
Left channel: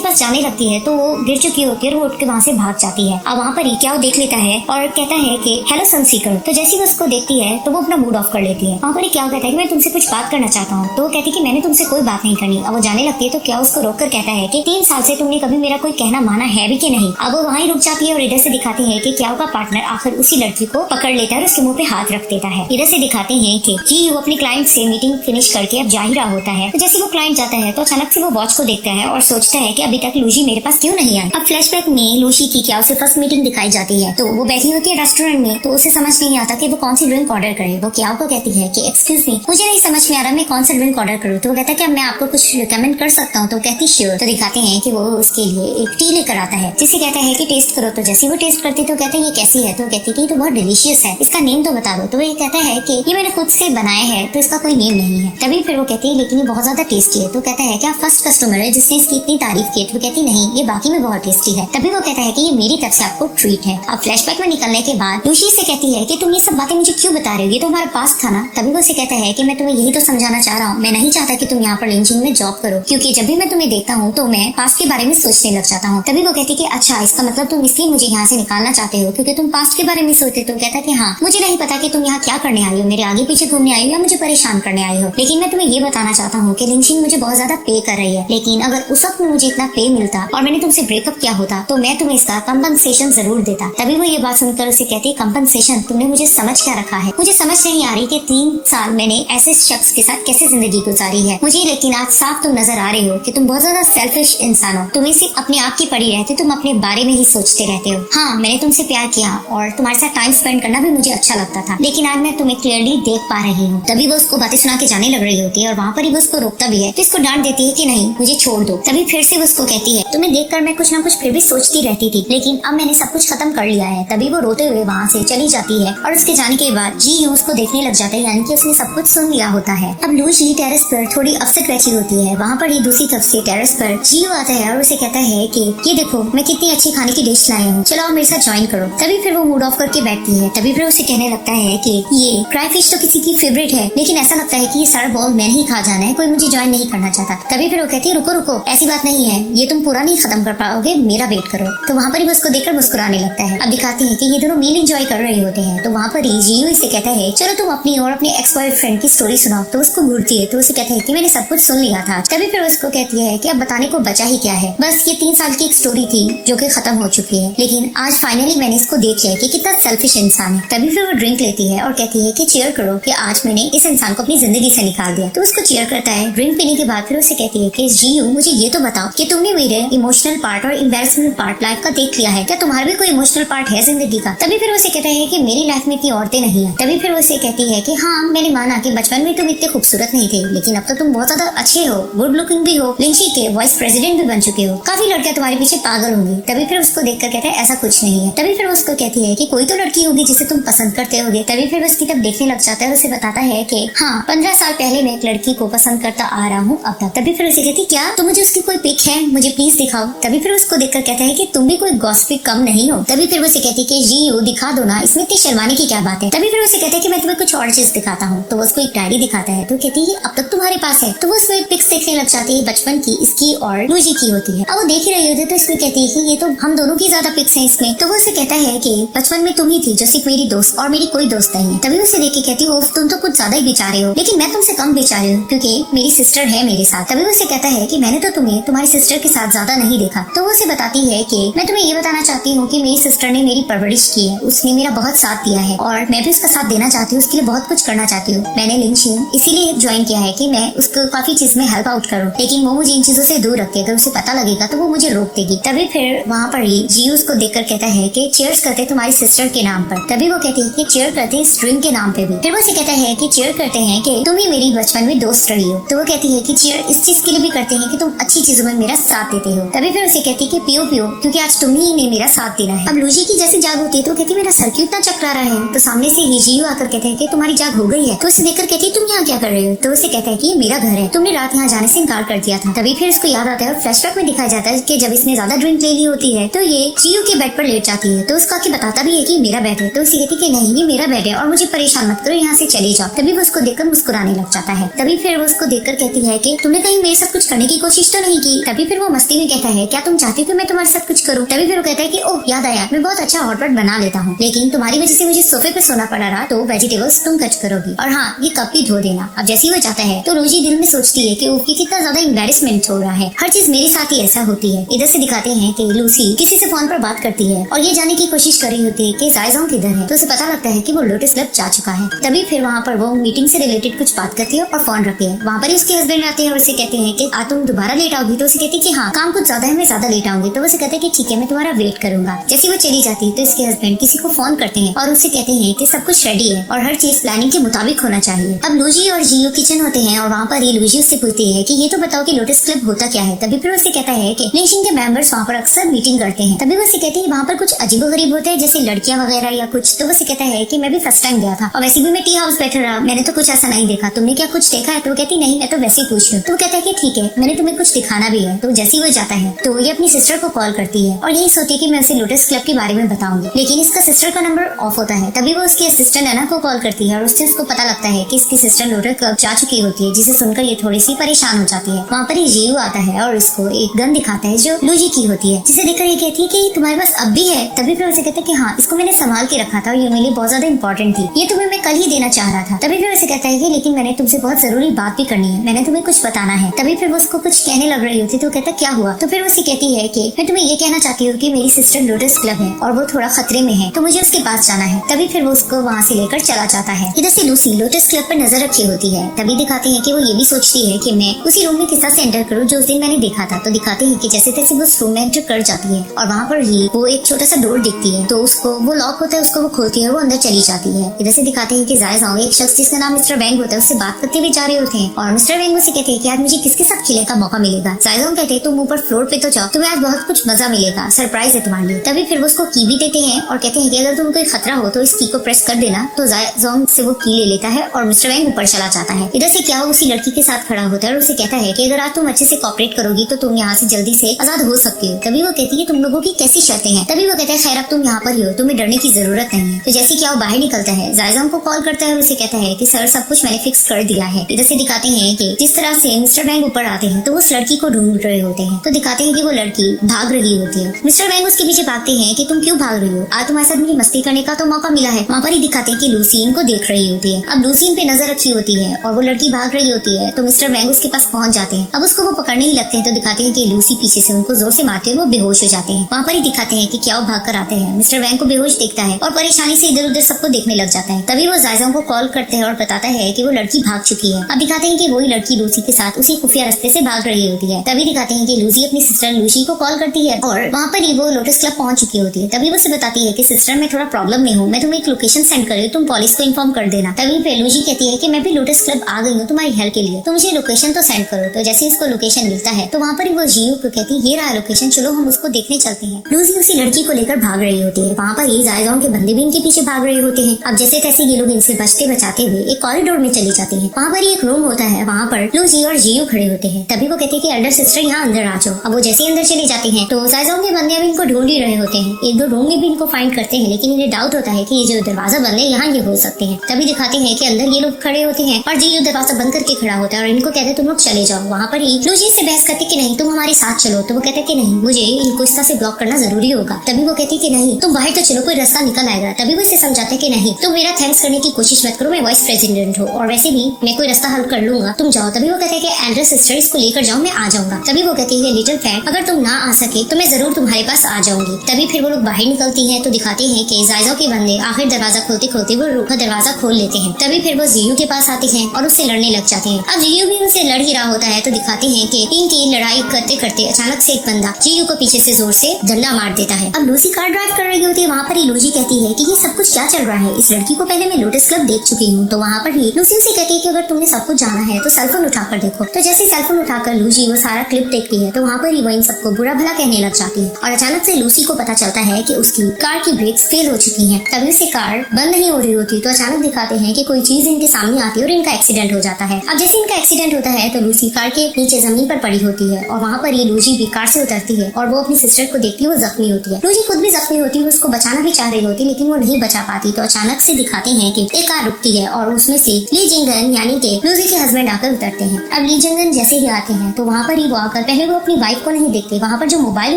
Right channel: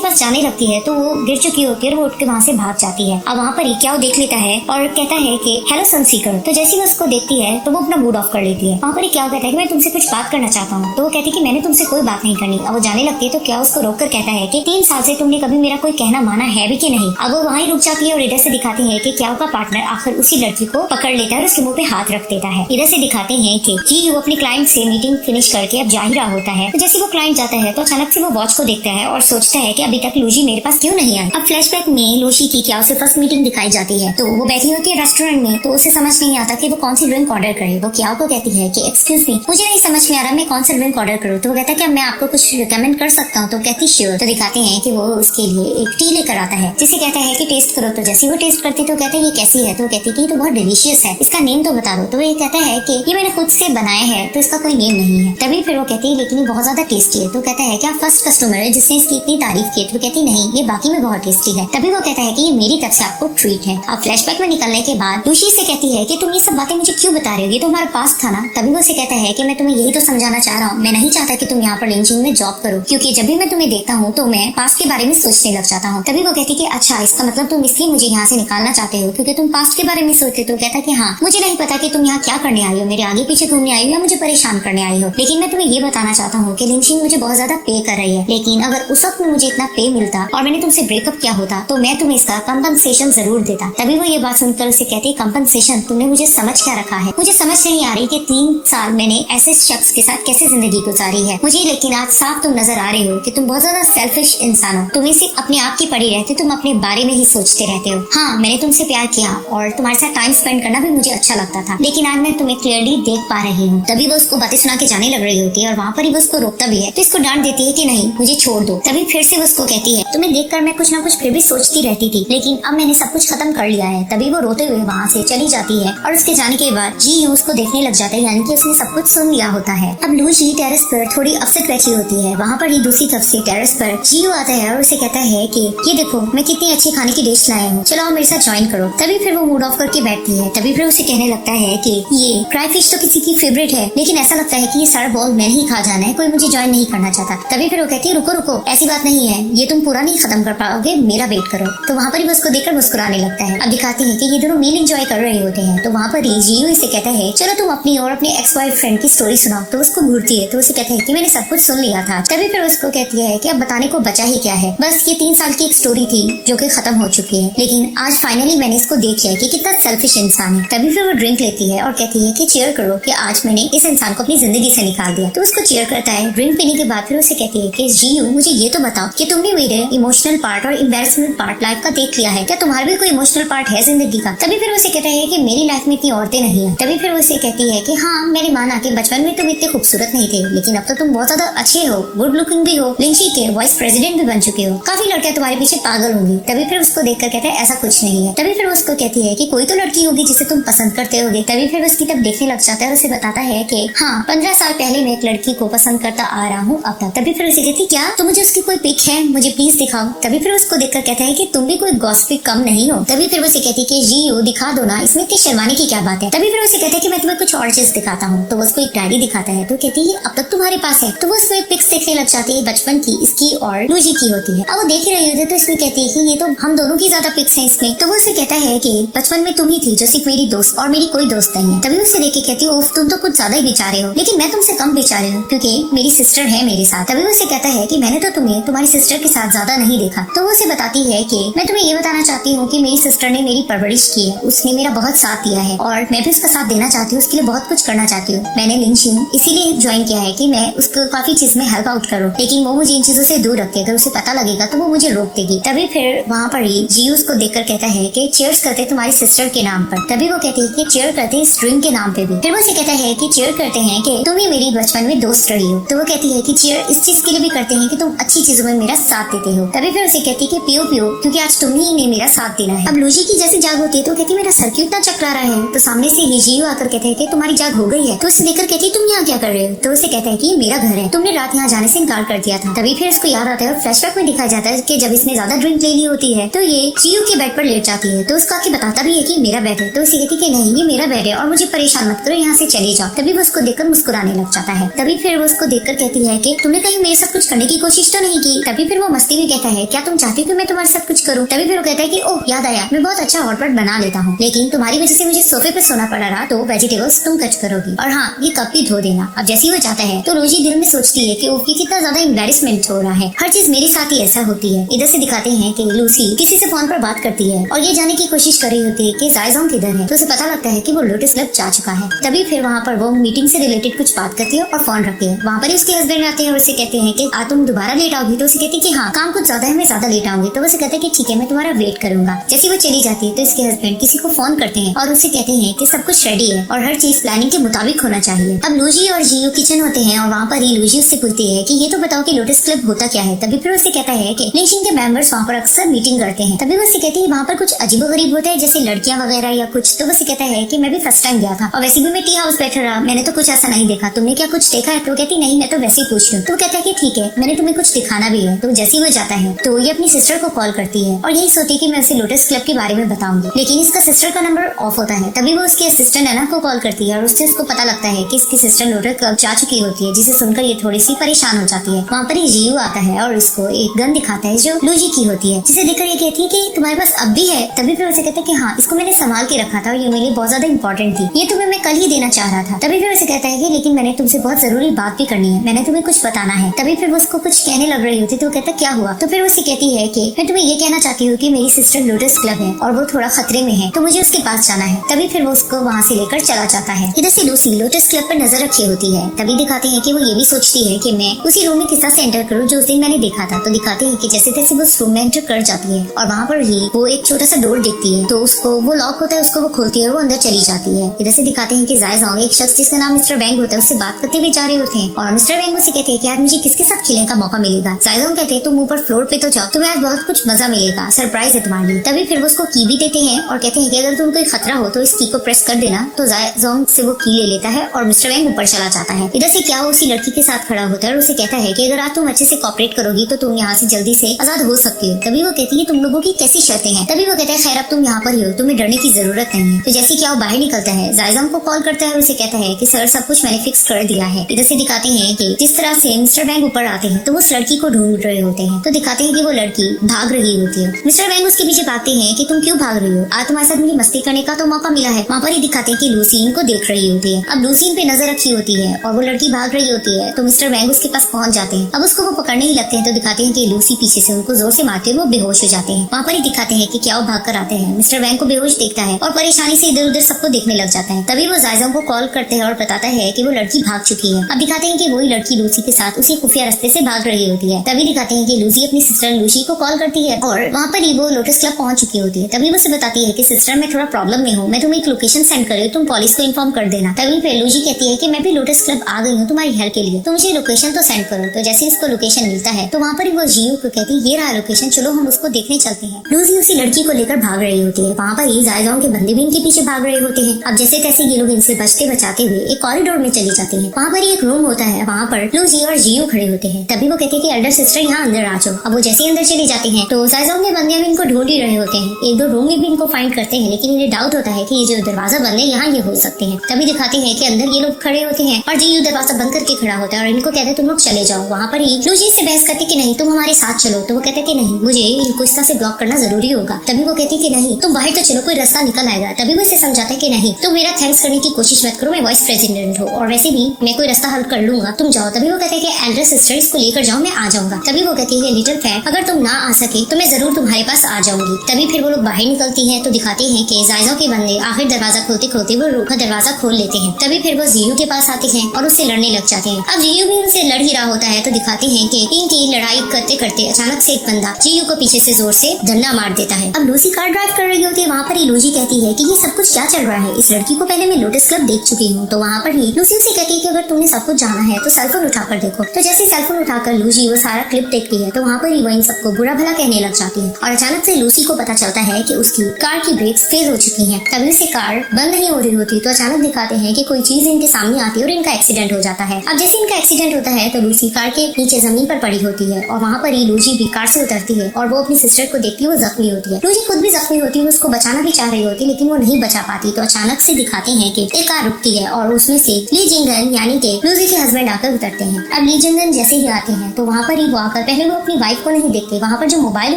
पास जाने लगती है तो वो गिर चुकी होती है, वो उठ के वहाँ से भाग जाती है। अब वहाँ पर क्या वो देख लेता है और कहता है कि हेलो सनसीकर। तो जैसे वो उसको देखती है तो वो अपना मूड ऑफ कर लेती है। वहाँ पर क्या कहता है कि मैं तुमसे कुछ बात करना चाहता हूँ। तो वो कहती है कि मैंने तुमसे कोई बात नहीं करनी। अब वो जाने लगती है तो क्या उसको रोककर कहता है कि 3 साल से तुमने कभी मेरा कोई कहना माना है भी कि नहीं। अब वो वहीं रुक जाती है और इधर से दिखाते हैं कि क्या का पार्टनर आखिर उसी लड़की को पकड़ लेता है और उसके मुंह पे हाथ रख देता है। इधर से दिखाते हैं कि वो अपने क्लाइंट से मीटिंग फिनिश करके अब जा ही रहा होता है। तो जैसे वो क्लाइंट जाता है तो अचानक से वो वॉच को देखता है और सोचता है कि अभी तक लूजी मेरे पास क्यों नहीं है। अब फ्लैशबैक में लूजी की क्या उसके पास मीटिंग दिखाई जाती है। तो वो बैठी होती है रेस्टोरेंट में, तो उसे समझ नहीं आता कि वो कौन सी ड्रिंक ऑर्डर करे। वो क्या को कहती है कि एक्सक्यूज मी, मुझे नहीं समझ में आ रहा मैं कौन सा ड्रिंक ऑर्डर करूँ। तो वो कहता है क्या मैं आपको कुछ रिकमेंड कर सकता हूँ। तो कहती श्योर। तो दिखाते हैं कि वो उसके लिए एक टी लेकर आता है जिसे कहते हैं कि टेस्ट करो। तो जैसे वो टेस्ट करते तो कहते हैं ये कैसी है। तो कहती है तो बहुत डिलीशियस है, इसका नेम तो बता दो। तो ये कहता है कि ये मैंने खुद से बनाया है तो इसका कोई नेम नहीं है। तभी फिर वो कहती है लेकिन ये बहुत ज्यादा टेस्टी है। तो कहता है क्या फर्स्ट कस्टमर है जिसने इसकी इतनी तारीफ की। तो कहती नहीं ये बाकी में बहुत टेस्टी है। तभी वो कहता है कि ये मेरी तरफ से आपको ट्रीट है। अब फ्लैशबैक में निकलने के बाद लूसी से कहती है कि तुम ये सब बातें मुझे क्यों बता रहे हो, ये तो हमारा पास्ट था ना। तभी वो उसे कहता है कि मैं तुम्हें यही तो समझाना चाह रहा हूँ, मैं नहीं चाहता कि तुम यहाँ पर लिंचिंग में जॉब करो, क्योंकि जब भी मैं तुम्हें देखता हूँ तो मैं पास्ट के बारे में सोचने लग जाता हूँ। तभी वो कहती है कि अच्छा इसका मतलब तुम इसलिए मुझे यहाँ से निकालना चाहते हो क्योंकि तुम पास्ट के बारे में सोचते। तो कहता है कि हाँ मुझे नहीं पता कि तुम यहाँ क्या करने आई हो, मेरे आगे पीछे घूमने आई हो या मुझे परेशान करने आई हो, लेकिन मैं तुम्हें ये बताना चाहता हूँ कि लिंचिंग मुझे बहुत ज्यादा पे कर रही है। लेकिन अगर उस वक्त में मुझे इतना पे मिलता और मैंने तुमसे ब्रेकअप किया होता तो मैं तुम्हें इसका कंपनसेशन जरूर देता। तभी वो ये बात सुनकर उसे कहती है कंपनसेशन, तुमने मुझे समझ क्या रखा है। मुझे समझ नहीं आ रही कि 3 साल मैंने ऐसे शख्स के साथ कैसे जिंदगी गुजारी है मुझे, लेकिन आज साफ तुम नजर आ रहे हो कि तुम बहुत ज्यादा सेल्फिश इंसान हो। तुम्हें सिर्फ अपने आप की पड़ी रहती, तुम अपने बारे में ही सोचते रहते हो। हाँ मैंने तुमसे प्यार किया और तुम्हारे साथ टाइम स्पेंड करना भी मुझे अच्छा लगता था, लेकिन आज मैं तुम्हें क्लियरली देख पा रही हूँ। तभी वो उसको बातें सुना के जाने लग रही होती है और वहाँ पर ही वो उसको रोकता भी है। तो इसको डांट देती है कि नहीं मुझे छोड़ दो। तभी फिर से वो उसको कहती है तुम्हें देखकर मैं कुछ ना कुछ फिर भी सोचती रहती थी, लेकिन अब मैंने सब कुछ खत्म कर लिया है। तभी वो रोते हुए वहाँ से चली जाती है और उसके जाने के बाद जी उसको देखने लग जाता है, यानी कि उसने सब कुछ सुन लिया होता है। तब लूसी टेरेस पर थोड़ी अपसेट बैठी होती है। वहाँ पर ही दूसरी तरफ से टेरेस पर जियो आता है और उसे कहता है कि ये देखो मैं कितनी अच्छी खाने की डिश लाया हूँ, चलो मेरे साथ ज्वाइन करो। तभी फिर वो मूड ऑफ करके बैठती है। तभी फिर उसे कहने लगता है कि ये फ्राई फिश तो किसी की फेवरेट है, लेकिन ऐसा लगता है कि ये सारा बॉल मैंने ही खा जाना है, कोई मुझे ज्वाइन नहीं करना चाहता। तभी फिर वो कहती है रुको रुको ऐसी बात नहीं है, ये तुम पूरा नहीं खत्म कर पाओगे, मेरा वेट करो। तो वहाँ पर उसको देखकर मुस्कुराने लगता है। अब दिखाती है कि ये दोनों मील एंजॉय कर रहे होते हैं। तो वहाँ पर जियो इसे कहता है चलो तुम अपनी और अपने एक्स वाइफ फ्रेंड की स्टोरी सुनाओ। तो उसको घूरती है तो उसे कहते हैं कि मैंने सब कुछ सुन लिया था। तभी फिर उसको कहती है कि अब बताने को बचा ही क्या है, बस ये 3 साल की एक स्टोरी थी जो कि खत्म हो चुकी है, लेकिन आज फाइनली मैंने इसको देख लिया कि कितना सेल्फिश इंसान है। तभी फिर वो ड्रिंक लेती है और कहती है कि चीयर करो कि आज मैंने इस इंसान को अपनी जिंदगी से निकाल दिया। तो उसको चीयर करता है। ड्रिंक पीने के बाद फिर उसे कहती है कि जी मुझे ये तो बताओ कि तुमने मेरे इमोशनल पार्ट और एम्बैरेसमेंट पार्ट लाइफ का देख लिया है, क्या तुम्हारा भी कोई इमोशनल पार्ट है जिंदगी का। तभी फिर उसे कहता है कि मेरी लाइफ में इतनी औरतें नहीं है। तभी फिर उसे कहती है कि हाँ मैंने माना कि बचपन में तुम इतने खूबसूरत नहीं थे, लेकिन अब तो तुम बहुत ज्यादा अच्छे हो, गुड लुकिंग भी हो, लिंची के वाइस प्रेसिडेंट भी बन चुके हो, काफी लड़कियां तुम्हारे पीछे पागल होंगी। तभी फिर उसको देखकर कहता है ऐसा कुछ नहीं है। तभी फिर उसको कहती है कि कोई तो लड़की होगी जिसे तुम पसंद करते होगे। तभी फिर उसकी तब देखने लग जाता है। उसे बताता है कि हाँ 15 साल पहले मैं एक लड़की को पसंद करता आ रहा हूँ अब तक। तभी फिर उसे कहती क्या तो मुझे उसकी कोई पिक है, मुझे प्लीज दिखाओ। तभी फिर उसको देखकर कहता है कि तुम भी कोई गॉसिप कम नहीं हो। तभी फिर उसे कहती है कि जी दिखा दो ना, इसमें इतनी शर्माने की क्या बात है। तभी फिर उसे कहता है कि मैं तुम्हें कुछ और चीज दिखाता हूँ। तो उसको एक डायरी दिखाता है। तो कहती है अब तक तुम्हारे पास है। तो वो उसमें पिक्स देखने लग जाती है बचपन की, इसकी और लूजी की होती है। अब वो देख रही है तो इसको कहती है कि ये तो हम दोनों की ज्यादा पिक्स हैं इसमें। तो वो उसे कहता है कि बचपन में तुम ही थी जो सिर्फ मेरी दोस्त और मेरी कोई दोस्त नहीं है। तभी उसे देख के कहती है तुम तो कुछ ज्यादा ही बेचारे हो, लेकिन मैं तुमसे कम बेचारे हूँ क्योंकि मेरी सिस्टर है मेरे साथ। तभी उसे कहता है कि मैंने तो तुम्हें तुम्हारी सिस्टर के साथ ज्यादा नहीं देखा। तो वो उसे बताती है कि मैं तुम्हें ये बताना चाहती हूँ कि मेरी सिस्टर ने मेरी परवरिश की है, उसने मेरा बहुत साथ दिया है और मैं भी उसका साथ देना चाहती हूँ, उसके लिए बहुत कुछ करना चाहती हूँ। मैंने लिंचिंग इसीलिए ज्वाइन किया है कि मैं उसको काफी चीज में हेल्प आउट करूँ, लेकिन वो मुझे इन चीजों से दूर रखते, अगर उसे पता लगेगा तो वो मुझे रोक देगी। तभी फिर वहाँ पर ही जी उसको देखकर कहता है कि चीयर्स करते तुम्हारी सिस्टर के नाम पर। तभी वो कहती है कि चीयर करते इस ड्रिंक के नाम पे भी। फिर वो उसे कहता है कि चीयर करते हैं कि तुम ही मेरी बचपन में दोस्त रही हो। तो वो कहती है कि चीयर इस चीज के लिए भी करते हैं कि तुम अच्छी चीजों में मेरा साथ देते हो। तभी फिर उसे कहती है कि पियो पियो क्योंकि आज तुम ही ने मेरा साथ देना है। अब लूजी की जैसे जाग होती है तो कहती मेरा सर क्यों इतना चकरा रहा है। तो सामने से जियो आकर कहते हैं कि तुम्हारी जाग हो गई है। तो उसे देखकर कहती तुम यहाँ क्या कर रहे हो। तो उसे कहते हैं कि मेरा घर है, तुमने रात यहाँ जाने से इनकार कर दिया था। तभी फिर उसको याद आता है, फ्लैशबैक में दिखाया जाता है कि जब इसने ज्यादा ड्रिंक ले ली होती है तो ये जियो के बेड पर लेट जाती है। तो उसको आके बताता भी है कि मेरा बेड है। तो उसे कहती कि नहीं ये मेरा बेड है और मुझे परेशान मत करो, यहाँ से चले जाओ। तभी वो उसको देखकर मुस्कुराने लग जाता है। तभी फिर वो उसको देखकर कहती है कि तुमने कहीं मेरे साथ कुछ करने की कोशिश तो नहीं की। तभी फिर वो मस्ती में कहता है क्या तुम चाहती हो कि मैं तुम्हारे साथ कुछ करूँ। तभी फिर वो कहता है कि ओह याद आया, मैं बहुत अच्छा हॉटपॉट बना लेता हूँ, लेकिन तुम्हारी वजह से मुझे सोफे पे सोना पड़ रहा तो वेजिटेबल्स तुम कट करोगी और हाँ ये कप भी धो देना। अब जैसे वो जाता है तो रोजी दिल में सोचती है कि ओपी कितना ज्यादा एम्बैरेसमेंट हो रहा है, हर चीज मेरे साथ ही ऐसा होती है। इधर से दिखाते हैं कि लूसी किसी से फोन पर बात करती है और ये जानने की कोशिश कर रही होती है कि जायज़ोंग किधर है। तो उसे पता लगता है कि वो लोटस क्लब जा चुका है। तभी फिर वहाँ पर वो मीटिंग से रिलेटेड कुछ बात करती है और फोन रखती है। वहाँ पर उसके हस्बैंड आते हैं, उसे कहते हैं कि तुम दोबारा लेट आओगी। तो उसे कहती है कि हाँ काम कुछ ज्यादा है, मैं ज्यादा लेट आऊंगी। तो उसे कहते हैं कि ठीक है मैं तुम्हारा वेट करूंगा। जैसे वो चली जाती है तो इसके हस्बैंड किसी को फोन करते हैं और उसे कहते हैं कि सब कुछ रेडी है और हर चीज प्लानिंग के मुताबिक होना चाहिए। अब लूजी और जियो किचन होते हैं और वहाँ पर ये लूजी उससे पूछती है कि ये तो बताओ कि लोटस क्लब होता क्या है। तभी फिर उसे कहता है कि नेशन के मेंबर्स वहाँ पर अक्सर मीटिंग करते हैं। तभी वो उसे कहते हैं वहाँ पर कुछ अजीबोगरीब होता है जैसे लड़कियां वगैरह या कुछ। तो वो उसे कहता है कि मैं भी फर्स्ट टाइम गया था और वैसे भी मैं टी हाउस बैठा रहा, मैंने तो कुछ ऐसा नहीं देखा, तुमने क्या कुछ देखा है। तो कहती नहीं मैं तो वैसे ही पूछ रही हूँ। तो कहता है कि ठीक है मैंने तुम्हें कुछ दिखाना भी है। तो जैसे ही वो जाता है तो ये अपनी सिस्टर को कॉल करती है और यही सोचती है कि मैं उसे लोटस क्लब के बारे में बताऊंगी, लेकिन इसका सिस्टर का नंबर ऑफ होता है। तभी वो उसके असिस्टेंट एना को कॉल करती है और उससे उसको पता लगता है कि इसकी सिस्टर लोटस क्लब जा चुकी होती है, जिसे सुनकर ये थोड़ी सी परेशान हो जाती है। वहाँ पर जियो आता है और इसको एक गन दिखाता है जो लूजी की होती है, जिसे देखकर ये कहती है कि तुम्हारे पास अब भी है। तभी फिर उसे कहता है कि हाँ इसको मैंने संभाल के रखा था और ये मेरे लिए बहुत ज्यादा इंपॉर्टेंट थी, ये तुम्हें मैं कल ही देना चाह रहा था। तभी फिर उसे कहता है कि लेकिन मैंने तुमसे बहुत जरूरी बात भी करनी है, मैंने तुम्हें कुछ बताना है। तभी फिर वो उसको कुछ कहने लग रही होती तो कहता क्या हुआ। तो फिर उसे कहती है कि मैं तुम्हें ये कहना चाहती हूँ कि मेरी सिस्टर लोटस क्लब है और वो थोड़ा खतरे में है, तो मुझे उसके पास जाना है। तभी फिर वो उसको वहाँ से लेकर चला जाता है। इधर से लूसी लोटस क्लब पर नजर रखी होती है। तभी दिखाते हैं कि वो ये भी सोचती है कि मैं उसी रूम में किस तरह से एंटर करूँ जो उस दिन मैंने देखा था। तो दिखाते हैं कि जैसे तैसे वो उस रूम में एंटर कर जाती है और वहाँ पर ही वो एक छोटा सा डोर दिखती है, तो उसको वो लॉक होता है, उसको वो खोलती है और वो अंदर चली जाती है। इधर से दिखाते हैं कि जायज़ोंग एक शख्स जिसका नाम मिस्टर वैंग होता है उससे बात करते हुए जा रहे होते हैं और मिस्टर वैंग उसे कहते हैं कि आज मुझे किसके साथ खेलने का मौका मिलेगा। जायज़ोंग कहते हैं तुम ऊपर फ्लोर पे तो जाओ, तुम्हें आज बहुत कुछ मजा मिलेगा, सरप्राइज है तुम्हारे लिए। तभी फिर वो उसको की भी देते हैं और कहते हैं कि अगर तुम कोई खतरा हो तो इस की को प्रेस कर देना। तो जायज़ोंग से वो की ले लेता है और मिस्टर वैंग ऊपर चला जाता है। इधर से क्या उसी लड़की के साथ खड़ा होता है और उसे कहता है कि अगर आज तुम अच्छे से कॉपरेट करोगी तो तुम यहाँ से जल्दी से आजाद हो सकती हो। तभी वो कहती है तुम लोगों की कैसी शर्तें हैं। तभी वो कहता है खैर अब तुम यहाँ पर ही हो, तुम्हें डरने की जरूरत नहीं है। तो जैसे क्या वो बाहर निकलता है जायज़ोंग को कॉल करता है और उसे कहता है कि सर सब कुछ मैंने फिक्स कर दिया है। इधर से दिखाते हैं कि जिस तरह से मिस्टर वैंग ऊपर आते हैं तो वो उस लड़की को ढूंढ रहे होते हैं। तो दिखाते हैं कि वो लड़की भाग रही होती है। मिस्टर वैंग उसके पीछे भागते हैं कि तुम क्यों भाग रही हो, आज तुम्हारे साथ मुझे मस्ती करने का तो मौका मिला है। वहाँ पर ही दिखाते हैं कि लूसी इनको देख रही होती है। अब लूसी इन पे नजर रखी होती है और वो लड़की भाग रही होती है तो मिस्टर वैंग उसके पास पहुंच जाते हैं। अब उसको वो पकड़ने ही लगते हैं तो दिखाते हैं कि लूसी पीछे से उनको जोर से मारते हुए वो बेहोश हो जाते हैं। वहाँ पर ही दिखाते हैं कि क्या वो भाग कर आते हैं। मिस्टर वैंग को बेहोश देखता है और परेशानी से इधर उधर सबको देखने लग जाता है। तभी वो जायज़ोंग को कॉल करते हैं और बताता है कि वो लड़की भाग चुकी है। अब दिखाते हैं कि वही लड़की लूसी के साथ उसी खुफिया रास्ते से भाग रही होती है। तभी दिखाते हैं कि लूसी अपनी सिस्टर लूसी को कॉल करती है और वहाँ पर ही वो लोटस क्लब पहुंच चुकी होती है। तभी वो उसे बताती है कि सिस्टर मैं थोड़ा प्रॉब्लम में हूँ, मैं तुम्हें एक लोकेशन सेंड कर रही हूँ, तुम पुलिस को इन्फॉर्म कर देना। तभी फिर लूसी कहती है कि मैं भी लोटस क्लब आ गई हूँ तुम्हारी हेल्प के लिए, तो मुझे लोकेशन तो सेंड करो। तो जैसे उसको लोकेशन मिलता है तो वहाँ पर वो जियो को कहती है ये रहा लोकेशन, चलो हम उसको देखने चलते हैं। लूसी उसी लड़की को लेकर भाग रही होती है। वहाँ पर ही जायज़ोंग के बंदे भी इनके पीछे भाग रहे होते हैं। अब जैसे तैसे ये लोग इनसे बचते बचाते हुए एक कॉरिडोर में चले जाते हैं। वहाँ पर एक रूम होता है, वहाँ पर लूसी और जियो खड़े होते हैं। तभी वो कहते हैं कि एल्डर सिस्टर यहाँ अंदर आ जाओ। अब वो जैसे अंदर चली जाती है तो जायज़ोंग के बंदे भी इनको ढूंढ ही रहे होते हैं। एक दो रूम में भी इनको फाइंड करते हैं, लेकिन इन्हें डाउट होता है कि ये जो दरवाजा बंद है यहाँ ये हो सकते हैं। तभी दिखाते हैं कि अंदर ये लोग खड़े होते हैं और जियो दरवाजा बंद करके खड़ा होता है और इनको कहते हैं तुम लोग चले जाओ। वहाँ पर ही लूसी से बहस करते कि नहीं तुम हमारे साथ चलो। तो वो कहते हैं कि नहीं मुझे इनको इस तरह से ब्लॉक करना जरूरी होगा। तभी वो कहती है कि नहीं तुम बाहर तो चलो, कोई रास्ता निकल आएगा। तभी वो इसे समझाते हैं कि नहीं तुम मेरा थैंक्स करने की कोशिश मत करो, मैं वाइस प्रेसिडेंट हूँ और वैसे भी मैं कोई रास्ता हल कर लूंगा, तुम जाओ। तभी वो कहते हैं कि एल्डर सिस्टर इसको लेकर जाओ, मैं आ जाऊंगा। तभी वो कहती है लिटिल फ्रेंड अगर तुम ना आ सके तो मैं जरूर तुम्हारे पास आ जाऊंगी। तभी फिर वो लोग बाहर निकलती है तो दिखाते हैं कि जायज़ोंग के बंदे आखिर दरवाजा खोलते खोलते वो रूम का दरवाजा खोल लेते हैं। तभी फिर वो जियो के पास आते हैं और उससे लड़ने लग जाते हैं। अब जियो भी उनसे लड़ ही रहा होता है तो दिखाते हैं कि इनकी लड़ाई करते करते अचानक से एक बंदा जियो को पीछे से जोर से डंडा मार देता है। अब लूसी कार ड्राइव कर रही होती है। वहाँ पर ही लूसी कहती है कि ये सब कुछ क्या चल रहा है, इस लड़की को पहले मैं लोटस क्लब देख चुकी हूँ। तो वहाँ पर ही लूसी लूसी से कहती है कि अगर तुमने सब कुछ जाना है तो सेलफोन उठाकर देखो। तो जैसे सेलफोन उठाकर लूसी वो सारा क्लिप देखती है तो वहाँ पर ही वही सबको बुरा भला कहने लग जाती है। और अचानक से लूसी को पता चलता है कि उसकी कार की ब्रेक्स फेल हो चुकी है। तभी से कार बंद नहीं हो रही होती तो अचानक दिखाते हैं कि कोई चीज इनके सामने आती है और इनका एक्सीडेंट हो जाता है। अब जैसे इनका एक्सीडेंट होता है तो लूसी कार के नीचे जमीन पर पड़ी होती है और वहाँ पर ही लूसी भी कार से उतरती है और वो अपनी सिस्टर को देखती हुई जख्मी होती है। लूसी खुद भी जख्मी होती है, उसको बचाना भी चाह रही होती है लेकिन वो नहीं बचा पाती। तो अचानक से दिखाते हैं कि एक कार रुकती है और उसमें से ली जिंगन यानी कि लूसी के हस्बैंड आकर उतरते हैं। अब ली जिंगन जैसे ही आते हैं तो वहाँ पर ही वो आकर पहले वो अपनी वाइफ को नहीं देखते, वहाँ पर जो मोबाइल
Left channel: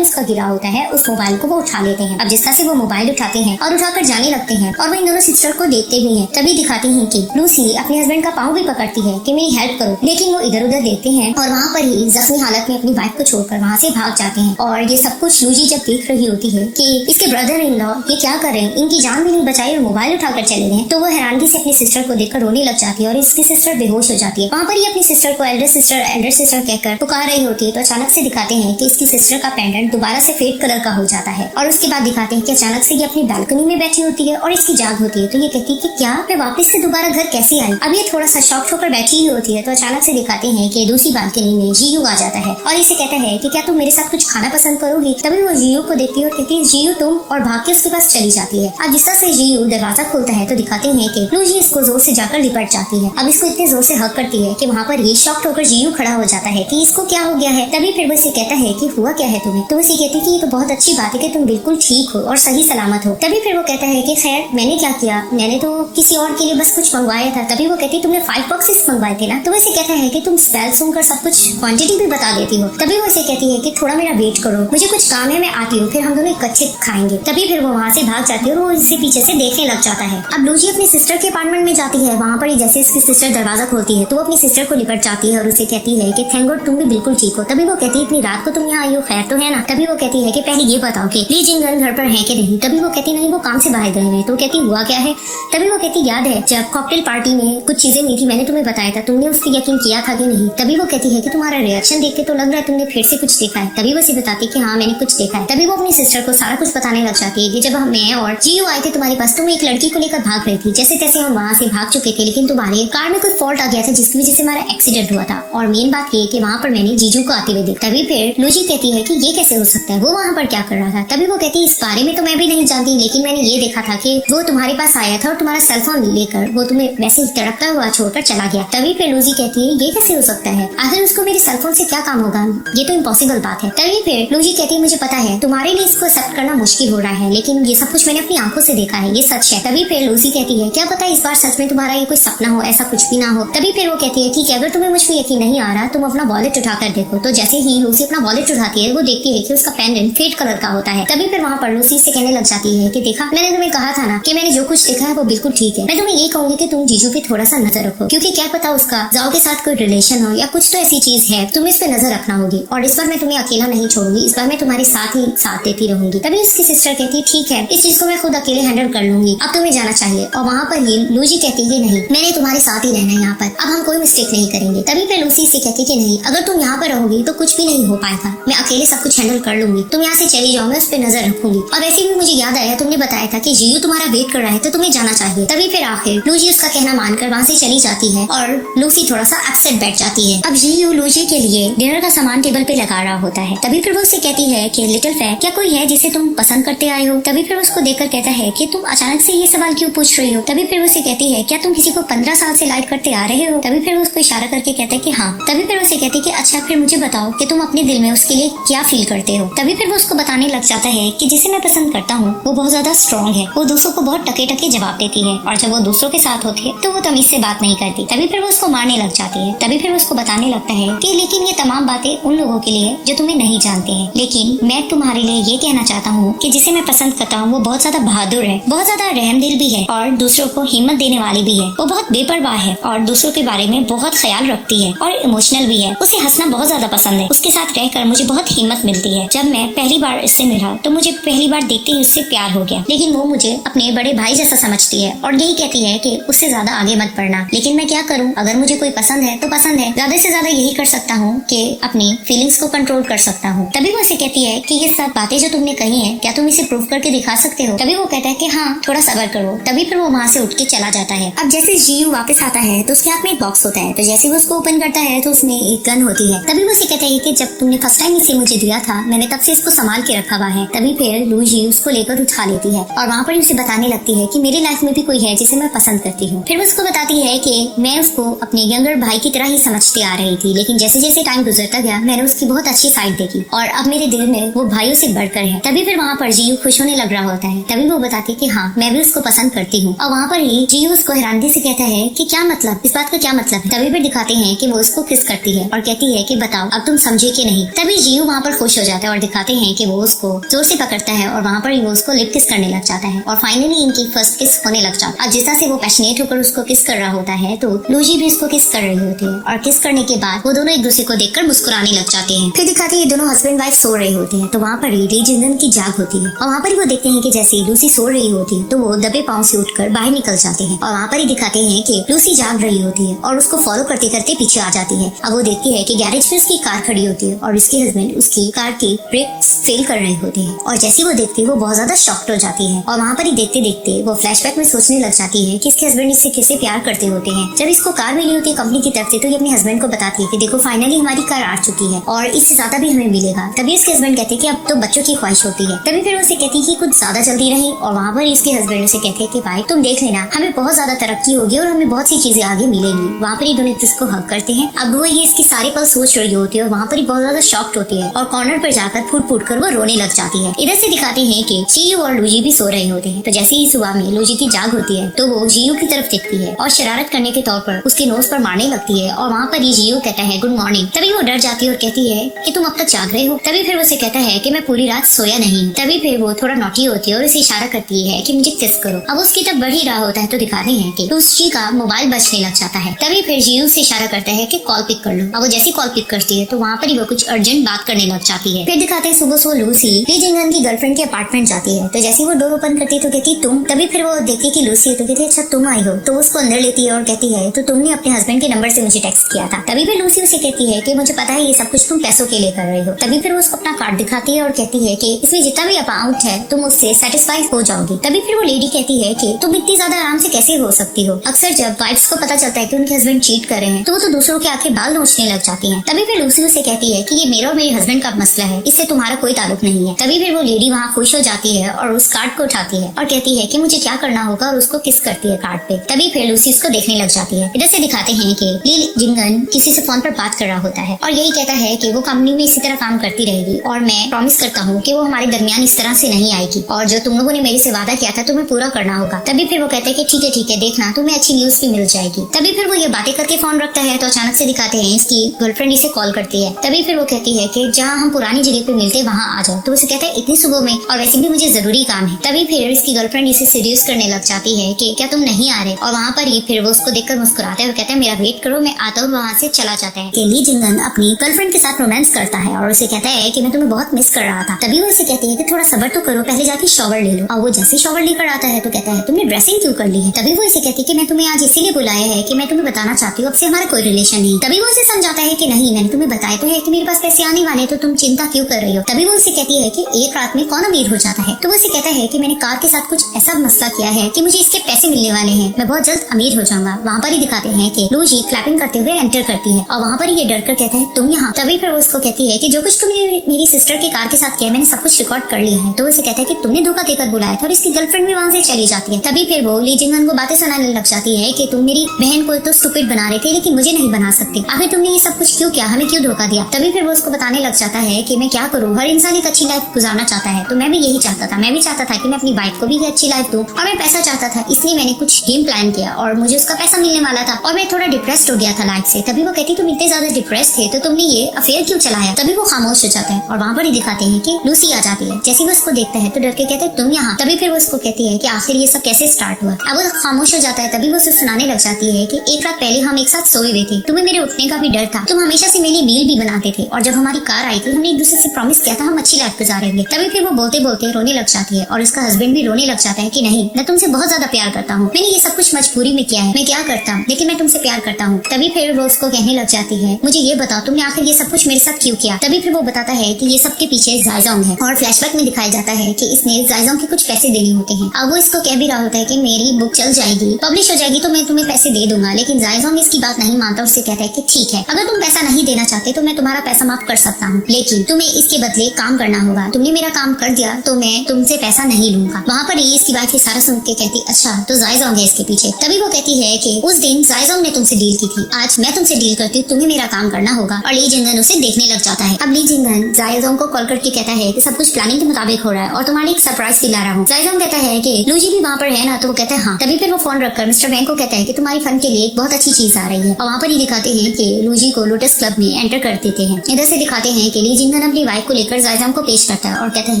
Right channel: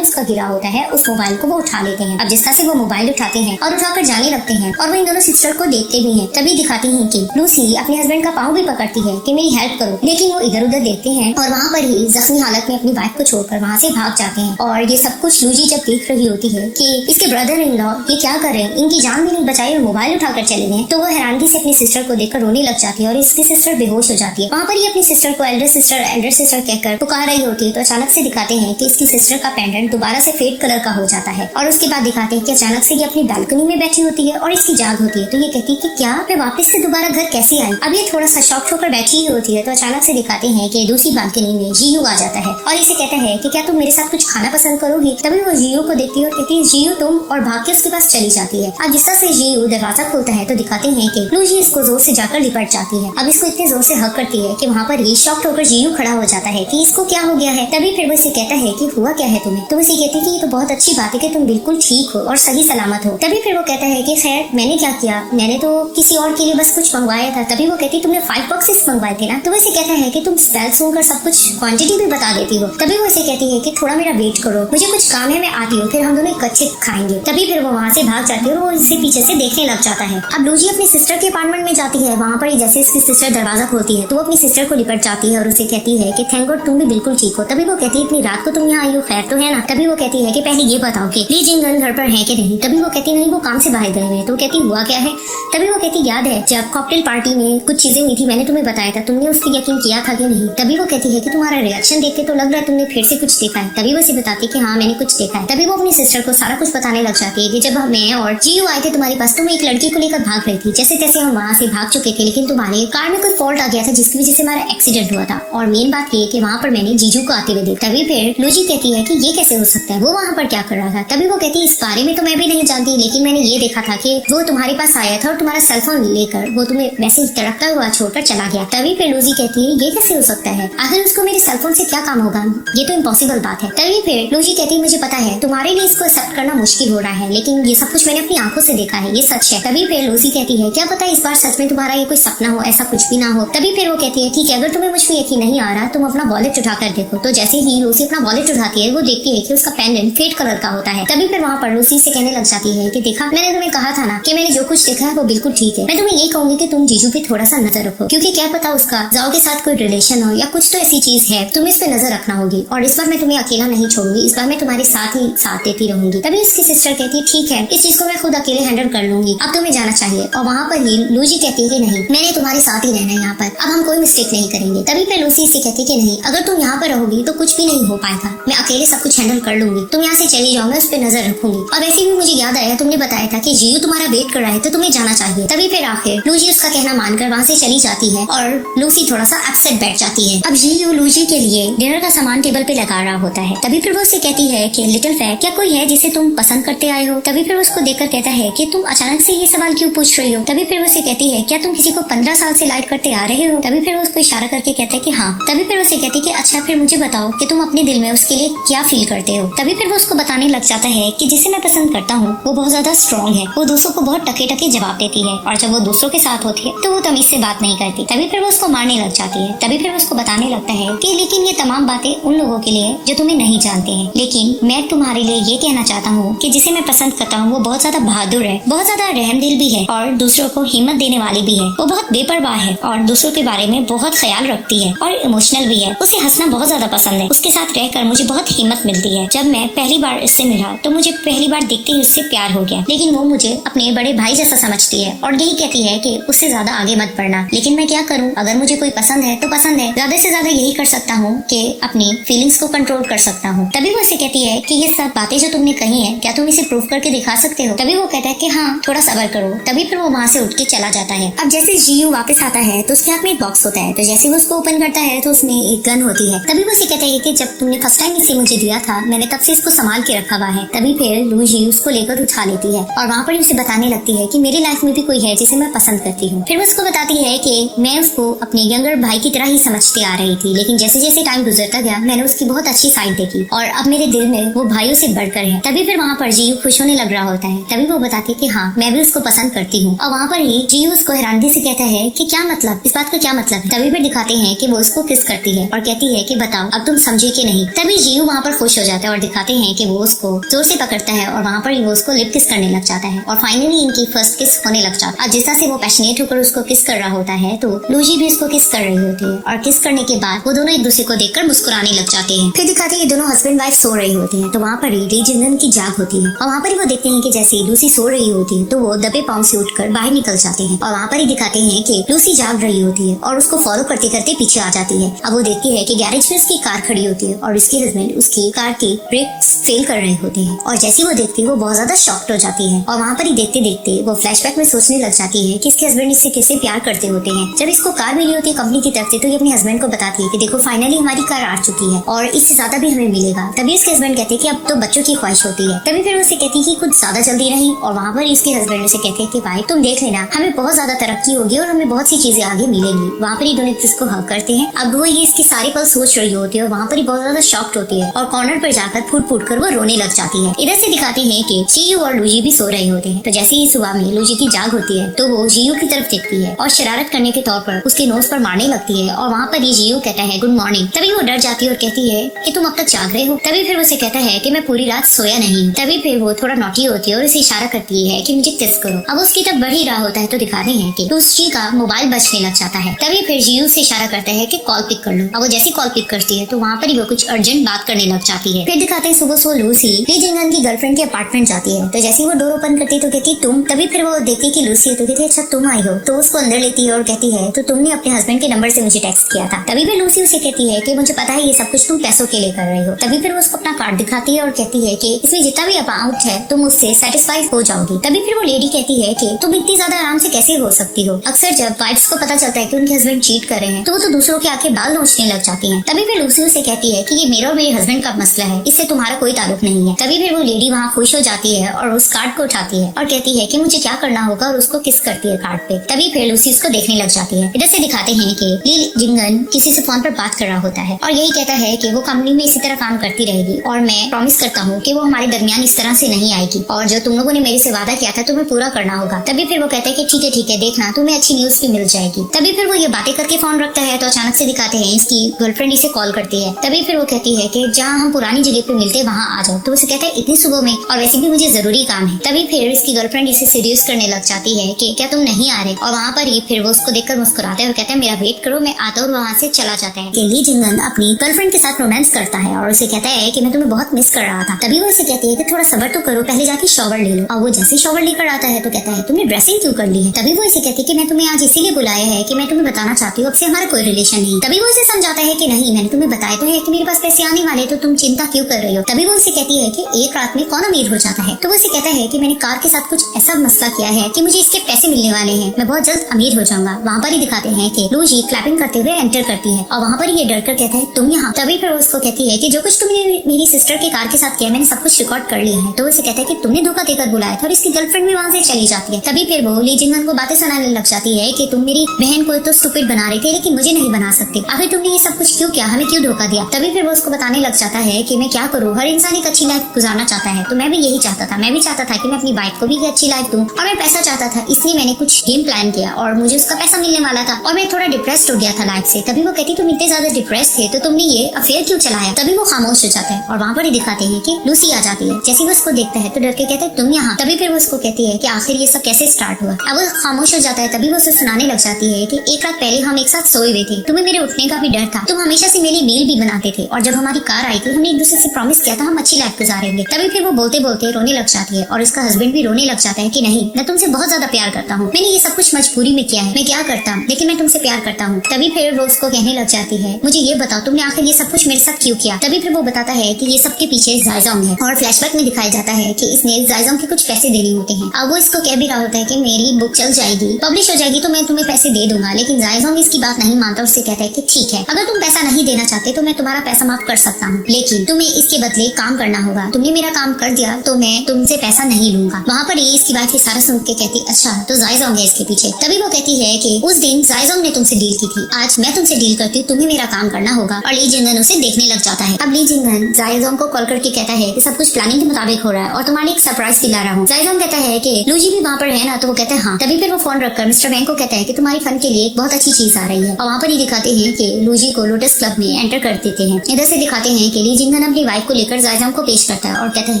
उसका गिरा होता है उस मोबाइल को वो उठा लेते हैं। अब जिसका से वो मोबाइल उठाते हैं और उठाकर जाने लगते हैं और वो इन दोनों सिस्टर को देखते भी हैं। तभी दिखाते हैं कि लूसी अपने हस्बैंड का पाँव भी पकड़ती है कि मेरी हेल्प करो, लेकिन वो इधर उधर देखते हैं और वहाँ पर ही जख्मी हालत में अपनी वाइफ को छोड़कर वहाँ से भाग जाते हैं। और ये सब कुछ लूसी जब देख रही होती है कि इसके ब्रदर इन लॉ ये क्या कर रहे हैं, इनकी जान भी नहीं बचाई और मोबाइल उठाकर चले गए, तो वो हैरानगी से अपनी सिस्टर को देखकर रोने लग जाती है और इसकी सिस्टर बेहोश हो जाती है। वहाँ पर ही अपनी सिस्टर को एल्डर सिस्टर कहकर पुकार रही होती है। तो अचानक से दिखाते हैं कि इसकी सिस्टर का पेंडेंट दोबारा से फिलिप कलर का हो जाता है और उसके बाद दिखाते हैं कि अचानक से ये अपनी बालकनी में बैठी होती है और इसकी जाग होती है। तो ये कहती है कि क्या मैं वापस से दोबारा घर कैसे आई। अब ये थोड़ा सा शॉक होकर बैठी ही होती है। तो अचानक से दिखाते हैं कि दूसरी बालकनी में जीयू आ जाता है और इसे कहता है कि क्या तुम मेरे साथ कुछ खाना पसंद करोगी। तभी वो जीयू को देखती है और कहती है जीयू तुम, और भाग के उसके पास चली जाती है। अब जिसका से जीयू दरवाजा खोलता है तो दिखाते हैं कि लूसी इसको जोर से जाकर लिपट जाती है। अब इसको इतने जोर से हक करती है कि वहाँ पर ये शॉक होकर जीयू खड़ा हो जाता है कि इसको क्या हो गया है। तभी फिर वो इसे कहता है कि हुआ क्या है तुम्हें। तो उसे कहती कि ये तो बहुत अच्छी बात है कि तुम बिल्कुल ठीक हो और सही सलामत हो। तभी फिर वो कहता है कि खैर मैंने क्या किया, मैंने तो किसी और के लिए बस कुछ मंगवाया था। तभी वो कहती तुमने 5 बॉक्सेस मंगवाए थे ना। तो उसे कहता है कि तुम स्पेल सुनकर सब कुछ क्वांटिटी भी बता देती हो। तभी वो उसे कहती है कि थोड़ा मेरा वेट करो, मुझे कुछ काम है, मैं आती हूँ, फिर हम दोनों इकट्ठे खाएंगे। तभी फिर वो वहाँ से भाग जाती है और वो इसे पीछे से देखने लग जाता है। अब लूसी अपनी सिस्टर के अपार्टमेंट में जाती है। वहाँ पर जैसे इसकी सिस्टर दरवाजा खोलती है तो वो अपनी सिस्टर को लिपट जाती है और उसे कहती है कि थैंक गॉड तुम भी बिल्कुल ठीक हो। तभी वो कहती है इतनी रात को तुम यहाँ आई हो, खैर तो है ना। तभी वो कहती है कि पहले ये बताओ कि ली जिंगन घर पर है कि नहीं। तभी वो कहती नहीं, वो काम से बाहर गए हैं। तो कहती हुआ क्या है। तभी वो कहती याद है जब कॉकटेल पार्टी में कुछ चीजें हुई थी, मैंने तुम्हें बताया था, तुमने उस पर यकीन किया था कि नहीं। तभी वो कहती है कि तुम्हारा रिएक्शन देख के तो लग रहा है तुमने फिर से कुछ देखा है। तभी वो उसे बताती है कि हाँ मैंने कुछ देखा है। तभी वो अपनी सिस्टर को सारा कुछ बताने लग जाती है कि जब मैं और जीयू आए थे तुम्हारे पास, तुम एक लड़की को लेकर भाग रही थी, जैसे तैसे हम वहाँ से भाग चुके थे, लेकिन तुम्हारे कार में कोई फॉल्ट आ गया था जिसकी वजह से हमारा एक्सीडेंट हुआ था। और मेन बात ये कि वहाँ पर मैंने जीजू को आते हुए देखा। तभी फिर लूसी कहती है कि ये कैसे हो सकता है, वो वहाँ पर क्या कर रहा था। तभी वो कहती है इस बारे में तो मैं भी नहीं जानती, लेकिन मैंने ये देखा था कि वो तुम्हारे पास आया था और तुम्हारा सेलफोन लेकर वो तुम्हें वैसे तड़पता हुआ छोड़कर चला गया। तभी फिर लूसी कहती है ये कैसे हो सकता है, अगर उसको मेरे सेलफोन से क्या काम होगा, ये तो इम्पॉसिबल बात है। तभी फिर लूसी कहती है मुझे पता है तुम्हारे लिए इसको एक्सेप्ट करना मुश्किल हो रहा है, लेकिन ये सब कुछ मैंने अपनी आंखों से देखा है, ये सच है। तभी फिर लूसी कहती है क्या पता इस बार सच में तुम्हारा ये कोई सपना हो, ऐसा कुछ भी ना हो। तभी फिर वो कहती है ठीक है, अगर तुम्हें मुझ पर यकीन नहीं आ रहा तुम अपना वॉलेट उठाकर देखो। तो जैसे ही लूसी अपना वॉलेट उठाती है वो देखती है कि उसका पेंडेंट फेड कलर का होता है। तभी फिर वहाँ पर लूसी से कहने लग जाती है कि देखा मैंने तुम्हें कहा था ना कि मैंने जो कुछ देखा है वो बिल्कुल ठीक है। मैं तुम्हें ये कहूंगी कि तुम जीजू पे थोड़ा सा नजर रखो, क्योंकि क्या पता उसका जाओ के साथ कोई रिलेशन हो या कुछ तो ऐसी चीज है, तुम्हें इस पे नजर रखना होगी। और इस बार मैं तुम्हें अकेला नहीं छोड़ूंगी, इस बार मैं तुम्हारे साथ ही साथ देती रहूंगी। तभी उसकी सिस्टर कहती है ठीक है, इस चीज को मैं खुद अकेले हैंडल कर लूंगी, अब तुम्हें जाना चाहिए। और वहाँ पर ही लूसी कहती है नहीं, मैंने तुम्हारे साथ ही रहना है यहाँ पर, अब हम कोई मिस्टेक नहीं करेंगे। तभी फिर लूसी से कहती है कि नहीं, अगर तुम यहाँ पर रहोगी तो कुछ भी नहीं हो पाएगा, मैं अकेले सब कुछ हैंडल कर लूंगी, तुम यहाँ से चली जाओ, मैं उस पर नजर रखूंगी। और वैसे भी मुझे याद आया तुमने बताया था कि जीयू तुम्हारा वेट कर रहा है तो तुम्हें जाना चाहिए। तभी फिर आखिर लूसी उसका कहना मानकर वहाँ से चली जाती है और लूसी थोड़ा सा अपसेट बैठ जाती है। अब जीयू लूसी के लिए डिनर का सामान टेबल पे लगा रहा होता है। तभी फिर वो उससे कहती है कि लिटिल फेयर, क्या कोई है जिसे तुम पसंद करते आए हो। तभी फिर उसको देखकर कहता है कि तुम अचानक से ये सवाल क्यों पूछ रही हो। तभी फिर उसे कहती है क्या तुम किसी को 15 साल से लाइक करते आ रहे हो। तभी फिर वो उसको इशारा करके कहता है कि हाँ। तभी फिर उसे कहती है कि अच्छा फिर मुझे बताओ कि तुम अपने दिल में उसके लिए क्या फील करते हो। तभी फिर वो उसको बताने लग जाता है कि जिसे मैं पसंद करता हूँ वो बहुत ज्यादा स्ट्रॉन्ग है, वो दूसरों को बहुत टके टके जवाब देती है और जब वो दूसरों के साथ होती है तो वो तमीज से बात नहीं करती। तभी फिर वो उसको मारने लग जाती है। तभी फिर वो उसको बताने लगता है कि लेकिन ये तमाम बातें उन लोगों के लिए जो तुम्हें नहीं जानते हैं, लेकिन मैं तुम्हारे लिए ये कहना चाहता हूँ कि जिसे मैं पसंद करता हूँ वो बहुत ज्यादा बहादुर है, बहुत ज्यादा रहमदिल भी है और दूसरों को हिम्मत देने वाली भी है। वो बहुत बेपरवाह है और दूसरों के बारे में बहुत ख्याल रखती है और इमोशनल भी है। उसे हंसना बहुत ज्यादा पसंद है। उसके साथ रहकर मुझे बहुत हिम्मत मिलती है। जब मैं पहली बार इससे मिला तो मुझे पहली बार देखते ही उससे प्यार हो गया, लेकिन वो मुझे अपने बड़े भाई जैसा समझती है और यही कहती है कि उससे ज्यादा आगे मत बढ़ना। लेकिन मैं क्या करूँ, अगर मुझे कोई पसंद है तो पसंद है, ज्यादा से ज्यादा यही कर सकता हूँ कि अपनी फीलिंग्स को कंट्रोल कर सकता हूँ। तभी वो उसे कहती है कि ये सब बातें जो तुमने कही है क्या तुम इसे प्रूव करके दिखा सकते हो। तभी वो कहता है कि हाँ थोड़ा सब्र करो। तभी फिर वो वहाँ से उठ के चला जाता है। अब जैसे जीयू जीयू वापस आता है तो उसके हाथ में एक बॉक्स होता है। तो जैसे वो उसको ओपन करता है तो उसमें एक गन होती है। तभी वो उसे कहता है कि जब तुमने फर्स्ट टाइम इसे मुझे दिया था मैंने तब से इसको संभाल के रखा हुआ है। तभी फिर लू जी उसको लेकर उठा लेती है और वहाँ पर उसे बताने लगती है कि मेरी लाइफ में भी कोई है जिसे मैं पसंद करती हूँ। फिर वो उसको बताती है कि मैं उसको अपने यंगर भाई की तरह ही समझती आ रही थी, लेकिन जैसे जैसे टाइम गुजरता गया मैंने उसकी बहुत अच्छी साइड देखी और अब मेरे दिल में वो भाइयों से बढ़कर है। तभी फिर वहाँ पर जीयू खुश होने लग रहा होता है। तभी वो बताती है कि हाँ मैं भी उसको पसंद करती हूँ और वहाँ पर ही जीयू उसको हैरानगी से कहता है कि क्या मतलब, इस बात का क्या मतलब। तभी फिर दिखाते हैं कि वो उसको किस करती है और कहती है कि बताओ अब तुम समझे कि नहीं। तभी जीयू वहाँ पर खुश हो जाता है और दिखाते हैं कि वो उसको जोर से पकड़ता है और वहाँ पर ही वो उसको लिप किस करने लग जाता है और फाइनली इनकी फर्स्ट किस होने लग जाता है। अब जिस तरह से वो पैशनेट होकर उसको किस कर रहा होता है तो लूजी भी उसको किस कर रही होती है और किस करने के बाद वो दोनों एक दूसरे को देखकर मुस्कुराने लग जाते हैं। फिर दिखाते हैं दोनों हस्बैंड वाइफ सो रहे होते हैं। तो वहाँ पर ही ली जिंगन की जाग होती है और वहाँ पर ही वो देखते हैं कि जैसे लूसी सो रही होती है तो वो दबे पाँव से उठकर बाहर निकल जाते हैं और वहाँ पर ही दिखाते हैं कि लूसी जाग रही होती है और उसको फॉलो करते करते पीछे आ जाती है। अब वो देखती है कि गैरेज में उसकी कार खड़ी होती है और इसके हस्बैंड उसकी कार के ब्रेक्स फेल कर रहे होते हैं और जैसे वो देखती है वो बहुत ज्यादा शॉक्ड हो जाती है और वहाँ पर ही देखते देखते वो फ्लैशबैक में सोचने लग जाती है कि इसके हस्बैंड इससे कैसे प्यार करते होते हैं। जब इसको कार मिली होती है कंपनी की तरफ से तो ये अपने हस्बैंड को बताती है कि देखो फाइनली हमारी कार आ चुकी है और इससे ज्यादा भी हमें मिलेगा। तभी इसके हस्बैंड कहते हैं कि अब तो बच्चों की ख्वाहिश होती है। तभी फिर उसे कहती है कि कुछ ज्यादा जल्दी रहे और वहाँ पर इसके हस्बैंड से कहते हैं कि भाई तुम देख लेना हमें बहुत ज्यादा तरक्की होगी और हमें बहुत सी चीजें आगे मिलेंगी। वहाँ पर ही दोनों जिसको हक करते हैं। अब वो ये इसके सारे पल सोच रही होती है और वहाँ पर ही बहुत ज्यादा शॉक्ड होती है और कॉर्नर पर जाकर फूट फूट कर वो रोने लग जाती है। इधर से दिखाते हैं कि जीयू और लूजी भी सो रहे होते हैं। तो जैसे ही सुबह में लूजी की जाग होती है तो वो जीयू की तरफ देखती है और शरारत करने के तौर पर उसके नोज पर मारने लगती है और वहाँ पर ये जीयू कहता है गुड मॉर्निंग। तभी वो डर जाती है और कहती है कि तुम अब तक जाग रहे हो। तभी फिर उसे कहता है कि मैं पूरी रात सोया नहीं। तभी फिर वो थोड़ा नॉटी होती है और उसे इशारा करती है कि मुझे किस करो। अब उसकी तरफ बढ़ ही रहा होता है तो दिखाते हैं कि लूसी का मोबाइल बजने लग जाता है। तभी फिर जीयू से इशारा करता है कि कॉल पिक कर लो। अब वो जैसे कॉल पिक करती है तो वहाँ पर ही वो कुछ अर्जेंट बात करने लग जाती है। फिर दिखाते हैं सुबह सो लूसी ली जिंगन की गर्लफ्रेंड के अपार्टमेंट जाती है। तो जैसे वो डोर ओपन करती है तो कहती है तुम। तभी फिर वो देखती कि लूसी है तो कहती है अच्छा तुम आई हो। तो उसको अंदर लेती है और कहती है तो तुमने अपने हस्बैंड के नंबर से मुझे टेक्स्ट किया था। तभी फिर लूसी उसे कहती है कि मुझे पता है ये सब कुछ तुम पैसों के लिए कर रहे हो। तभी फिर वो उसको अपना कार्ड दिखाती है और कहती है कि इसमें जितना भी अमाउंट है तुम उससे सेटिस्फाई हो जाओगी। तभी फिर वो लेडी कहती है कि तुम इतनी ज्यादा आराम से कैसे हो सकती हो। अक्सर जब वाइफ्स को पता चलता है कि उनके हस्बैंड चीट कर रहे हैं तो वो तो दूसरों के आके बाल नोचने लग जाती है। तभी फिर लूसी उसे कहती है कि ये मेरा और मेरे हस्बैंड का मसला है, इससे तुम्हारा कोई ताल्लुक नहीं है। तभी फिर वो लेडी वहाँ खुश हो जाती है और उस कार्ड को उठाती है और कहती है कि मुझे क्या करना होगा और उसको किस करती है कार्ड पे। तभी फिर लूसी उसको देखने लग जाती है। इधर से दिखाते हैं कि ली जिंगन किसी से फोन पर बात कर रहा होता है और यही कहता है कि वो कंपनी में इसी तरह काम करती रहेगी और मैं प्रॉमिस करता हूँ कि वो हमारे दरमियान इस तरह से नहीं आएगी और जो तुम लोगों ने मेरे से वादा किया था तुम्हें पूरा करना होगा। तभी फिर वो कहता है कि ठीक है देखना तुम्हें अच्छी न्यूज भी मिल जाएगी। तभी फिर वो ये बातें करके फोन रखता है तो अचानक से दिखाते हैं इसकी गर्लफ्रेंड इसे कॉल करती है। तभी फिर वो कहती है कि जहाँ हम पुरानी जगह पे मिलते वहाँ आ जाओ। तो उसे कहता है इतनी सुबह में और वैसे भी मुझे जरूरी काम है। तभी फिर इसकी गर्लफ्रेंड इसे सीरियस करने लग जाती है कि क्या तुम नहीं आ रहे और वहाँ पर ही फिर वो उसको देखकर मुस्कुराते और कहता है मेरा वेट करो मैं आता हूँ। वहाँ से चला जाता है। ली जिंगन अपनी गर्लफ्रेंड के साथ रोमांस करता है और उसे कहता है कि मैं तुम्हें बहुत मिस कर रहा था। तभी वो इसे कहती है कि थोड़ा सब्र तो करो, पहले जाके शॉवर ले लो। और वो जैसे शॉवर लेकर आता है तो कहता है तुमने ड्रेसिंग क्यों कर ली है। तभी वो इसे कहती है कि मैं तुम्हें आज इसीलिए बुलाया है कि मैं तुम्हें बताना चाहती हूँ अब से हमारा कोई रिलेशन नहीं। तभी वो इसे समझाता है कि नहीं मैंने तुम्हें बताया तो है कि मेरे पास पैसे आने वाले तो तुम चिंता क्यों कर रही हो। तभी वो इसे कहती है कि एक रात में कौन अमीर हो जाता है। तो वो इसे कहता है कि मैंने कार के साथ कुछ ऐसा मसला किया है कि मुझे इसके पैसे मिलने वाले हैं, मैं बहुत जल्द अमीर हो जाऊंगा। वहाँ पर ही दिखाते हैं कि लूजी क्लैपिंग करते हुए एंटर करती है और वहाँ पर ये डर कर कहता है तुम यहाँ। तभी फिर वो उसको कहती है कि जो कुछ तुमने मेरी सिस्टर के कार के साथ किया मैंने सब कुछ रिकॉर्ड कर लिया है। तो उसे कहता है कि तुमने धोखा देकर बुलाया और इसकी गर्लफ्रेंड भी वहाँ से चली जाती है। तभी फिर वो ली जिंगन को बातें सुनाने लग जाती है कि तुम मेरी बहन को तो स्टूपिड बना रही थी लेकिन मुझे नहीं बना सकती, आखिर तुमने ये सब कुछ क्यों किया, हमें क्यों धोखा दिया। तभी फिर वो उसको बताने लग जाता है कि मैं क्या करूँ, हर इंसान एक अच्छी लाइफ गुजारना चाहता है तो मैं भी यही चाहता था। मैं भी चाहता था कि मैं अपनी वाइफ को भी अच्छी लाइफ दूं और मैं पैसा चाहता था इसलिए मैंने कुछ गेम प्लान किया और मुझे उसका पैसा मिलने वाला था और मैं थोड़ा डिप्रेस्ड हो गया था लाइफ से। तभी वो कहती तुम इतने ज्यादा डिप्रेस थे तो तुमने ये अफेयर क्यों चलाया। तभी वो खामोश हो जाता है और वहाँ पर ही दिखाते हैं कि लूसी आ जाती है। जैसे वो उसको देखता है तो डर के कहता है तुम यहाँ। तभी फिर वो उसको कहती है कि आखिर ये सब कैसे स्टार्ट हुआ। अब वो खामोश हो जाता है। तभी वो उसे सुनाने लग जाती है कि एक रात पहले हम एक साथ सोए हुए थे, तुम्हें मेरे उठने का भी डर था, तुम हमेशा से मेरे मील भी बनाते थे और जब हमारी कार आई थी हमने एक दूसरे से प्रॉमिस किया था हम अच्छी लाइफ गुजारेंगे। तभी फिर वो बोलते बोलते रोने लग जाती है और इसका हस्बैंड भी रोने लग जाता है कि नहीं मैं तुमसे बहुत ज्यादा प्यार करता हूँ, मैंने ये सब कुछ मजबूरी में किया है, मैं क्या करता हूँ लेकिन मैं तुमसे प्यार करता हूँ। तभी फिर वो उसको कहने लग जाती है मुझे ये बताओ तुमने आखिर ये सब कुछ मेरे साथ क्यों किया। तभी फिर वो बताता है कि ये सब के पीछे जायजोंग है और फ्लैशबैक में दिखाया जाता है कि इसने जायजोंग के कुछ पैसे देने होते हैं। अब वो इसको कह भी रहा होता है कि मेरी बुक चल जाएगी, पब्लिश हो जाएगी कहेगी तो मैं तुम्हें पैसे दे दूंगा। लेकिन जायज़ोंग इसकी बात नहीं मानता और उससे कहता है कि ठीक है, अगर तुम पैसा नहीं देना चाहते तो मैं तुम्हारा पैसा माफ कर सकता हूँ, लेकिन तुम्हें इसके बदले काम करना होगा। तुमने मेरा काम कर दिया तो मैं तुमसे पैसा नहीं लूंगा। वहाँ पर ये इसकी बात सारा सुन के कहती अच्छा तो जायज़ोंग है इसके पीछे। तभी वो कहती है कि उस दिन जायज़ोंग ने तुमसे डील की थी, आज मैं तुमसे डील करती हूँ, तुम्हें मेरा काम करना होगा। और ली जिंगन उसे देखने लग जाता है। अब ली जिंगन जायज़ोंग को कॉल करके कहता है कि सब कुछ प्लानिंग के मुताबिक हो रहा है और तुम्हारी एक सरप्राइज भी ला रहा हूँ। जायज़ोंग कहता है कि लूजी भी वहाँ पर है ना, तो वो कहते हैं हाँ। तभी फिर वो फोन रखकर मिस्टर वैंग को कहता है कि तुम्हारी फन के लिए एक बहुत अच्छी चीज आ रही है। और वहाँ पर ही दिखाते हैं कि लूजी को लोटस क्लब में एंटर कर देते हैं। इधर से दिखाते हैं कि ली जिंगन अपनी वाइफ को लेकर जायज़ोंग को पेश करता है और कहता है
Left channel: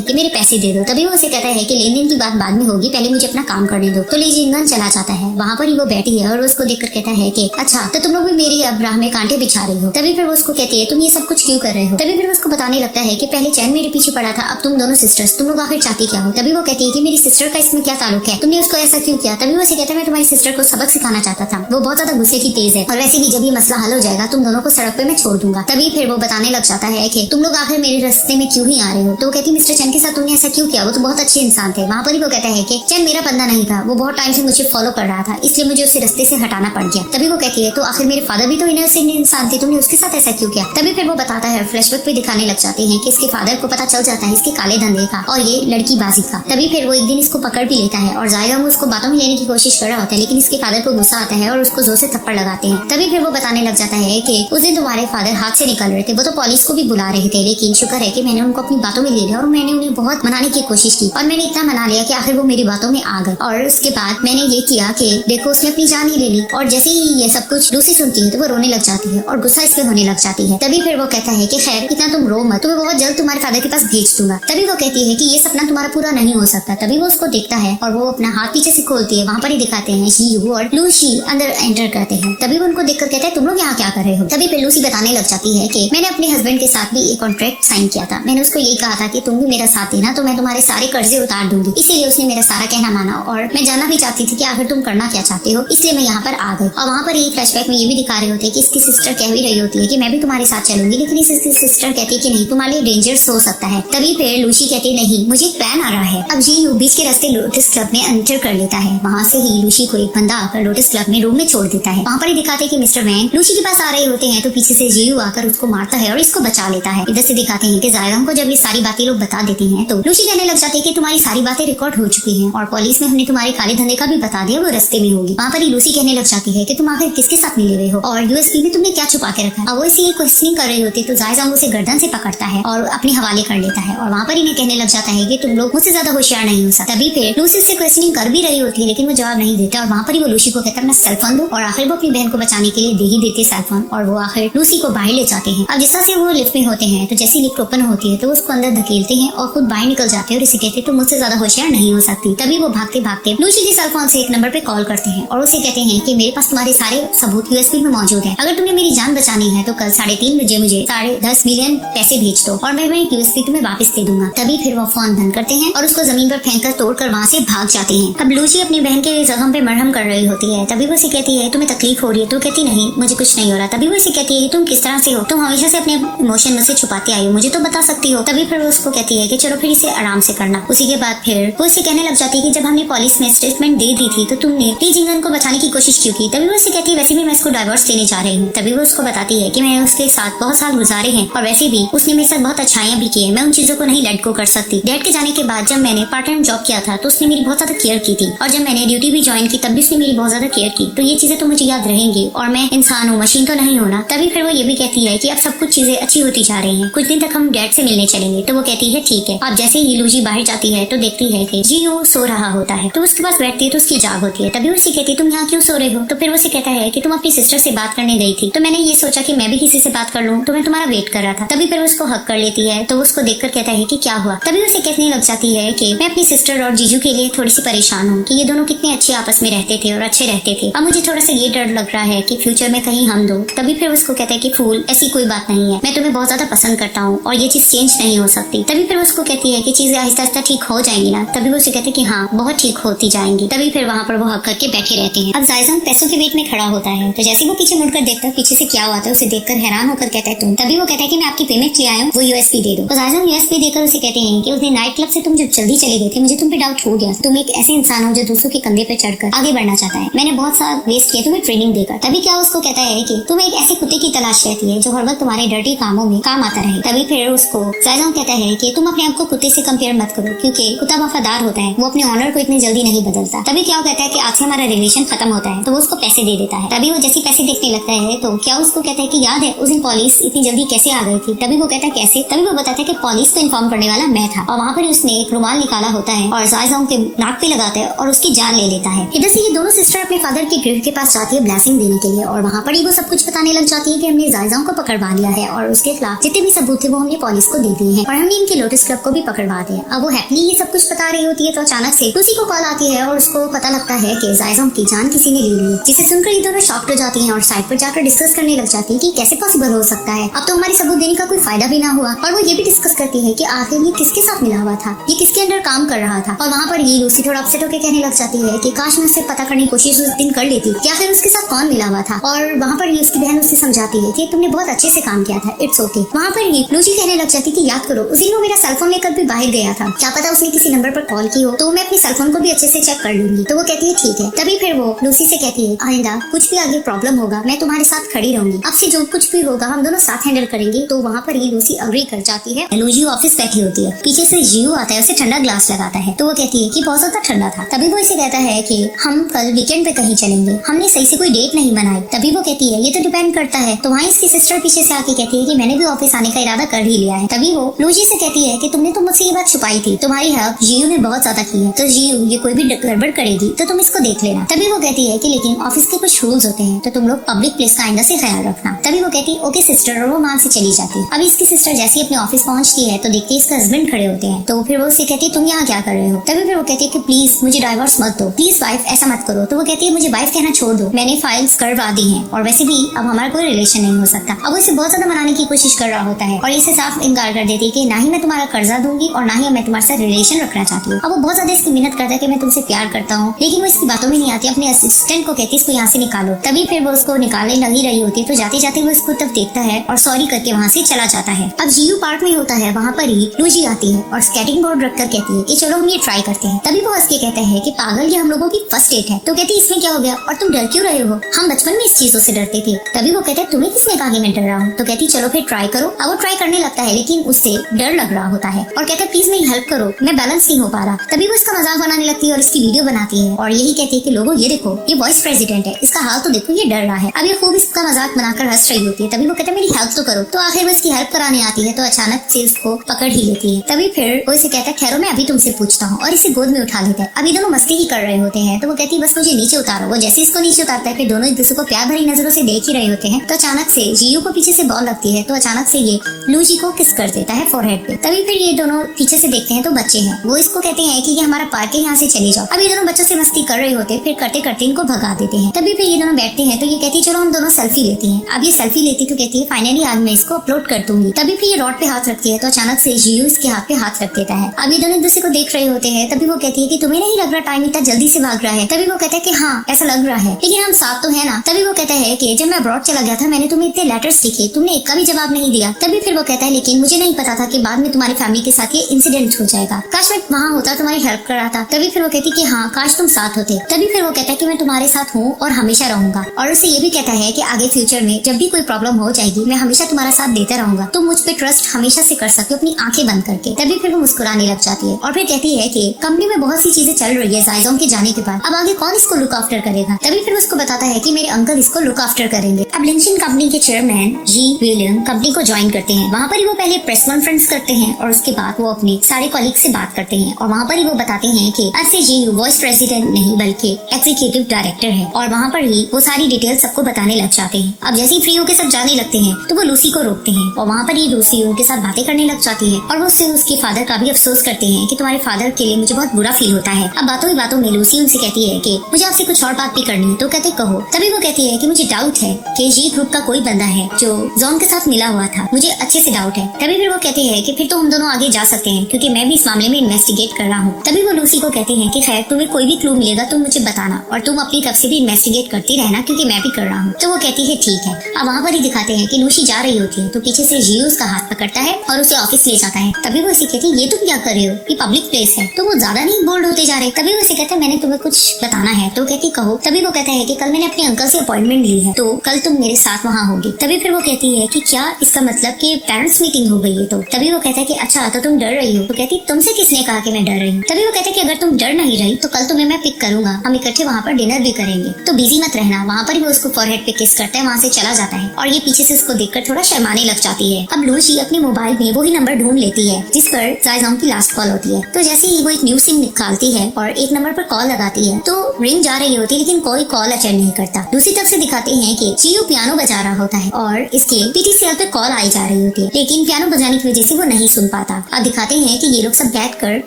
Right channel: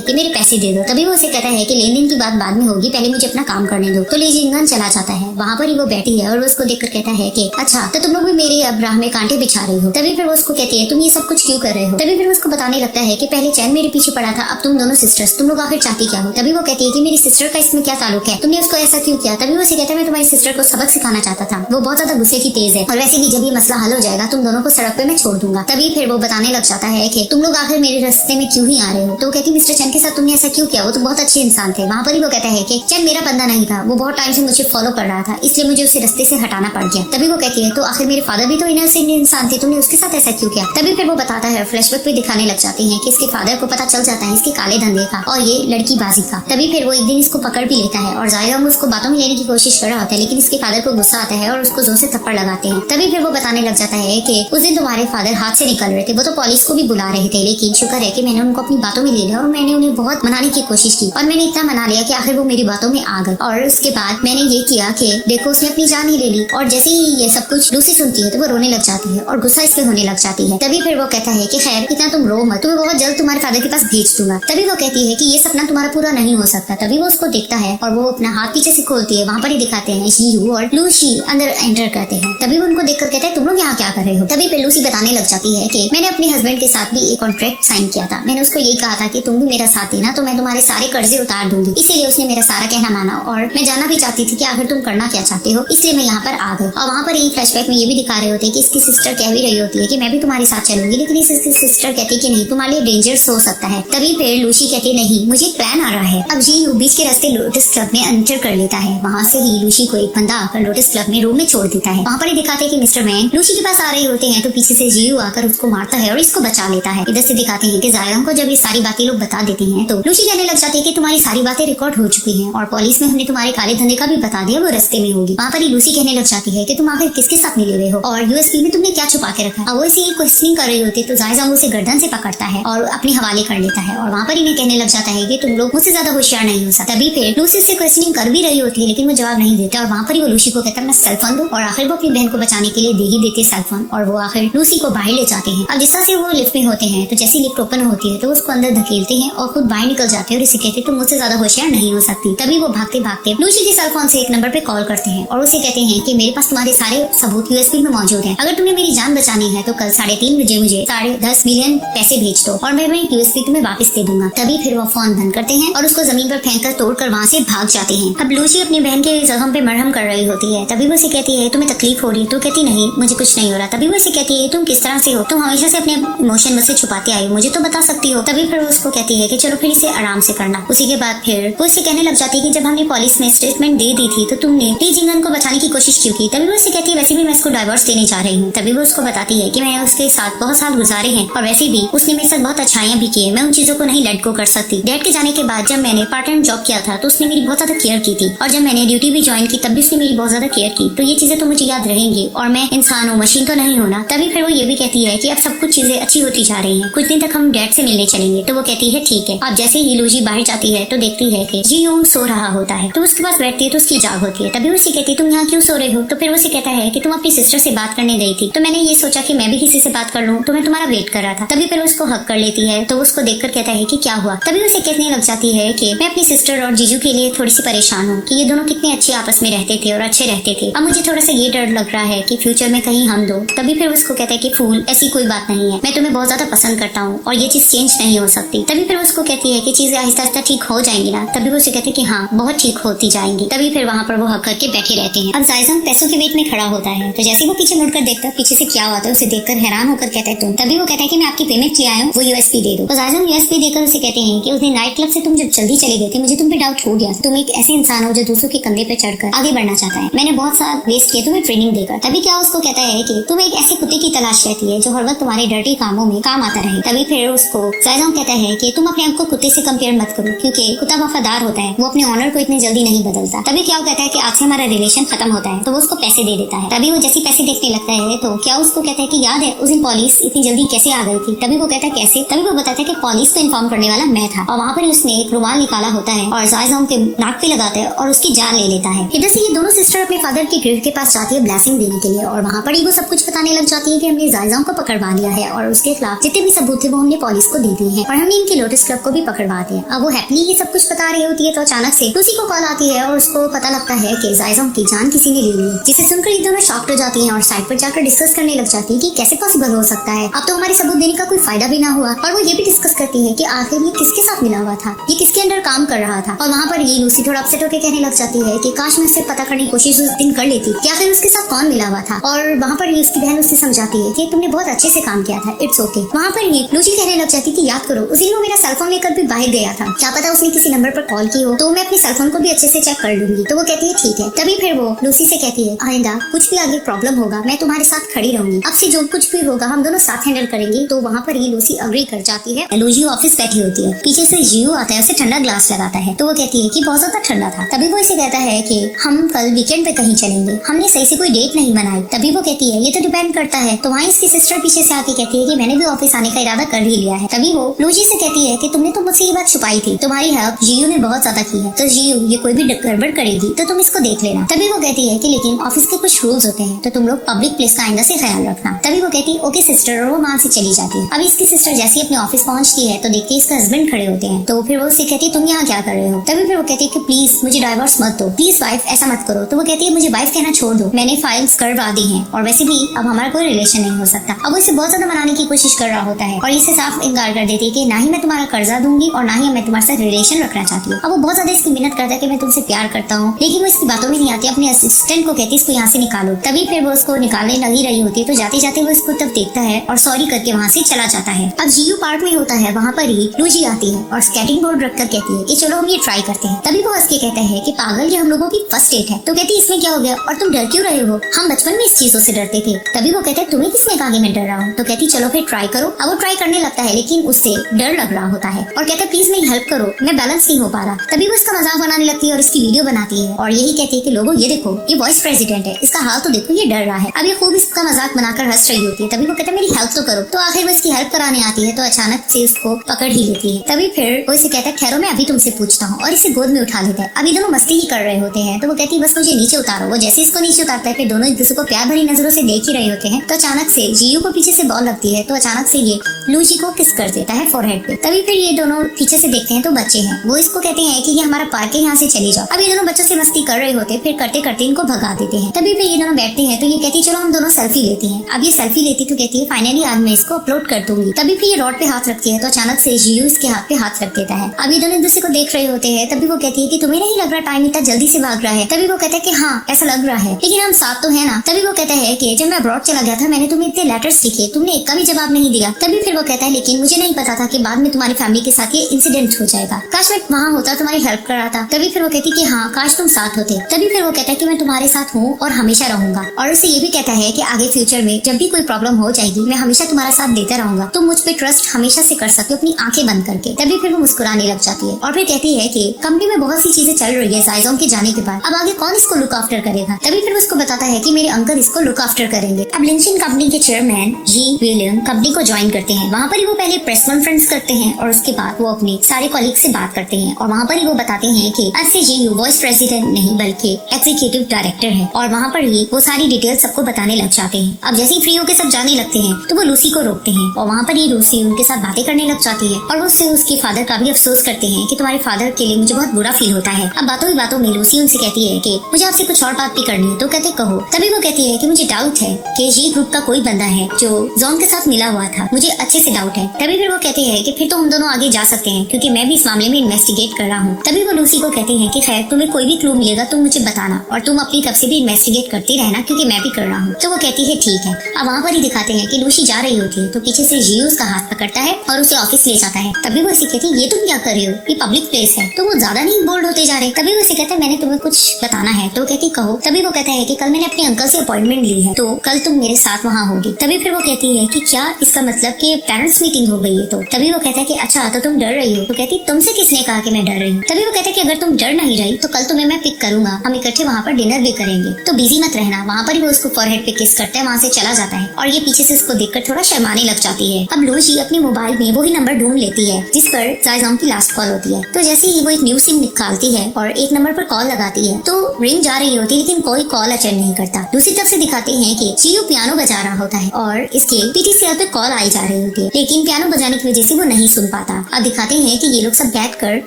कि मेरे पैसे दे दो। तभी वो उसे कहता है कि लेन देन की बात बाद में होगी, पहले मुझे अपना काम करने दो। तो ली जिंगन चला जाता है। वहाँ पर ही वो बैठी है और उसको देखकर कहता है कि अच्छा तो तुम लोग भी मेरी अब राह में कांटे बिछा रहे हो। तभी फिर वो उसको कहते हैं तुम ये सब कुछ क्यों कर रहे हो। तभी फिर उसको बताने लगता है कि पहले चैन मेरे पीछे पड़ा था, अब तुम दोनों सिस्टर्स, तुम लोग आखिर चाहती क्या हो। तभी वो कहती है कि मेरी सिस्टर का इसमें क्या ताल्लुक है, तुमने उसको ऐसा क्यों किया। तभी वो उसे कहता है मैं तुम्हारी सिस्टर को सबक सिखाना चाहता था, वो बहुत ज्यादा गुस्से की तेज है और वैसे भी जब ये मसला हल हो जाएगा तुम दोनों को सड़क पे मैं छोड़ दूंगा। तभी फिर वो बताने लग जाता है कि तुम लोग आखिर मेरे रास्ते में क्यों ही आ रहे हो। तो कहती मिस्टर चैन के साथ तुमने ऐसा क्यों किया, वो तो बहुत अच्छे इंसान थे। वहाँ पर ही वो कहता है कि चैन मेरा बंदा नहीं था, वो बहुत टाइम से मुझे फॉलो कर रहा था, इसलिए मुझे उसे रास्ते से हटाना पड़ गया। तभी वो कहती है तो आखिर मेरे फादर भी तो इनोसेंट इंसान थे, तुमने उसके साथ ऐसा क्यों किया। तभी फिर वो बताता है, फ्लैशबैक पे दिखाने लग जाते हैं कि इसके फादर को पता चल जाता है इसके काले धंधे का और ये लड़की बाजी का। तभी फिर वो एक दिन इसको पकड़ भी लेता है और जायज़ोंग उसको बातों में लेने की कोशिश कर रहा होता है, लेकिन इसके फादर को गुस्सा आता है और उसको जोर से थप्पड़ लगाते हैं। तभी फिर वो बताने लग जाता है कि उस दिन तुम्हारे फादर हाथ से निकल रहे थे, वो तो पुलिस को भी बुला रहे थे, लेकिन शुक्र है कि मैंने उनको अपनी बातों में ले लिया और मैंने उन्हें बहुत मनाने की कोशिश की और मैंने इतना मना लिया कि आखिर वो मेरी बातों में आ गए। और उसके बाद मैंने ये किया कि देखो उसने अपनी जान ही ले ली। और जैसे ही ये सब कुछ लूसी सुनती है तो वो रोने लग जाती है और गुस्सा इससे होने लग जाती है। तभी फिर वो कहता है कि खैर पिता तुम रो मत, तो मैं बहुत जल्द तुम्हारे फादर के पास भेज दूंगा। तभी वो कहती है कि ये सपना तुम्हारा पूरा नहीं हो सकता। तभी वो उसको देखता है और वो अपना हाथ पीछे से खोलती है। वहाँ पर ही दिखाते हैं शीरू और लूसी अंदर एंटर करते हैं। तभी वो उनको देखकर कहते हैं तुम लोग यहाँ क्या कर रहे हो। तभी फिर लूसी बताने लग जाती है कि मैंने अपने हस्बैंड के साथ भी एक कॉन्ट्रैक्ट साइन किया था, मैंने उसको ये कहा था कि तुम भी मेरा साथ देना तो मैं तुम्हारे सारे कर्जे उतार दूंगी, इसीलिए उसने मेरा सारा कहना माना और मैं जानना भी चाहती थी कि आखिर तुम करना क्या चाहते हो, इसलिए मैं यहाँ पर आ गई। और वहाँ पर ये फ्लैशबैक में ये भी दिखा रहे होते हैं कि इसकी सिस्टर कह भी रही होती है कि मैं भी तुम्हारे साथ चलूंगी, लेकिन इसकी सिस्टर कहती है कि नहीं तुम्हारे लिए डेंजरस हो सकता है। तभी फिर लूसी कहती नहीं मुझे प्लान आ रहा है। अब जी बीच के रास्ते लोटस क्लब में एंटर कर लेता है। वहाँ से ही लूसी को एक बंदा आकर लोटस क्लब में रूम में छोड़ देता है। वहाँ पर ही दिखाते हैं कि मिस्टर वैंग लूसी के पास आ रहे होते हैं तो पीछे से जीयू आकर उसको मारता है और इसको बचा लेता है। इधर से दिखाते हैं कि जायज़ोंग को जब ये सारी बातें लोग बता देते हैं तो लूसी कहने लग जाती है कि तुम्हारी सारी बातें रिकॉर्ड हो चुकी हैं और पुलिस में हमने तुम्हारे काले धंधे का भी बता दिया, वो रास्ते में होगी। वहाँ पर ही लूसी कहने लग जाती है कि तुम आखिर किसके साथ मिले हुए हो और यूएसपी में तुमने क्या छुपा के रखा। वो इसे क्वेश्चनिंग कर रहे होते तो जायज़ोंग उसे गर्दन से पकड़ता है और अपने हवाले कर लेता है और वहाँ पर इन्हें कहने लग जाता है कि तुम लोग मुझसे ज्यादा होशियार नहीं हो सकते। तभी फिर लूसी उससे क्वेश्चनिंग कर भी रही होती है लेकिन वो जवाब नहीं देता और वहाँ पर ही वो लूसी को कहता है अपना सेल फोन दो और आखिर वो अपनी बहन को बचाने के लिए दे ही देती सेल फोन और वो आखिर लूसी को बाहर ले जाते हैं। और जिस तरह से वो लिफ्ट में होते हैं तो जैसे लिफ्ट ओपन होती है तो उसको अंदर धकेलते हैं और खुद बाहर निकल जाते हैं और इसे कहते हैं तुम मुझसे ज्यादा होशियार नहीं हो सकती। तभी वो भागते भागते लूसी के सेल फोन से एक नंबर पे कॉल करते हैं और उसे कहते हैं कि मेरे पास तुम्हारे सारे सबूत यूएसपी में मौजूद है, अगर तुम्हें मेरी जान बचानी है तो कल 3.5 बजे मुझे 10.5 मिलियन पैसे भेज दो और मैं वही यूएसपी तुम्हें वापस दे दूंगा। तभी फिर वो फोन बंद करते हैं और उसको जमीन पर फेंक कर तोड़कर वहाँ से भाग जाते हैं। अब लूसी अपनी बहन के जख्म पे मरहम कर रही होती है। तभी वो उसे कहती है तुम्हें तकलीफ हो रही है, तो कहती नहीं मुझे कुछ नहीं हो रहा। तभी वो उसे कहती है तुम किस तरह से हो, तुम हमेशा से अपने इमोशन मुझसे छुपाते आई हो, मुझे तो बता सकती हो। तभी फिर वो उसको कहती है कि चलो फिर इसे आराम से करना। उसी के बाद फिर वो इसे कहने लग जाती है कि जब हमने पुलिस में स्टेटमेंट दे दी थी तो तुमने टी जिंगन को बचाने की कोशिश क्यों की। तभी वो उसे कहती है वैसे भी मैं इसको डाइवोर्स देने जा रही हूँ। तभी वो उसको बताती है कि मैंने उसके साथ बहुत साल गुजारे हैं और वैसे भी उसने मेरे साथ बहुत अच्छाइयाँ भी की, मैं उन चीजों को नहीं लेट गो कर सकती। डैड के जाने के बाद जब मैंने पार्ट टाइम जॉब किया था तो उसने मेरी बहुत ज्यादा केयर की थी और जब मैंने ड्यूटी भी ज्वाइन की तब भी उसने मेरी बहुत ज्यादा केयर की, तो ये चीजें तो मुझे याद रहेंगी और मैं इंसान हूँ, मशीन तो नहीं होना। तभी फिर वो ये भी कहती है कि अब सब कुछ चीजें अच्छी होती जा रही हैं, कुछ दिन तक हम डैड से मिलने चलेंगे। तो वो कहती है ठीक है। अब जैसे ही लूसी बाहर जाती है तो देखती है कि जीयू सो रहा होता है तो उसके पास बैठती है तो उसकी जाग होती है। तभी वो उसे कहती है तुम यहाँ क्यों सो रहे हो। तो फिर वो उसे कहता है कि तुम अपनी सिस्टर से बात करने गई थी तो मैंने ये सोचा कि मैं भी किसी से बात कर लूँ, तो मैं तुम्हारा वेट कर रहा था। तभी फिर उसको हक कर लेती है तो उसको देखकर कहता है कि क्या हुआ। तभी उसे कहने लग जाती है कि मैं अपनी सिस्टर और जीजू के लिए थोड़ी सी परेशान हूँ कि ये दोनों कितने अच्छे आपस में रहते थे और अच्छे रहते थे, अब मुझे थोड़ा सा ये डर लग रहा है कि फ्यूचर में कहीं हम दो। तभी फिर उसको कहता है कि फूल ऐसी कोई बात नहीं है, मैं तुम्हें बहुत ज्यादा पसंद करता हूँ और ये चीज चेंज नहीं हो सकती। तभी फिर उसको कहती है कि चीजें आहिस्ता आहिस्ता ठीक हो जाएंगी ना। तभी उसे कहते हैं कि हाँ बहुत ठीक होती जाएंगी। तभी फिर वहाँ पर वो हक करके बैठे रहते हैं। अब जायज़ोंग पैसों के बीच में खड़ा होता है तो जैसे वो पीछे मुड़कर देखता है पीछे से क्या हुआ था उसे देखकर हैरान होकर कहता है तुम। तभी वो कहता है कि मैं आपकी पेमेंट ले आया हूँ, वो यूएसपी दे दो। तो जायज़ोंग यूएसपी देकर उसे कहते हैं कि उसने नाइट क्लब से तुम जब जल्दी चले गए थे मुझे तुम पे डाउट हो गया, तुम एक ऐसे इंसान हो जो दूसरों के कंधे पे चढ़कर आगे बढ़ना चाहता है, मैंने बहुत सारा वेस्ट किया तुम्हें ट्रेनिंग देकर। तभी क्या उसको कहता है कि तुम्हें एक ऐसे कुत्ते की तलाश रहती है जो हर वक्त तुम्हारे डर्टी कामों में काम आता रहे। तभी फिर उसको साइजोंग कहता है कि तुम अपने आप को कुत्ते से कंपेयर मत करो, क्योंकि कुत्ता वफादार होता है, वो अपने ऑनर को इतनी जल्दी नहीं बदलता। तभी क्या कहता है कि आज से हमारा रिलेशन खत्म होता है, तो वो उसको पैसे दे देता है। तभी वो जैसे पैसे देखने लगता है तो क्या उसको कहता है कि याद है उस दिन पुलिस इतनी जल्दी कैसे आ गई थी। तभी वो कहता है कैसे। तभी वो बताता है कि पुलिस को इन्फॉर्म करने वाला मैं था, और वहाँ पर उसने एक रुमाल निकाला होता है और साइजोंग के नाक पे लगाता है और उसकी जान ले लेता है। इधर से ये दोनों सिस्टर अपने फादर के ग्रेव के पास जाती है ब्लेसिंग देने के लिए, और वहाँ पर ही वो सब कुछ बताने लग जाती है कि हमने जायजांग को पकड़वा लिया है और उसके खिलाफ जितने भी सबूत थे वो हमने पुलिस को दे दिए हैं, और हमने इनके लोटस क्लब को भी पकड़वा दिया। अब वो हैप्पीली ये सब कुछ बता रही होती है तो अचानक से उसी को कॉल आती है और उसको पता लगता है कि जायजांग की जान किसी ने ले ली है, जिसे सुनकर ये दोनों शॉक्ड हो जाती हैं और साइड पर जाकर डिस्कस करने लग जाती है कि कैसे पॉसिबल हो सकता है, अब तो हमारे सबूत देने का कोई फायदा भी ना हुआ। और वो ये भी डिस्कस करती है कि आखिर ये किसके साथ मिला हुआ था, ये किसके अंडर काम कर रहा था। और वहाँ पर ये लूसी थोड़ा अपसेट होकर कहने लग जाती है कि काश मैं उससे पता करने की कोशिश उस दिन कर लेती, क्या है उसके साथ कौन मिला हुआ था। और वहाँ पर ही उसकी बहन उससे समझाती है कि तुमने बहुत अच्छे से काम किया था, इट्स ओके। वहाँ पर ही लूसी कहने लग जाती है कि याद करो उस दिन वो मेरा सेलफोन लेकर भी बाहर गया था, क्या पता उसने किसी नंबर पर कॉल की हो, तो मैं अपने सेलफोन को भी अच्छे से चेक कर लूंगी। तो वो कहती है ठीक है। तभी फिर वो लूसी से कहती है आइंदा कुछ भी आगे प्रॉब्लम होगा मैं तुम्हारे साथ खड़ी रहूंगी, अब से जो कुछ भी होगा हम दोनों साथ हैंडल करेंगे। तो वहाँ पर ये लूसी अग्री कर जाती है। लूसी ऑफिस बैठी होती है, पीछे से जियो आता है, उसे ठंडा ग्लास लगाता है, तो वो कहती है कि बहुत ज्यादा ठंडा था। तभी वो इसे कहता है कि हम कल वीकेंड पे कहीं चलेंगे, हमने सही से कोई डेट नहीं बनाई। तभी वो कहती है ये तो डिपेंड करता है। तो वहाँ इसकी सिस्टर पीछे से आके कहती है कि मैंने भी ऑफिस आने का इरादा कर ही लिया है। तभी वो लूसी से कहती है कि तुमने तो मुझसे ये बात छुपाई थी, तुम्हारी हेल्प जियो ने बहुत ज्यादा की है, तो जियो ये कोई भी गड़बड़ करेगी तो तुम इसको देख लेना। तभी वो कहती है कि लेकिन ऑफिस के कुछ रूल्स होते हैं, तो तुम लोग पब्लिक प्लेस का आइंदा से ख्याल रखना। तभी वो कहती है ओके सिस्टर, और वो वहाँ से चली जाती है। अब इसकी सिस्टर जैसे अपने ऑफिस पहुंचती है तो देखती है इसका हस्बैंड खड़े होते हैं, तो फिर वो उससे कहती है तुम यहाँ क्या कर रहे हो। तभी फिर वो कहती है कि प्लीज मुझे डाइवोर्स मत दो, प्लीज वाइफ ऐसा मत करो। तो वो कहती है मुझे वाइफ कहना छोड़ दो, मैंने फाइल्स करवा दी है और वैसे भी अब हमारा कोई रिलेशन नहीं हो सकता। अब उसे बहुत ज्यादा मनाने की कोशिश कर रहा होता है और इसे साफ इनकार कर देती है कि ना ही मैं तुम्हारा कर्जा दूंगी और ना ही मैं तुम्हारे साथ रिलेशन रखना चाहती हूँ। अब वो बहुत ज्यादा इसकी मिन्नत करता है कि मैं तुमसे प्यार करता हूँ, लेकिन वो इसकी बातों में नहीं आती, अपने असिस्टेंट को कहती है इसको यहाँ से निकालो। तभी फिर वो उसको निकालने लगी रही होती है, तो जाते जाते वो उसको तब देखता है और सॉरी करके वहाँ से चला जाता है। अब जियो पार्क में होता है, वहाँ पर ही लूजी आती है और स्केटिंग बोर्ड रखकर कहती है कि चलो हम ये ट्राई करते हैं। तभी वो उसकी कहता है कि पागल ये हम लोगों की फर्स्ट डेट है। तो कहती है इसमें क्या हो गया और तुम डर क्यों रहे हो, हम बचपन में इस चीजों से डरते थे। तभी वो कहते हैं तुम्हें किसने कहा मैं डर रहा हूँ। तो कहती चलो फिर ट्राई करो। अब वो ट्राई करने लगता है लेकिन उससे डर लग रहा होता है और कहते प्लीज मेरी हेल्प करो, मैं बैलेंस नहीं हो पा रहा। तभी वो उसका मजाक बनाने लगती है और इसकी वीडियो बनाती है और यही कहती है कि लोगों ये देखो ये वाइस प्रेसिडेंट है, इसका हाल तो देखो ये डर रहा है। अब ये खूब इसका मजाक बनाकर हंस रही होती है। तभी वो कहते मेरी हेल्प तो करो। तो आखिर वो इसकी हेल्प कराने आती है तो अचानक से इसको पकड़ ही लेती है। तभी फिर वो इसे कहता है ठहरो मैं अभी तुमसे पूछता हूँ, और इसे गोद में उठा लेता है। अभी दोनों मस्ती ही कर रहे होते हैं तो वो कहती है बस मुझे नीचे उतारो। वो जैसे इसको नीचे उतारता है फिर दोनों एक दूसरे को प्यार भरी नजरों से देख ही रहे होते हैं। तो अचानक से जियो को पीछे से बॉल लगती है तो अचानक से ये लूजी को किस कर देता है फॉरहेड पे। तभी फिर ये दोनों पीछे से देखते हैं तो बच्चे हैं, वो इसको कहते हैं कि ये हमारा पार्क है, यहाँ से चले जाओ। अब ये दोनों बच्चों से मस्ती कर रहे होते हैं, फिर करते करते इनको भगा देते हैं। तभी फिर ये दोनों बैठते हैं तो ये कहती चलो हम दोनों सेल्फी लेते हैं। अब ये सेल्फी लेती तो कहती है फाइनली आज मैं इसको अपलोड कर दूंगी। तभी फिर ये रोड पे हाथ रखती है तो अचानक से जियो इसके हाथ पे हाथ रख देता है। अब ये दोनों एक दूसरे को देख रहे होते हैं। तभी वो कहती है कि तुम्हें नहीं लग रहा टाइम इतना जल्दी से भाग रहा है। तभी वो कहते हैं कि हाँ ऐसा लग रहा है, लेकिन हम साथ तो है ना। तभी वो कहते हैं कि जब मैं अब्रॉड चला गया था मैंने तुम्हें इतने लेटर्स लिखे, तुमने एक का भी जवाब नहीं दिया। तभी फिर वो कहता है लेकिन मुझे नहीं पता था कि बाद में तुम्हारी फैमिली के साथ ये इंसिडेंट हो जाएगा, काश मैं वहाँ होता तुम्हारी हेल्प कर रहा था। तभी फिर वो कहती कि हाँ काश तुम साथ होते। तभी फिर वो कहता है कि मैं तुम्हारे साथ हूँ और हमेशा रहूंगा, और उसे ये भी कहता है कि आगे फ्यूचर में जब भी कोई प्रॉब्लम हो जाएगी मैं हमेशा तुम्हारा साथ देता रहूंगा, तो मुझ पे ट्रस्ट हमेशा से कर सकते हो अपनी आंखें बंद करके। तभी फिर वो मुस्कुराने लग जाती है और फिर कहती है कि कंपनी में बहुत सी चीजें चल रही है जायजांग के जाने के बाद, अब आगे कौन इसको लुक आफ्टर करेगा। तभी फिर उसको बताता है कि मेरे अंकल इसको लुक आफ्टर करेंगे। अब लिंचिन कंपनी के चेयरमैन जी विलियम कंपनी को ज्वाइन करते हैं। वहाँ पर ही वो पहले प्रेस कॉन्फ्रेंस करते हैं और उसके बाद वो अपने सारे कॉलीग से बात करते हैं और वहाँ पर ही वो बताते हैं कि अब से जी वाइस प्रेसिडेंट नहीं बल्कि एग्जीक्यूटिव डायरेक्टर है, और वहाँ पर ही वो सारी डिटेल सबको बताने लग जाते हैं। अब जैसे ही फ्री होकर सब जाने लगते हैं तो वो लूसी को रोकते हैं और वहाँ पर ही लूसी उनके साथ बातें करने लग जाती है और वो उसके फादर का भी अफसोस करते हैं कि तुम्हारे फादर के लिए मुझे बहुत बुरा फील होता है। अब बातों ही बातों में लूसी उनसे कहती है कि मुझे आपसे कुछ और बात भी करनी है। तो कहते कहो। तभी वो कहती है कि मुझे डाउट है कि ये ग्रुप का कोई बंदा है जो जॉन के साथ मिला हुआ था, मुझे अच्छे से डाउट है। तभी फिर वो कहती है कि फिर तो हम दोनों आगे जा सकते हैं क्योंकि मैं भी इस मामले में इन्वेस्टिगेट कर रहा हूँ। तभी वो लूसी को कहती है कि खैर तुम्हें कोई भी क्लू मिलेगा तो मुझे बताना, और तुम अपनी तरफ से भी इन्वेस्टिगेट करते रहना क्योंकि मैं भी कर रहा हूँ। तो वो कहती है ठीक है। अब वहाँ पर ही दिखाते हैं कि लूसी जा रही होती है तो पीछे से जी उसका हाथ पकड़ता है और उसे ऑफिस ले जाता है। तभी वो उसे कहती है ये तुम क्या कर रहे हो, ये पब्लिक प्लेस है। तो वो ज्यादा नहीं बोल्ड होते जा रहे। तभी उसे कहते हैं मैंने तुम्हें कुछ बताना हाँ है। तो कहती कहो। तभी वो कहता है कि कल मैंने अपने अंकल से अपॉइंटमेंट ली है, तो कल तुम मेरे साथ वहाँ होगी। तभी फिर वो कहती है कि क्या इसका मतलब कि पेरेंट्स मीटिंग हो गई है। तो तभी वो कहता है कि अच्छा तो तुम डर रही हो। तो कहती तुमसे किसने कहा कि मैं डर रही हूँ। तभी वो कहता है कि अगर तुम डर नहीं रही तो कल तुम्हें मैं पिक करूंगा, हम इकट्ठे वहाँ पर डिनर भी करेंगे, तो बिजी मत रहना। वहाँ पर वो उसको फॉरहेड पे किस करता है, वहाँ से चला जाता है और ये पीछे से उसको देखकर थोड़ा शर्माने लग जाती है। अब लूजी अपने मोबाइल में वही नंबर ढूंढ लेती है जिस पर जायजाम की लास्ट कॉल होती है। तो जैसे ही वो एक न्यू सिम निकालती है और एक नंबर पर कॉल लगाती है तो रिंग जा रही होती है, लेकिन कोई कॉल अटेंड नहीं करता। दूसरी तरफ से दिखाते हैं कि जीयू पियानो बजा रहा होता है और इसके पीटीसीएल पे कॉल आई जा रही होती है, लेकिन पियानो बजाने की वजह से वो नहीं सुन पाता। अब दिखाते हैं कि ये लोग सब बैठकर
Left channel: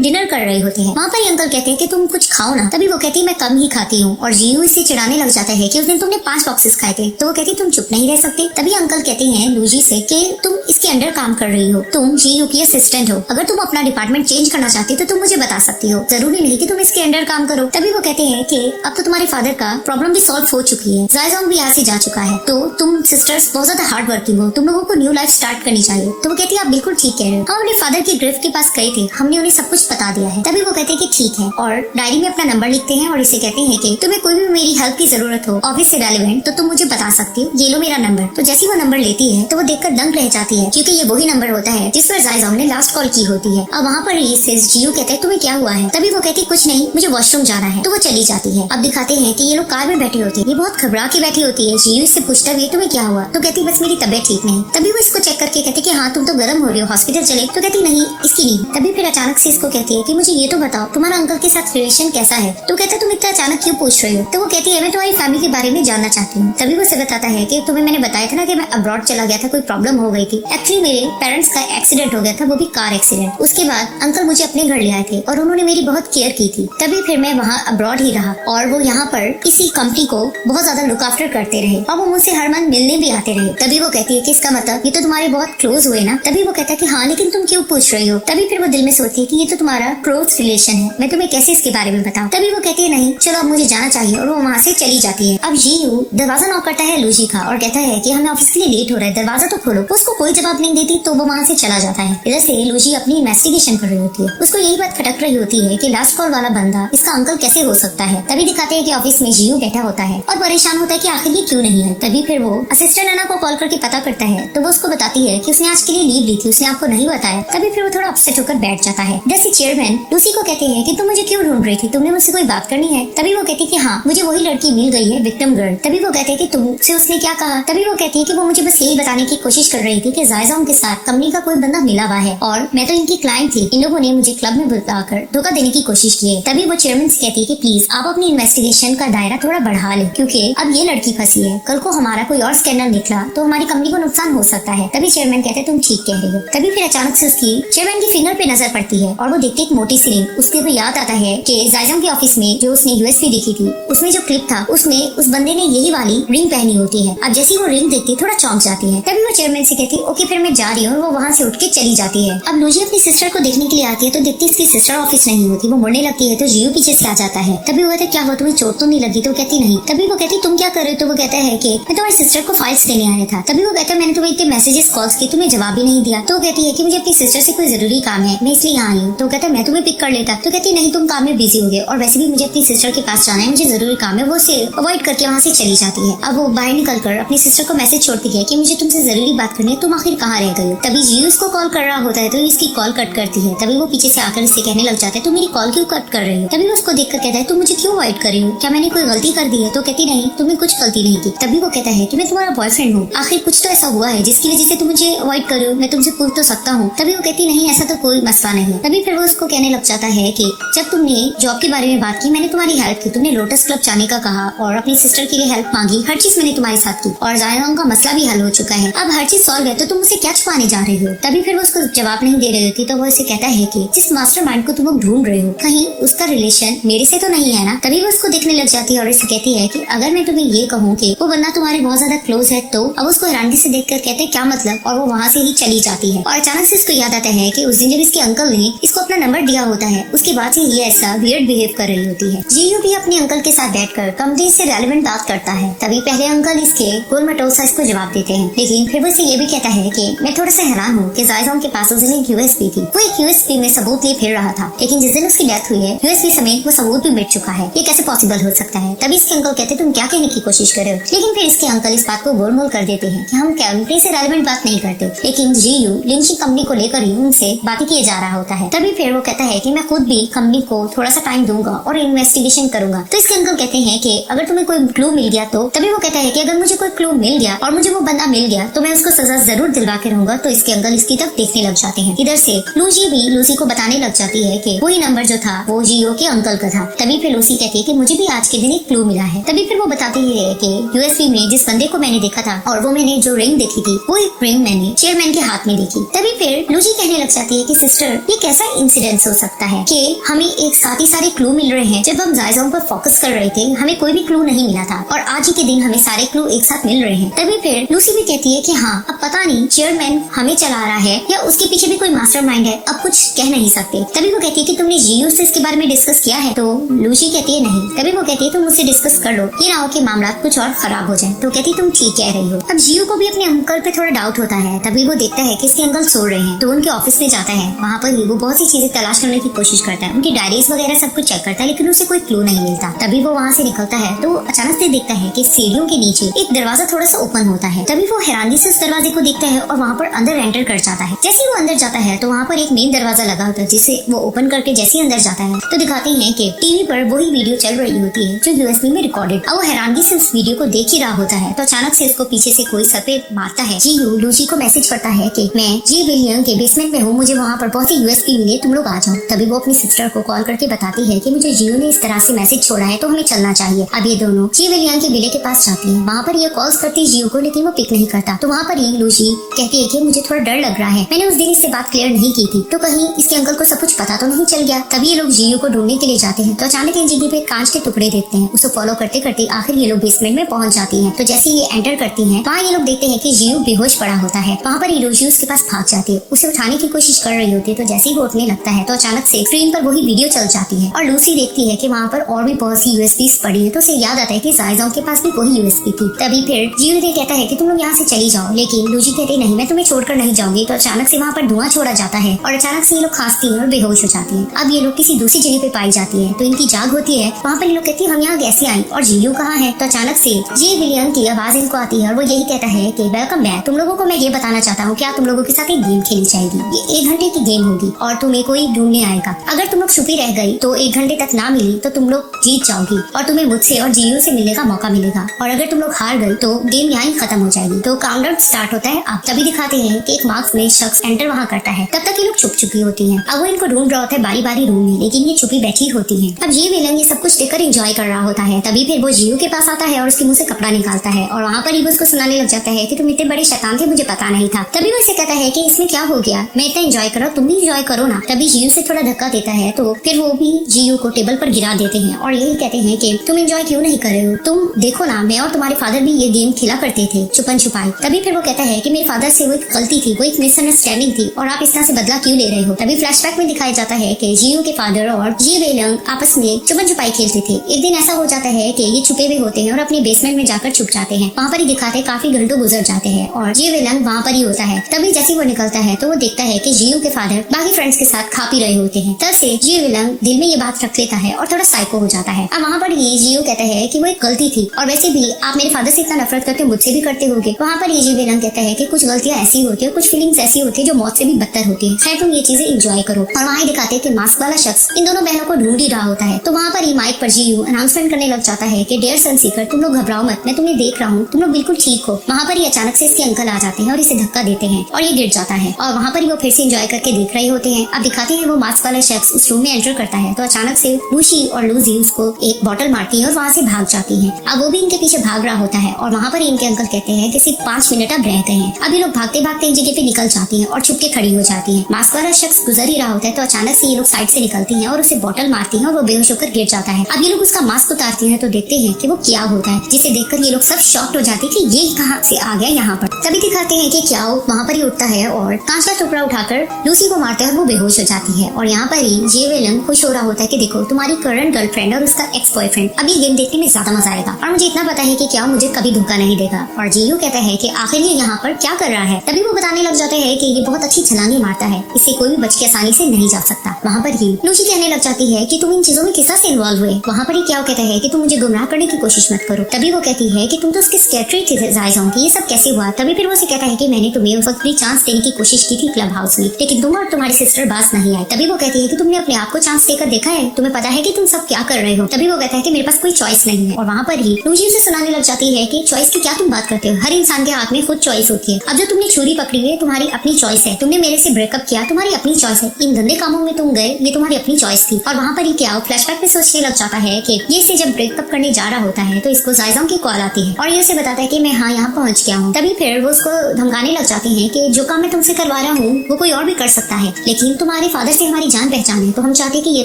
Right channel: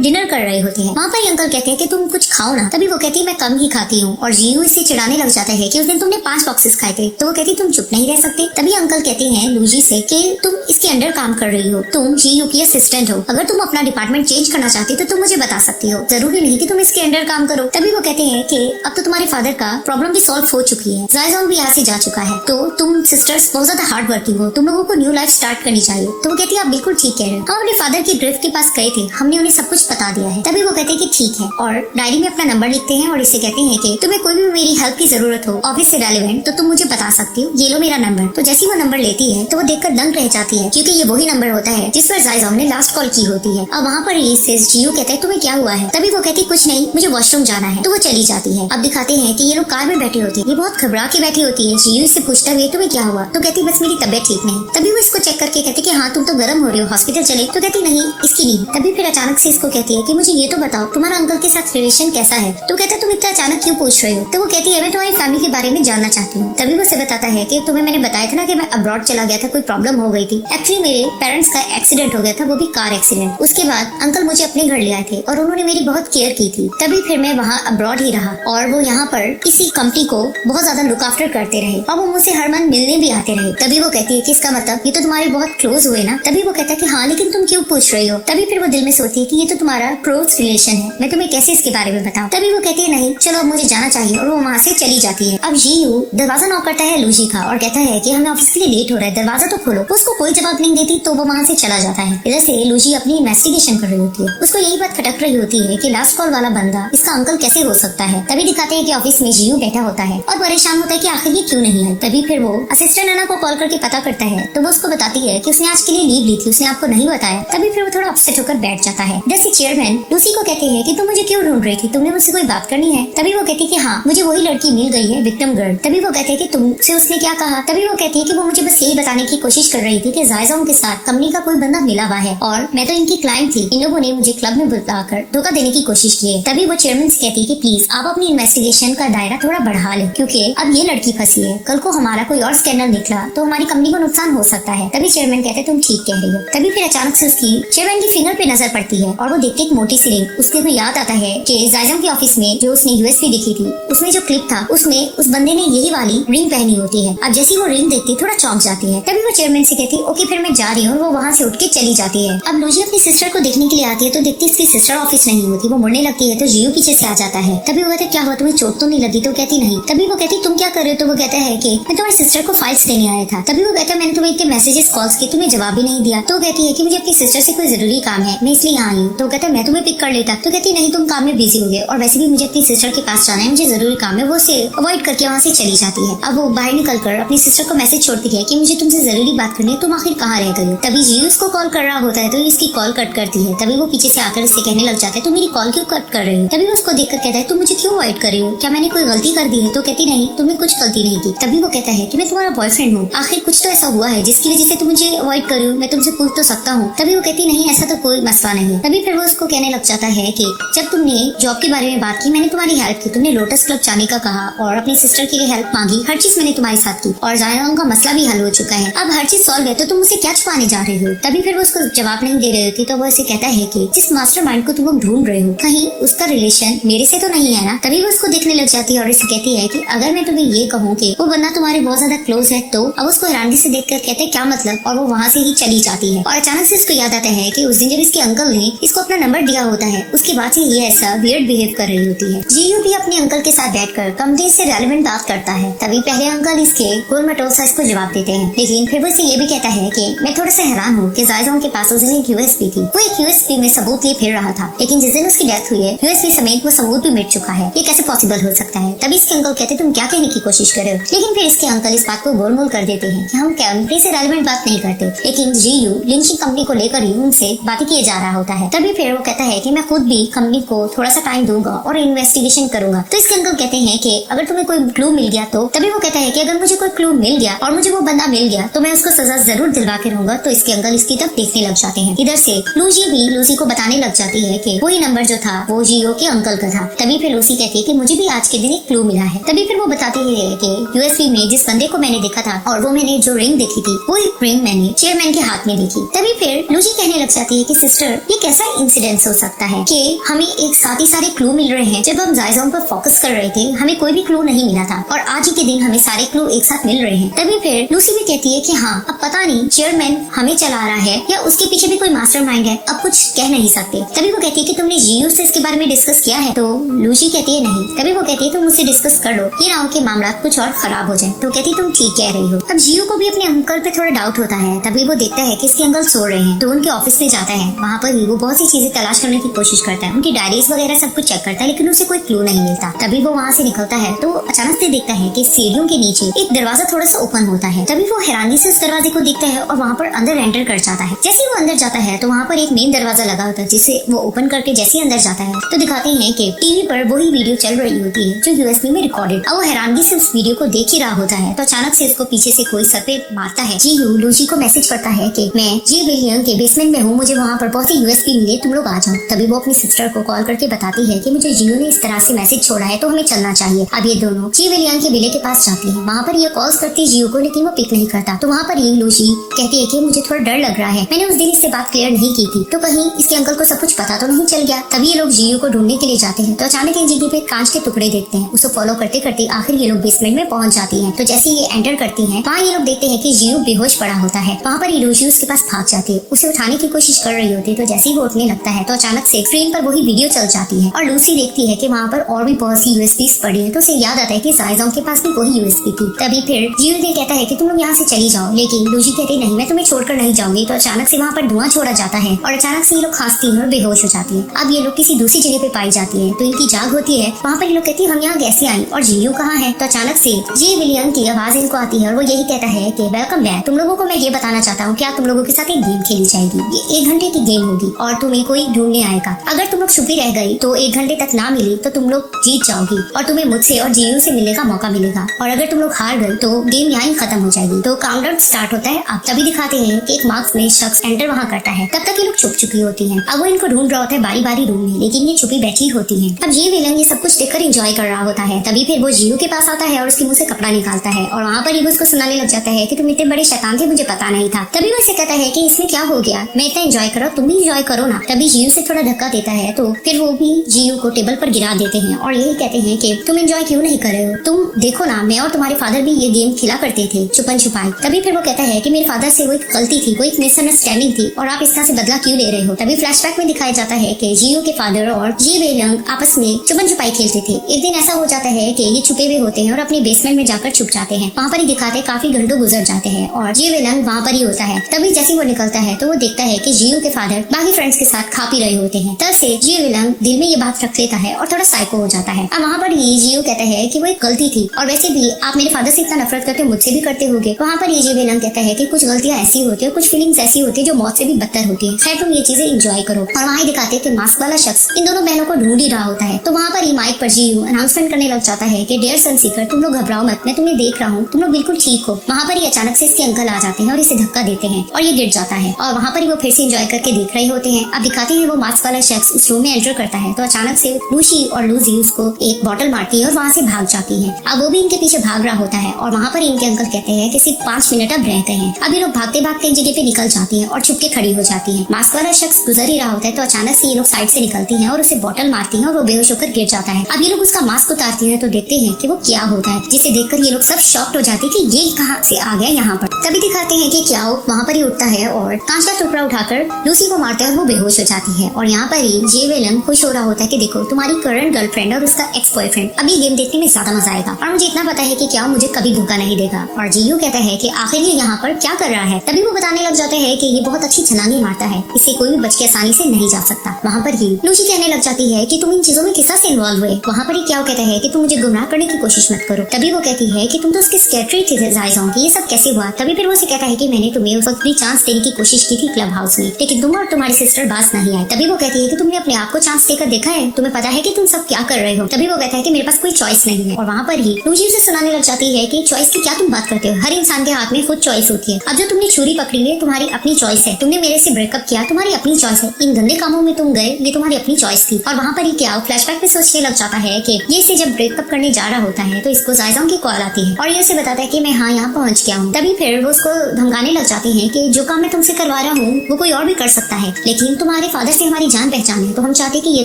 डिनर कर रहे होते हैं। वहाँ पर अंकल कहते हैं कि तुम कुछ खाओ ना। तभी वो कहती है मैं कम ही खाती हूँ और जीयू इससे चिढ़ाने लग जाता है कि उस दिन तुमने 5 बॉक्सेस खाए थे। तो वो कहती तुम चुप नहीं रह सकते। तभी अंकल कहते हैं लूजी से कि तुम इसके अंडर काम कर रही हो, तुम जीयू की असिस्टेंट हो, अगर तुम अपना डिपार्टमेंट चेंज करना चाहती तो तुम मुझे बता सकती हो, जरूरी नहीं कि तुम इसके अंडर काम करो। तभी वो कहते हैं कि अब तो तुम्हारे फादर का प्रॉब्लम भी सॉल्व हो चुकी है, जायजाम भी यहाँ से जा चुका है, तो तुम सिस्टर्स बहुत ज्यादा हार्ड वर्किंग हो, तुम लोगों को न्यू लाइफ स्टार्ट करनी चाहिए। तो वो कहती है आप बिल्कुल ठीक कह रहे हो, हम अपने फादर के ग्रेव के पास गए थे, हमने उन्हें सब कुछ बता दिया है। तभी वो कहते हैं कि ठीक है और डायरी में अपना नंबर लिखते हैं और इसे कहते हैं कि तुम्हें कोई भी मेरी हेल्प की जरूरत हो ऑफिस से रेलेवेंट तो तुम मुझे बता सकती हो, ये लो मेरा नंबर। तो जैसे वो नंबर लेती है तो वो देखकर दंग रह जाती है क्योंकि ये वही नंबर होता है जिस पर जायजाम ने लास्ट कॉल की होती है। अब वहाँ पर जीयू कहता है तुम्हें क्या हुआ है। तभी वो कहती कुछ नहीं, मुझे वॉशरूम जाना है, तो वो चली जाती है। अब दिखाते हैं कि ये लोग कार में बैठे होते हैं, ये बहुत घबरा के बैठी होती है। जीयू से पूछता है तुम्हें क्या हुआ। तो कहती बस मेरी तबियत ठीक नहीं। तभी वो इसको चेक करके कहती कि हाँ तुम तो गर्म हो रही हो, हॉस्पिटल चले। तो कहती नहीं इसकी नहीं। तभी फिर अचानक से इसको कहती है कि मुझे ये तो बताओ तुम्हारा अंकल के साथ रिलेशन कैसा है। तो कहता तुम इतना अचानक क्यों पूछ रहे हो। तो वो कहती है मैं तुम्हारी फैमिली के बारे में जानना चाहती हूँ। तभी वो बताता है कि तुम्हें मैंने बताया था ना कि मैं अब्रॉड चला गया था, कोई प्रॉब्लम हो गई थी। एक्चुअली मेरे पेरेंट्स का एक्सीडेंट हो गया था, वो भी कार एक्सीडेंट। उसके बाद अंकल मुझे अपने घर ले आए थे और उन्होंने मेरी बहुत केयर की थी। तभी फिर मैं वहाँ अब्रॉड ही रहा और वो यहाँ पर किसी कंपनी को बहुत ज्यादा लुक आफ्टर करते रहे और वो मुझसे हर मंथ मिलने भी आते रहे। तभी वो कहती है कि इसका मतलब ये तो तुम्हारे बहुत क्लोज हुए ना। तभी वो कहता है कि हाँ लेकिन तुम क्यों पूछ रही हो। तभी फिर वो दिल में सोचती है कि ये तो तुम्हारा क्लोज रिलेशन है, मैं तुम्हें कैसे इसके बारे में बताऊं। तभी वो कहती है नहीं चलो अब मुझे जाना चाहिए और वो वहाँ से चली जाती है। अब जीयू दरवाजा नॉक करता है लूजी का और कहता है कि हमें ऑफिस के लिए लेट हो रहा है, दरवाजा तो खोलो। उसको कोई जवाब नहीं देती तो वो वहाँ से चला जाता है। इधर से लूजी अपनी इन्वेस्टिगेशन कर रही होती है, उसको यही बात खटक रही होती है कि लास्ट कॉल वाला बंदा इसका अंकल कैसे हो सकता है। तभी दिखाते हैं कि ऑफिस में जीयू बैठा होता है और परेशान होता है कि आखिर ये क्यों नहीं है। तभी फिर वो असिस्टेंट अना को कॉल करके पता करता है तो वो उसको बताती है कि उसने आज के लिए लीव ली थी, उसने आपको नहीं बताया। तभी फिर वो थोड़ा अपसेट होकर बैठ जाता है। जैसे चेयरमैन लूसी को कहते हैं कि तुम मुझे क्यों ढूंढ रही थी, तुमने मुझसे कोई बात करनी है। तभी वो कहती है कि हाँ मुझे वही लड़की मिल गई है, विक्टिम गर्ल। तभी वो कहते हैं कि तुमसे उसने क्या कहा। तभी वो कहती है कि वो मुझे बस यही बताने की कोशिश कर रही थी कि जायजाम के साथ कंपनी का कोई बंदा मिला हुआ है और मैं तो इनकी क्लाइंट थी, इन लोगों ने मुझे क्लब में बुलाकर धोखा देने की कोशिश की है। तभी वो चेयरमैन से कहती है कि प्लीज आप अपनी इन्वेस्टिगेशन का दायरा थोड़ा बढ़ा लें क्योंकि अब ये लड़की फंसी है, कल को हमारा कोई और स्कैनर निकला तो हमारी कंपनी को नुकसान हो सकता है। तभी चेयरमैन कहते हैं तुम ठीक कह रहे हो। तभी फिर अचानक से उसकी चेयरमैन की फिंगर पे नजर पड़ती है और वो देखती एक मोटी सी रिंग। उसके को याद आता है कि जायजाम के ऑफिस में जो उसने यूएसपी दिखी थी उसमें जो क्लिप था उसमें उस बंदे ने यही वाली रिंग पहनी होती है। अब जैसे वो रिंग देखती थोड़ा चौंक जाती है। तभी वो चेयरमैन से कहती है ओके फिर मैं जा रही हूँ। वो वहाँ से उठ के चली जाती है। अब लूजी अपनी सिस्टर को देखने के लिए आती है तो देखती है उसकी सिस्टर ऑफिस नहीं होती, वो मुड़ने लगती है तो जीयू पीछे से आ जाता है। तभी वो कहता है क्या हुआ, तुम्हें चोट तो नहीं लगी। तो कहती नहीं। तभी वो कहती तुम क्या कर रहे हो। तो वो कहता है कि मैं तुम्हारी सिस्टर को फाइल्स देने आया था। तभी वो कहता है मैंने तुम्हें इतने मैसेजेस कॉल्स की, तुम्हें जवाब भी नहीं दिया। तो कहती है कि मुझे अपनी सिस्टर से कोई जरूरी काम है, मैं इसलिए यहाँ आई हूँ। तो कहता है मैं तुम्हें पिक कर लेता। तो कहती नहीं तुम काम में बिजी हो गए और वैसे भी मुझे अपनी सिस्टर के पास जाना है, मुझे जरूरी काम है। वो उसे अवॉइड करके वहाँ से चली जाती है। अब वो बाहर निकलकर अपनी सिस्टर को मैसेज छोड़ती है कि मुझे तुमसे जरूरी बात करनी है, तुम आखिर कहाँ रह गए। तभी जीयू इसको कॉल कर रहा होता है तो इसकी कॉल कट करती है। तभी वो पीछे से आकर इससे कहने लग जाता है तो मेरी कॉल क्यों कट कर रही हो। तभी वो उसको देखकर कहता है तुम मुझे क्यों अवॉइड कर रही हो, क्या मैंने कोई गलती कर दी है। तो कहती नहीं तुम्हें कुछ गलती नहीं थी। तभी वो कहता है कि मैं तुम्हारा बॉयफ्रेंड हूँ, आखिर कुछ तो ऐसा हुआ है जिसकी वजह से तुम मुझे अवॉइड कर रही हो, मैं तुमसे पूछ तो सकता हूँ। तभी वो कहती नहीं ऐसा तो कोई मसला नहीं है। तभी फिर वो उसको कहने लग जाता है कि जब तुमने जॉब के बारे में बात की मैंने तुम्हारी हेल्प की, तुमने लोटस क्लब जाने का कहा और अपनी सिस्टर के लिए हेल्प मांगी, हर चीज मैंने तुम्हारे साथ की और जायजाम का मसला भी हल हो चुका है, अब हर चीज सॉल्व है तो तुम मुझे क्या छुपाने जा रहे हो। तभी फिर वो उसको जवाब नहीं दे रहे थे तो वो उसे कहता है कि जिस मास्टर माइंड को तुम लोग ढूंढ रहे हो कहीं उसका रिलेशन मेरे से तो नहीं है ना। तभी वो उसको देखने लग जाती है और उसे कहती है कि अगर मैं तुम्हें ये कहूँ कि वो बंदा तुम्हारे बहुत ज्यादा क्लोज है तो। अब उसको हैरानी से देखकर कहते हैं क्या मतलब, और वो वहाँ से ही चली जाती है। और अचानक से उसको याद आता है कि उस दिन जब इसके अंकल ने इसको अपना नंबर दिया होता है उसके बाद से ये ऐसा वियर्ड बिहेव कर रही होती है। जीयू भी अपने अंकल के साथ बैठकर कंपनी से रेलेवेंट बात करता है। तभी पहले अंकल इसके गोल मटोल सा इसको जवाब देते हैं, लेकिन फिर वो ये भी कहता है कि मैं थोड़ा सा हैरान हूँ कि जायजाम के पास उस दिन यूएसपी थी, वो एक यूएसपी में सबूत लिए फिर रहा था, लेकिन जिस दिन उसकी डेथ हुई है यूएसपी समेत वो सबूत भी मिट चुका है। ये कैसे पॉसिबल हो सकता है। तभी इसके अंकल कहते तुम क्या कहने की कोशिश कर रहे हो, लेकिन फिर इसके अंकल इस बात को गोलमोल कर देते हैं कि हम कैंपनी से रेलेवेंट बात नहीं करते, लेकिन जीयू लिंचिंग कंपनी को लेकर ही उनसे बातें किए जा रहा होता है। तभी फिर वो कहता है कि मैं खुद भी कंपनी को थोड़ा सा टाइम दूंगा और इन्वेस्टिगेशन करूंगा। तो इसके अंकल कहते हैं कि अगर तुम्हें कोई क्लू मिल गया तो। तभी वो कहता है कि अगर मुझे कोई क्लू मिल गया और मुझे वो बंदा मिल गया तो मैं उसको सजा जरूर दिलवा के रहूंगा। तो इसके अंकल इसकी तरफ देखने लग जाते हैं। इधर से लूसी भी लूसी को बताने लग जाती है कि वही नंबर जो था वो जियो के अंकल का था। तभी फिर लूसी कहती है कि मुझे भी आज के दिन एक क्लू मिला है। तभी फिर वो बताती है कि यूएसबी में जिस बंदे को मैंने देखा था और वो मैंने जो रिंग देखी थी वो एक रिंग मैंने चेयरमैन के हाथ में देखी। तभी फिर लूसी कहने लग जाती है कि सिस्टर ये कैसा इंसिडेंट हो सकता है कि हमें एक साथ ही सारे क्लू मिल रहे हैं। जब हम जायजाओं पर फोकस कर रहे थे हमें कोई भी क्लू नहीं मिला था और आज ही के दिन हमें सारे क्लू एक साथ मिल रहे हैं। तभी फिर लूसी भी कहती है कि हाँ अब पता नहीं चेयरमैन हमें चला रहा है या उसके पीछे भी कोई मास्टरमाइंड है, अब कुछ कह नहीं सकते। तभी वो कहती है कि तुमने जियो से इसके बारे में डिस्कस किया है। तो लूसी कहती है नहीं। तभी वो कहती है तुम मुझसे डिस्कस कर लो, ये ना हो कि मामला कुछ और खराब हो जाए। तो कहती तुम ठीक कह रही हो। अब जियो को भी अपने अंकल पे थोड़ा डाउट होता है। तभी वो देखता है कि इसके अंकल सो रहे हैं तो उनके ऑफिस में जाता है। वहाँ पर ही वो बहुत सी चीजें तलाश करने की कोशिश करता है, उनकी डायरीज वगैरह सब कुछ चेक करता है, लेकिन उसे कोई क्लू नहीं मिलता। तभी वो वहाँ से निकलता है तो अचानक से देखता है कि सीढ़ियों के नीचे एक दरवाजा थोड़ा सा ओपन होता है। तभी वो हैरानी से उस दरवाजे को देखता है और वहाँ पर अंदर एंटर कर जाता है। जैसे वो अंदर जाता है तो वहाँ पर एक मेन दरवाजा लगा होता है जिसे वो ओपन करके जैसे अंदर जाता है तो दिखाते हैं कि टीवी पर वही वीडियो चल रही होती है जो यूएसबी में रिकॉर्डेड। अब वो हैरानी से उस वीडियो को देख ही रहा होता है तो अचानक से उसको पीछे से कोई सर पे मारता है। जी लूसी को मैसेज करता है कि मैं जी विलियम के बेसमेंट में हूँ, मुझे वहाँ पर बहुत ही यूएसबी मिली, तुम लोग आ जाओ। तभी वो अपनी सिस्टर को कॉल करके बताती है कि मुझे जियो ने इस तरह से मैसेज छोड़ा है तो हमें चलना चाहिए। अब ये दोनों जी विलियम के विले के पास जाती है। वहाँ पर ये कॉल्स करती है जियो को, लेकिन वो पिक नहीं करता। तो वहाँ पर ये लूसी कहती है कि मुझे थोड़ा डर लग रहा है, मैंने उस दिन इससे बात क्लियर नहीं की थी तो कहीं इसके अंकल को सब कुछ पता तो नहीं चल गया। तभी ये लोग जियो को ढूंढने के लिए जाते हैं तो अचानक इन जीटी पे कांच के टुकड़े देखते हैं। इसे फॉलो करते करते आखिर ये लोग बेसमेंट में पहुंच जाते हैं। तो जैसे ये एंटर करती हैं वहाँ ये लोग देखते हैं कि जियो बेहोश पड़ा होता है। वहाँ पर लूसी उसके पास भाग जाती है, उसे उठाने की कोशिश कर रही होती है। तो जैसे ही वो उठने लगता है तो अचानक से स्क्रीन पर वही वीडियो चल जाती है और लूसी देखती है कि वहाँ पर और भी बहुत सी यूएसबी पड़ी है। तो उसे याद आता है कि जायजाओं के पास भी वही यूएसबी थी। तभी फिर जियो ने कहता है कि तुम लोग यहाँ से चली जाओ, लेकिन लूसी कहती नहीं मैं तुम्हें छोड़कर नहीं जाऊंगी। तो अचानक से वहाँ पर धुआं छोड़ा जाता है और अचानक से ये लोग खांसती हैं और बेहोश हो जाती है। अब ये लोग किसी दूसरी जगह पे पाई जाती है तो इनकी जाग होती है। वहाँ पर ये लोग कहती है हम यहाँ कैसे आए और जियो कहाँ है। तो अचानक से जी विलियम की आवाज इनको आती है और वो यही कहता है कि वेलकम बैक, तुम लोगों को मैं ये बताना चाहता हूँ क्या तुम लोगों के साथ एक गेम खेलनी चाहिए। ये 1 घंटे की गेम होगी और तुम्हें कोई ढूंढने आएगा। अगर तुम लोग छुपी रह गई तो 1 घंटे तक ना मिली तो तुम लोग जीत जाओगी और तुम्हें मुझसे और जियो से मिलने का मौका मिलेगा, और अगर तुम लोग हार गए तो गेम यहाँ ही खत्म हो जाएगी। तो काउंटडाउन स्टार्ट होता है। आप तभी दिखाते हैं कि एक मास्क में शख्स एंटर वहाँ करता है। तब तक ये लोग छुप चुकी होती है। अब वो इनको ढूंढ रहा होता है बारी बारी रूम में, लेकिन ये छुपी बैठी होती है। अब ये विलन ये सब कुछ देखकर एंजॉय कर रहा होता है। तभी फिर वो जियो के पास आता है और उसके मुंह से कपड़ा निकालता है और वहाँ पर ही उसको सुनाने लग जाता है कि तुम इतने बड़े शैतान थे, मुझे पता नहीं था। तभी वो उससे कहता है कि इसमें क्या हो गया, मैं इतना एंजॉय करो, तुम भी एंजॉय करो ना। तभी जियो से थोड़ा धक्का देता है तो फिर वो भी जियो को टेबल पर गिरा देते हैं और यही कहते हैं कि तुम एंजॉय क्यों नहीं कर रहे हो, तुम देखो ना मैं और तुम्हारे फादर भी ये गेम खेला करते थे छुपन छुपाई। तभी फिर वो कहता है कि मेरे फादर से वो एक गलती थी, वो एक मिसअंडरस्टैंडिंग थी और आप इस तरह से बदला क्यों ले रहे हो। तभी फ्लैशबैक में दिखाया जाता है कि जियो के फादर और जी विलियम आपस में छुपन छुपाई खेलते थे। एक दिन ऐसा हो जाता है कि ये छुपे हुए होते हैं और अपने बेसमेंट में जाकर छुप जाते हैं। वहाँ पर ही दिखाते काफी घंटों गुजर जाते हैं और जी विलियम वहाँ पर ही होता है। तभी जैसे वो निकलता है तो वो देखता है कि जियो के फादर बाकी फ्रेंड्स के साथ खा पी रहे होते हैं। तब से जी विलियम दिल में ये बात रख लेता है और थोड़ा साइको हो जाता है। अब वहाँ पर ये जियो कहता है कि वो एक गलती थी और वैसे भी आप मेरे फादर से इतना नफरत करते हो, मुझसे भी करते होगे। वहाँ पर ये जी विलियम कहता है कि कुछ गलतियाँ ऐसी होती है, कुछ फीलिंग्स ऐसी होती है जो मौत से भी बदतर होती है। खैर तुम ये चीजें एंजॉय करो। और वहाँ दिखाते कि मास्क वाला शख्स इन दोनों बहनों को ढूंढ ही रहा होता है। तो वहाँ पर ही माइक पर जियो अनाउंसमेंट करने लग जाता है कि डियर सन सीकर, तुम लोग घबराओ मत, मैं तुम्हें देख रहा हूँ, तुम लोग बिल्कुल ठीक हो। वहाँ पर ही अचानक से इसके अंकल आ जाते हैं और इसे धक्का देते हैं और ये गिर जाता है और वहाँ पर वो फिर से एंजॉय करके देख रहे होते हैं। अब दिखाते हैं वो मास्क वाला शख्स उस रूम में एंटर करता है तो अचानक से लूसी और लूसी उसको एक बॉटल मारती है और वहाँ से भाग जाती है। अब वो भी इनके पीछे भाग रहा होता है और वहाँ पर इनके अंकल कहते हैं कि सिर्फ 5 मिनट अब रह गए हैं। अब ये लोग भागते भागते इन जगह पे निकल जाती है और छुप के खड़ी हो जाती है। मास्क वाला शख्स गुजर ही रहा होता है तो अचानक से ये लोग साइड से निकलती है और उसे बॉटल मारती है और वो बेहोश होकर गिर जाता है। अब ये लोग उसका मास्क उतारते हैं तो देखते हैं कि वो क्या होता है, जिसे देखकर ये लोग सब शॉक्ड हो जाते हैं कि ये कहाँ से आ गया यहाँ पर। तभी दिखाते हैं कि क्या वहाँ पर ही उठता है और कांच का टुकड़ा उठाकर लूसी को मारते हुए वो बेहोश हो जाती है। और यहाँ पर ही जे विलन खुश हो रहा होता है कि देखो तुम्हारी करंट गर्लफ्रेंड और उसका एक्स बॉयफ्रेंड, अभी गेम देखने में ज्यादा मजा आएगा और मुझे इतना पता है कि क्या मुझे कभी धोखा नहीं देगा। और जियो कहता है कि आखिर ये यहाँ पर क्या कर रहा है। तभी वो बताने लग जाते हैं कि ये बहुत अच्छी छलांगे मारता है, इससे कोई भी बच के आसानी से नहीं जा सकता। वहाँ पर ही लूसी कहने लग जाती है कि तुम इन चीजों में किस तरह से इन्वॉल्व हुए। वहाँ पर ही क्या कहता है कि तुम मुझे गुमराह करने की कोशिश मत करो। तभी वो कहती है कि तुम तो उसकी सेक्रेटरी थी जायजा की, ये सब कैसे हुआ। तभी फिर वो उसे कहता है कि मैंने तुम्हें उस वक्त भी चांस देने की कोशिश की थी क्लब हाउस में, लेकिन तुम और तुम्हारी सिस्टर बात नहीं आए। तभी वो कहती है कि तुमने अपने आप को चांस देकर देखा है, तुम्हें पता है कि तुम सब क्या कर रहे हो। तभी वो कहता है कि मेरे पास कोई चॉइस नहीं है। और वहाँ पर ही लूजी से सुनाने लग जाती है कि चॉइस की क्या तुम बात करते हो, हर इंसान के हाथ में खुद चॉइस होती है। अब जो तुमने छुरी पकड़ी है तुम्हारी अपनी चॉइस है, तुमने मेरे से ब्रेकअप किया तुम्हारी अपनी चॉइस है, इन गंदे कामों में तुम गए ये तुम्हारी अपनी चॉइस थी। और वहाँ पर ही क्या फ्लैशबैक में सोचने लग जाता है कि ये इसे जब ब्रेकअप करने जा रहा होता है तो इसको जायजा की कॉल आती है और ये उसे बताता है कि मैं हाँ यहाँ पहुँच गया हूँ। तभी फिर वो उसको धमकाने लग जाती है कि जो काम मैं तुमसे करवा रहा हूँ वो कोई और भी कर सकता है, लेकिन तुम्हारे फादर से हमारी जान पहचान है तो हम चाहते कि ये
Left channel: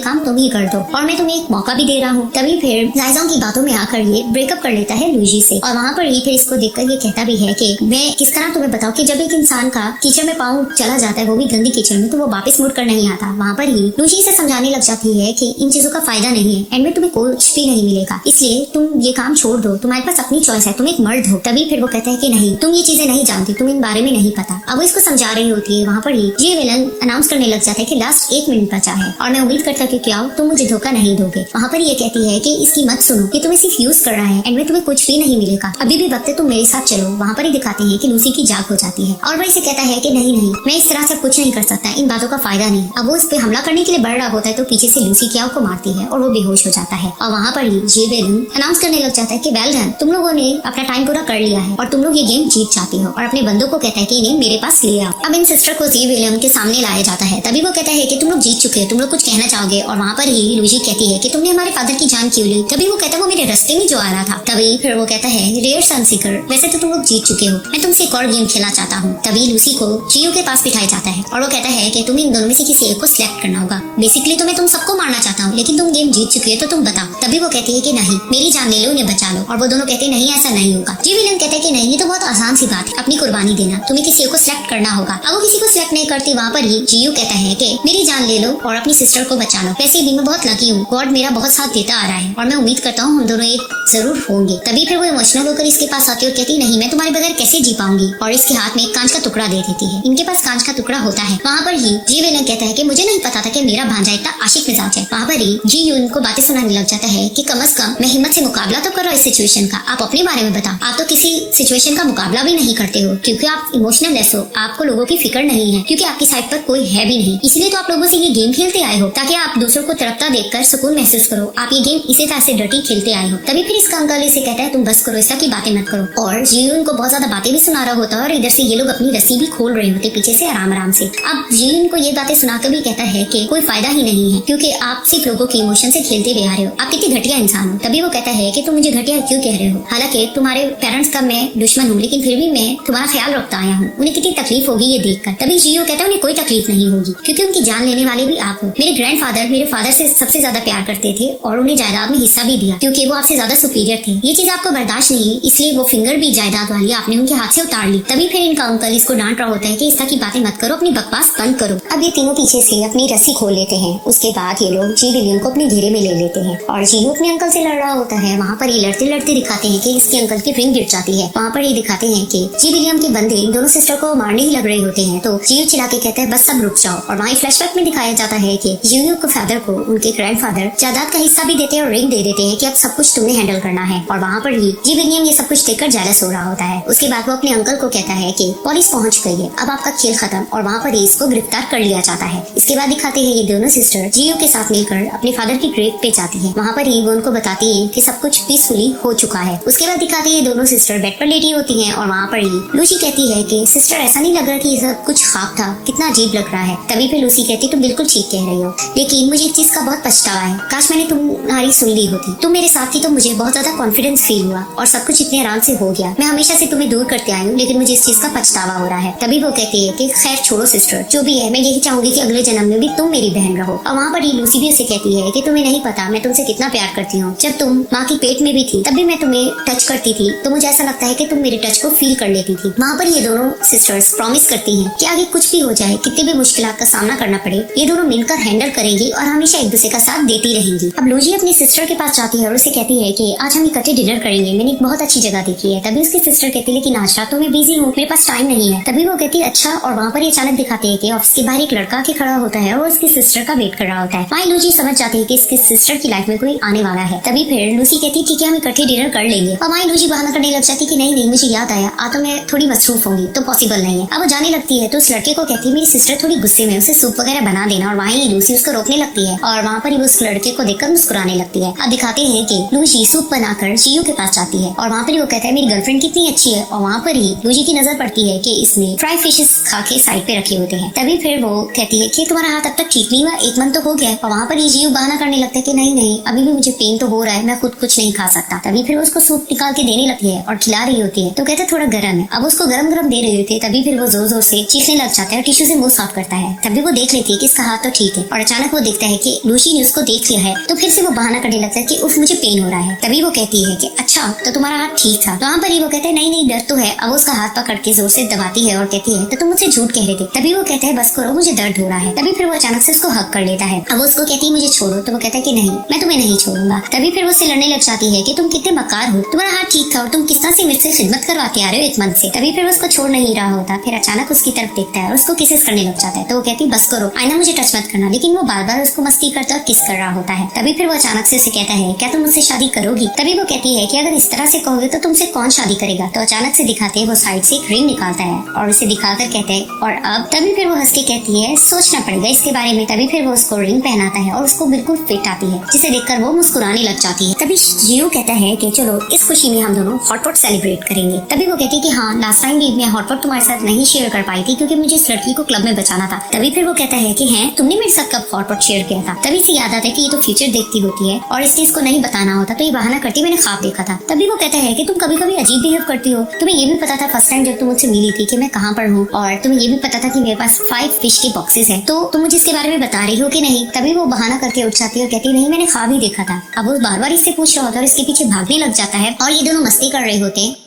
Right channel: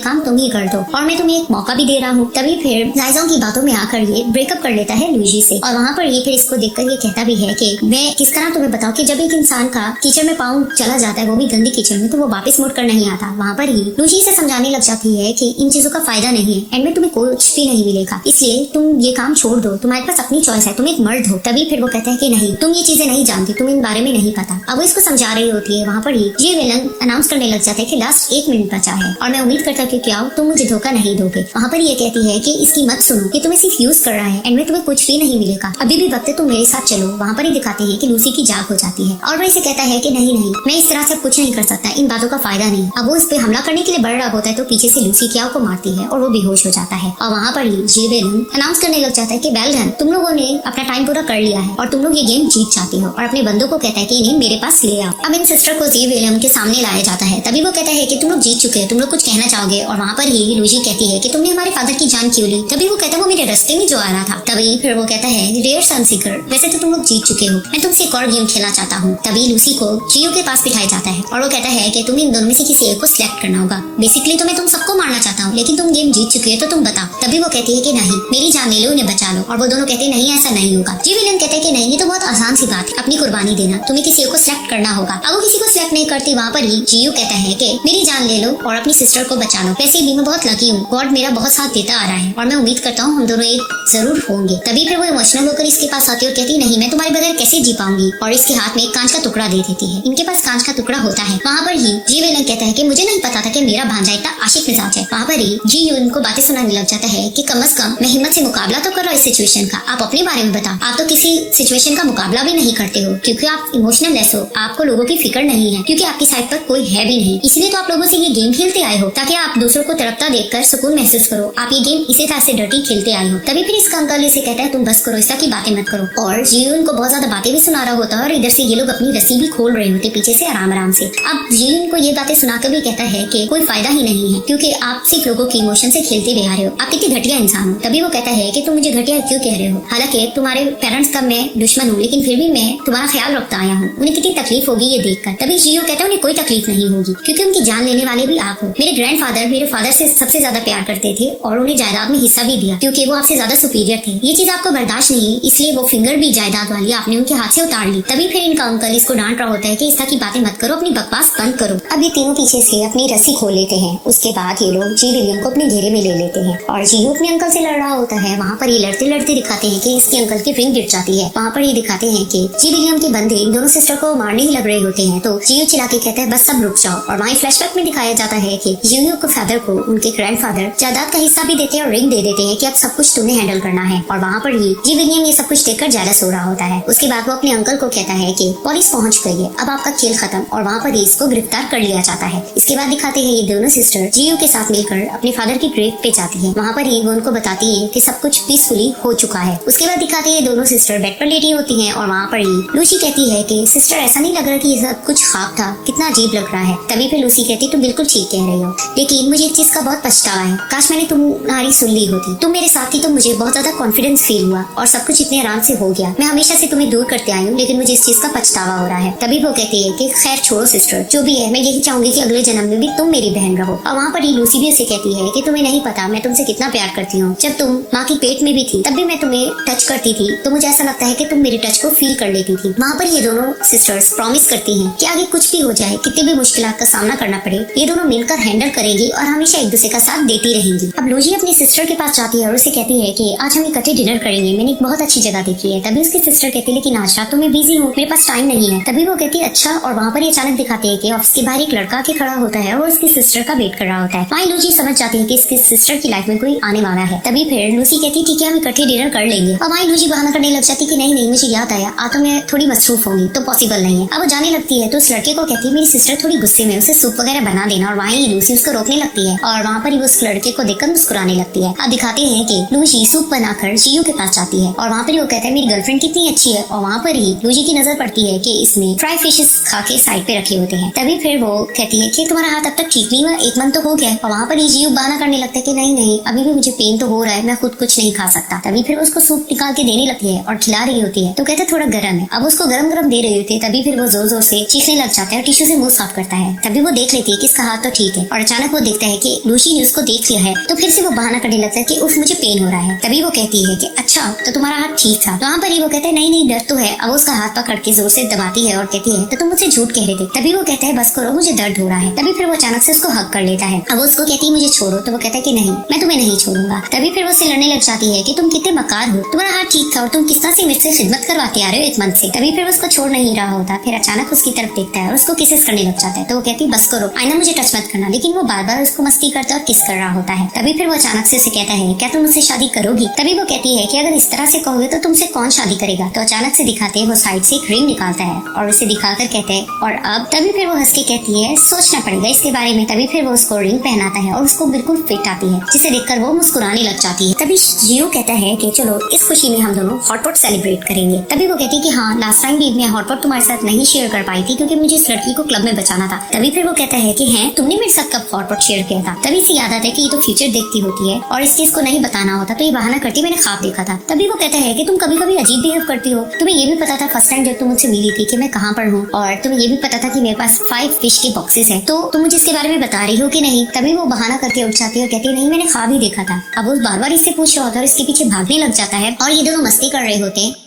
काम तुम ही कर दो और मैं तुम्हें एक मौका भी दे रहा हूँ। तभी फिर जायजा की बातों में आकर ये ब्रेकअप कर लेता है लूजी से। और वहाँ पर ये फिर इसको देखकर ये कहता भी है कि मैं किस तरह तुम्हें बताऊँ कि जब एक इंसान का कीचड़ में पाँव चला जाता है, वो भी गंदे कीचड़ में, तो वो वापस लौट कर नहीं आता। वहाँ पर ही लूजी से समझाने लग जाती है कि इन चीजों का फायदा नहीं है, एंड में तुम्हें कुछ भी नहीं मिलेगा, इसलिए तुम ये काम छोड़ दो, तुम्हारे पास अपनी चॉइस है, तुम एक मर्द हो। तभी फिर वो कहता है कि नहीं तुम ये चीजें नहीं जानती, तुम इन बारे में नहीं पता। अब इसको समझा रही होती है। वहाँ पर ही ये विलन अनाउंस करने लग जाते हैं कि लास्ट 1 मिनट बचा है और मैं उम्मीद करता हूँ कि क्या तुम मुझे धोखा नहीं दोगे। वहाँ पर ये कहती है कि इसकी मत सुनो कि तुम्हें सिर्फ यूज कर रहा है, एंड में तुम्हें कुछ भी नहीं मिलेगा, अभी भी वक्त है तुम मेरे साथ चलो। वहाँ पर ही दिखाते हैं कि लूसी की जाग हो जाती है और वो इसे कहता है कि नहीं नहीं मैं इस तरह से कुछ नहीं कर सकता, इन बातों का फायदा नहीं। अब वो इस पे हमला करने के लिए बढ़ रहा होता है तो पीछे से लूसी क्या को मारती है और वो बेहोश हो जाता है। और वहाँ पर ही जे विलन अनाउंस करने लग जाता है कि वेल डन, तुम लोगों ने अपना टाइम पूरा कर लिया है और तुम लोग ये गेम जीत जाते हो। और अपने बंदों को कहता है कि नहीं मेरे पास ले आओ। अब इन सिस्टर को जे विलन के सामने लाया जाता है। तभी वो कहता है कि तुम लोग जीत चुके हो, तुम लोग कुछ कहना चाहोगे। और वहाँ पर ही लूसी कहती है कि तुमने हमारे फादर की जान क्यों ली। तभी वो कहता है वो मेरे रास्ते में जो आ रहा था। तभी फिर वो कहता है डेयर सनसीकर, वैसे तो तुम लोग जीत चुके हो, मैं तुमसे एक और गेम खेलना चाहता हूँ। तभी लूसी को जियो के पास बिठाया जाता है और वो कहता है कि तुम्हें इन दोनों में से किसी एक को सिलेक्ट करना होगा। बेसिकली तो मैं तुम सबको मारना चाहता हूँ, लेकिन तुम गेम जीत चुके हो तो तुम बताओ। तभी वो कहती है कि नहीं मेरी जान ले लो, उन्हें बचा लो। और वो दोनों कहते हैं नहीं ऐसा नहीं होगा। ये विलन कहते हैं कि नहीं ये तो बहुत आसान सी बात है, अपनी कुर्बानी देना, तुम्हें किसी एक को सिलेक्ट करना होगा। अब वो किसी को सिलेक्ट नहीं करते। वहाँ पर ही जियो कहता है कि मेरी जान ले लो और अपनी सिस्टर को बचा लो, वैसे भी मैं बहुत लकी हूँ, गॉड मेरा बहुत साथ देता आ रहा है और मैं उम्मीद करता हूँ हम दोनों एक जरूर होंगे। तभी फिर वो इमोशनल होकर इसके पास आती है और कहती नहीं मैं तुम्हारे बगैर कैसे जी पाऊंगी, और इसके हाथ में एक कांच का टुकड़ा दे देती है। इनके पास कांच का टुकड़ा होता है। वहाँ पर ही जी विलन कहता है कि मुझे नहीं पता था कि मेरा भांजा इतना आशिक मिजाज है। वहाँ पर ही जी उनको बातें सुनाने लग जाता है कि कम से कम मैं हिम्मत से मुकाबला तो करो इस सिचुएशन का, आप अपने बारे में बताओ। आप तो किसी सिचुएशन का मुकाबला भी नहीं करते हो क्योंकि आप इमोशनल लेस हो, आपको लोगों की फिक्र नहीं है क्योंकि आपके साइड पर कोई है भी नहीं, इसलिए तो आप लोगों से ये गेम खेलते आए हो ताकि आप दूसरों को तड़पता देखकर सुकून महसूस करो। आप ये गेम इसी तरह से डर्टी खेलते आए हो। तभी फिर इसका अंकल इसे कहता है तुम बस करो, ऐसा की बातें मत करो। और जियो इनको बहुत ज्यादा बातें भी सुना रहा होता है और इधर से ये लोग अपनी रस्सी भी खोल रहे होते पीछे से आराम आराम से। अब जियो इनको ये बातें सुनाकर भी कहता है कि कोई फायदा ही नहीं है क्योंकि आप सिर्फ लोगों के इमोशन से खेलते हुए आ रहे हो, आप कितने घटिया इंसान हो। तभी वो कहता है कि तुम मुझे घटिया क्यों कह रहे हो, हालांकि तुम्हारे पेरेंट्स का मैं दुश्मन हूँ लेकिन फिर भी मैं तुम्हारा ख्याल रखता आया हूँ, उन्हें कितनी तकलीफ होगी ये देखकर। तभी जियो कहता है उन्हें कोई तकलीफ नहीं होगी क्योंकि उनकी जान लेने वाले भी आप हो। मेरे ग्रैंडफादर मेरे फादर से सबसे ज्यादा प्यार करते थे और उन्हें जायदाद में हिस्सा भी दिया क्योंकि वो आपसे ज्यादा सुपीरियर थे। ये चीज आपको बर्दाश्त नहीं है इसलिए वो फिंगर भी जायदाद वाली आपने उनके हाथ से उतार ली। तभी फिर इनका अंकल इसको डांट रहा होता है कि इस तरह की बातें मत करो, अपनी बकवास बंद करो। अब ये तीनों पीछे से अपनी रस्सी खोल लेते हैं। उसके बाद ये लोग जी विलियम को अपने घेरे में ले लेते हैं और जी अपने अंकल से लड़ रहा होता है। वहाँ पर ये लड़ते लड़ते दिखाते हैं कि इसके अंकल की फ्रेम गिर जाती है। वहाँ पर ये दिखाते हैं कि जी विलियम के बंदे इन दोनों सिस्टर को मारने ही लग रहे होते हैं तो जी चिल्ला के कहता है बस सब रुक जाओ। और वहाँ फ्लैशबैक में दिखाया जाता है कि जूनियर को फादर को उनके ग्रैंडफादर जायदाद का हिस्सा भी देते हैं और रिंग दे देते हैं कि अब सब कुछ तुम्हें हैंडल करना है। और वहाँ पर ही जी विलियम ये सब कुछ देखकर जेलस हो रहा होता है। उसके बाद वो अपने अंकल को कहता है कि पुलिस पहुंच गई है, अब आपका खेल खत्म। और वहाँ पर ही इसको गिरफ्तार कर लिया जाता है। इसके बाद दिखाते हैं ये दोनों सिस्टर जियो के साथ मिलकर अपने फादर की ग्रेव पे जाती है। वहाँ पर ही वो उनको बताती है कि सब कुछ पीसफुली हो चुका है। उसके बाद दिखाते हैं ये दोनों सिस्टर बेड पर लेटी होती है और वहाँ पर ही लूसी कहती है कि सिस्टर ऐसा नहीं लग रहा कि ये सब कुछ ख्वाब था, कितना अजीब लग रहा है। तभी फिर लूसी कहती तुम बिल्कुल ठीक कह रहे हो लेकिन मुझे इस चीज का बहुत पछतावा है, काश मैंने तुम्हारी सुन ली होती, तुम मेरे साथ थी तो मुझे बहुत ज्यादा कॉन्फिडेंस फील हुआ और सब कुछ इतने आराम से हो गया। मैं हमेशा से तुम्हें दूर करते आई हूँ लेकिन मुझे इस चीज का पछतावा हो रहा है। तभी वो कहती है कि खैर छोड़ो सिस्टर, जो भी है मैं यही चाहूंगी कि अगले जन्म में भी तुम मेरी बहन रहो। और वहाँ पर ही लूसी भी उसे कहती है कि तुम्हें नहीं पता मैं तुमसे कितना प्यार करती हूँ, जब तुम माँ के पेट में भी थी तब भी मैं तुम्हें टच करती थी तो मुझे ऐसा लगता है कि तुम मेरे टच को फील कर लेती थी। वहाँ पर ये दोनों सिस्टर्स प्रॉमिस करती हैं कि आगे कुछ भी हो जाए, कितने भी मुश्किलात का सामना करना पड़े, ये दोनों मिलकर हैंडल करेंगी और हमेशा एक दूसरे का साथ देती रहेंगी। अब लूसी अपनी सिस्टर के पास जाती है और उसे कहती है कि आज हम इकट्ठे डिनर करेंगे, मैंने एक बहुत अच्छी जगह देखी है। तभी उसकी सिस्टर कहती है लेकिन आज रात तो मैं बिजी हूँ, मेरे पास टाइम नहीं है। तभी वो कहती है अच्छा। और वहाँ पर अचानक दिखाते हैं कि ऑफिस के बाहर एक लड़का के खड़ा होता है और उसकी सिस्टर का वेट कर रहा होता है। वहाँ लूसी समझ जाती है कि इसकी मेरी सिस्टर की लाइफ में कोई आने वाला है। तभी फिर लूसी कहती है ठीक है हम इकट्ठे डिनर कर लेंगे। अब वहीं लूसी बहाना करने लग जाती कि नहीं मुझे याद आया, आ तो मैं थोड़ी मसरूफ होंगी तो पॉसिबल नहीं है। अब वो जाने लगती है तो उस लड़के को कहती है मेरी सिस्टर थोड़ी गुस्से में, उसे सूप वगैरह बना देना। और वहीं लूसी उसको रोकने लगती है और वहाँ पर ही उस लड़के को देखकर मुस्कुराने लगती है। अब दिखाते हैं कि लूसी सूप बनाकर जियू के पास जाती है और वहाँ पर वो कहता है मेरी गर्लफ्रेंड कितनी अच्छी है। और वहाँ पर ही लूसी की नजर पड़ती है कि इसने फ्राई फिशेस खा के साइड पे रखे होते हैं। तभी फिर वो कहती है कि तुम्हारा हाथ अब तक ठीक नहीं हुआ, एक मन तो हो गया। और वहाँ पर ही जियू बहाना करने लगता है कि नहीं अभी भी मुझे पेन तो हो रहा है, मैं खुद कुछ नहीं खा सकता। तभी फिर उसको सूप निकाल के देने लगती है और खिला रही होती है तो कहते थोड़ा गर्म है। अब उसको गरम गरम दे रही होती है। तभी फिर वो जोर जोर से चीखने लग जाता है, टिश्यू से मुंह साफ करता है। तभी वो देख लेती है कि इसका हाथ तो ठीक है और अचानक वो देखता है कि लूसी ने उसको देख लिया है। तो फिर से वो बहाना करने लगता है कि उफ मुझे पेन हो रहा है। तभी वो कहती है कि अच्छा तो तुम्हारा हाथ ठीक था। वहाँ पर ही वो कहते हैं नहीं दर्द तो है। अब उसका हाथ पकड़ के जोर से दबाती है और कहती है तो तुम मुझसे झूठ कह रहे थे। तभी वो कहता है बस करो मुझे दर्द हो रहा है। तभी फिर वो अचानक से उसको हक कर लेता है। अब उसको कहती है मुझे छोड़ो। तो वो कहता है कि नहीं मैं तुम्हें नहीं छोड़ूंगा। तभी फिर वो उससे लड़ने लग जाती है कि तुम कितने मकार हो, तुम्हारा हाथ ठीक था और तुम किस तरह से मुझसे खिदमत करवाते आ रहे हो एक मन से। तभी फिर वो उसको छोड़ नहीं रहा होता। फिर अचानक उसकी तरफ देखता है और उसको किसेस करने लग जाता है। तो वो कहती है बस करो आईना मुझे टच मत करना। लेकिन वो बार बार उसको मस्ती करता और किस कर रहा होता है। तभी फिर वो अचानक से उसे कहता है क्या तुम मुझसे शादी करोगी। तभी वो कहती है कि अगर इस तरह से कहोगे तो तुमसे कौन शादी करेगा। तो अचानक से दिखाते हैं वो साइड से एक रिंग निकालता है और उसे दिखाकर कहता है और अब। तभी फिर वो हंस के कहती है सोचना पड़ेगा इसके बारे में। तभी फिर वो उसको रिंग पहनाता है और उसको बिल्कुल फिट आती है जिसे देखकर वो मुस्कुराने लग जाती है। तभी जियो कहता है कि चलो इस खुशी में हम दोनों हॉटपॉट सेलिब्रेट करेंगे। तभी वो कहती है कि हाँ लास्ट टाइम भी मैं हॉटपॉट तुम्हारे साथ नहीं शेयर कर पाई थी क्योंकि मुझे इस लड़की को क्लब में बचाना था। तभी फिर वो कहता है कि हैं तुमने मेरे साथ कब हॉटपॉट शेयर किया था। तभी से याद आता है कि ये तो फ्यूचर देखती होती है और इसलिए इसको नहीं बताना होता। तो ये बहाना करती मैंने ख्वाब देखा था। तभी वो कहता है कि तुम कभी कभी अजीब बिहेव करती हो। तुम्हें ये भी पता था फर्स्ट टाइम जब तुम मुझसे मिली थी कि मैं कहाँ पर हूँ और तुम्हें ये भी पता था कि मेरे पास 5 फिश के बॉक्सेस हैं। तो तुम मुझे इसके बारे में बता रही हो कि नहीं। तभी वो बहाना करके उठ जाती है और कहती है नहीं मैंने ख्वाब ही देखा था। अब वो बार बार इससे पूछ रहा होता है और इसके पीछे भागने लग जाता है और ये दोनों मस्ती कर रहे होते हैं।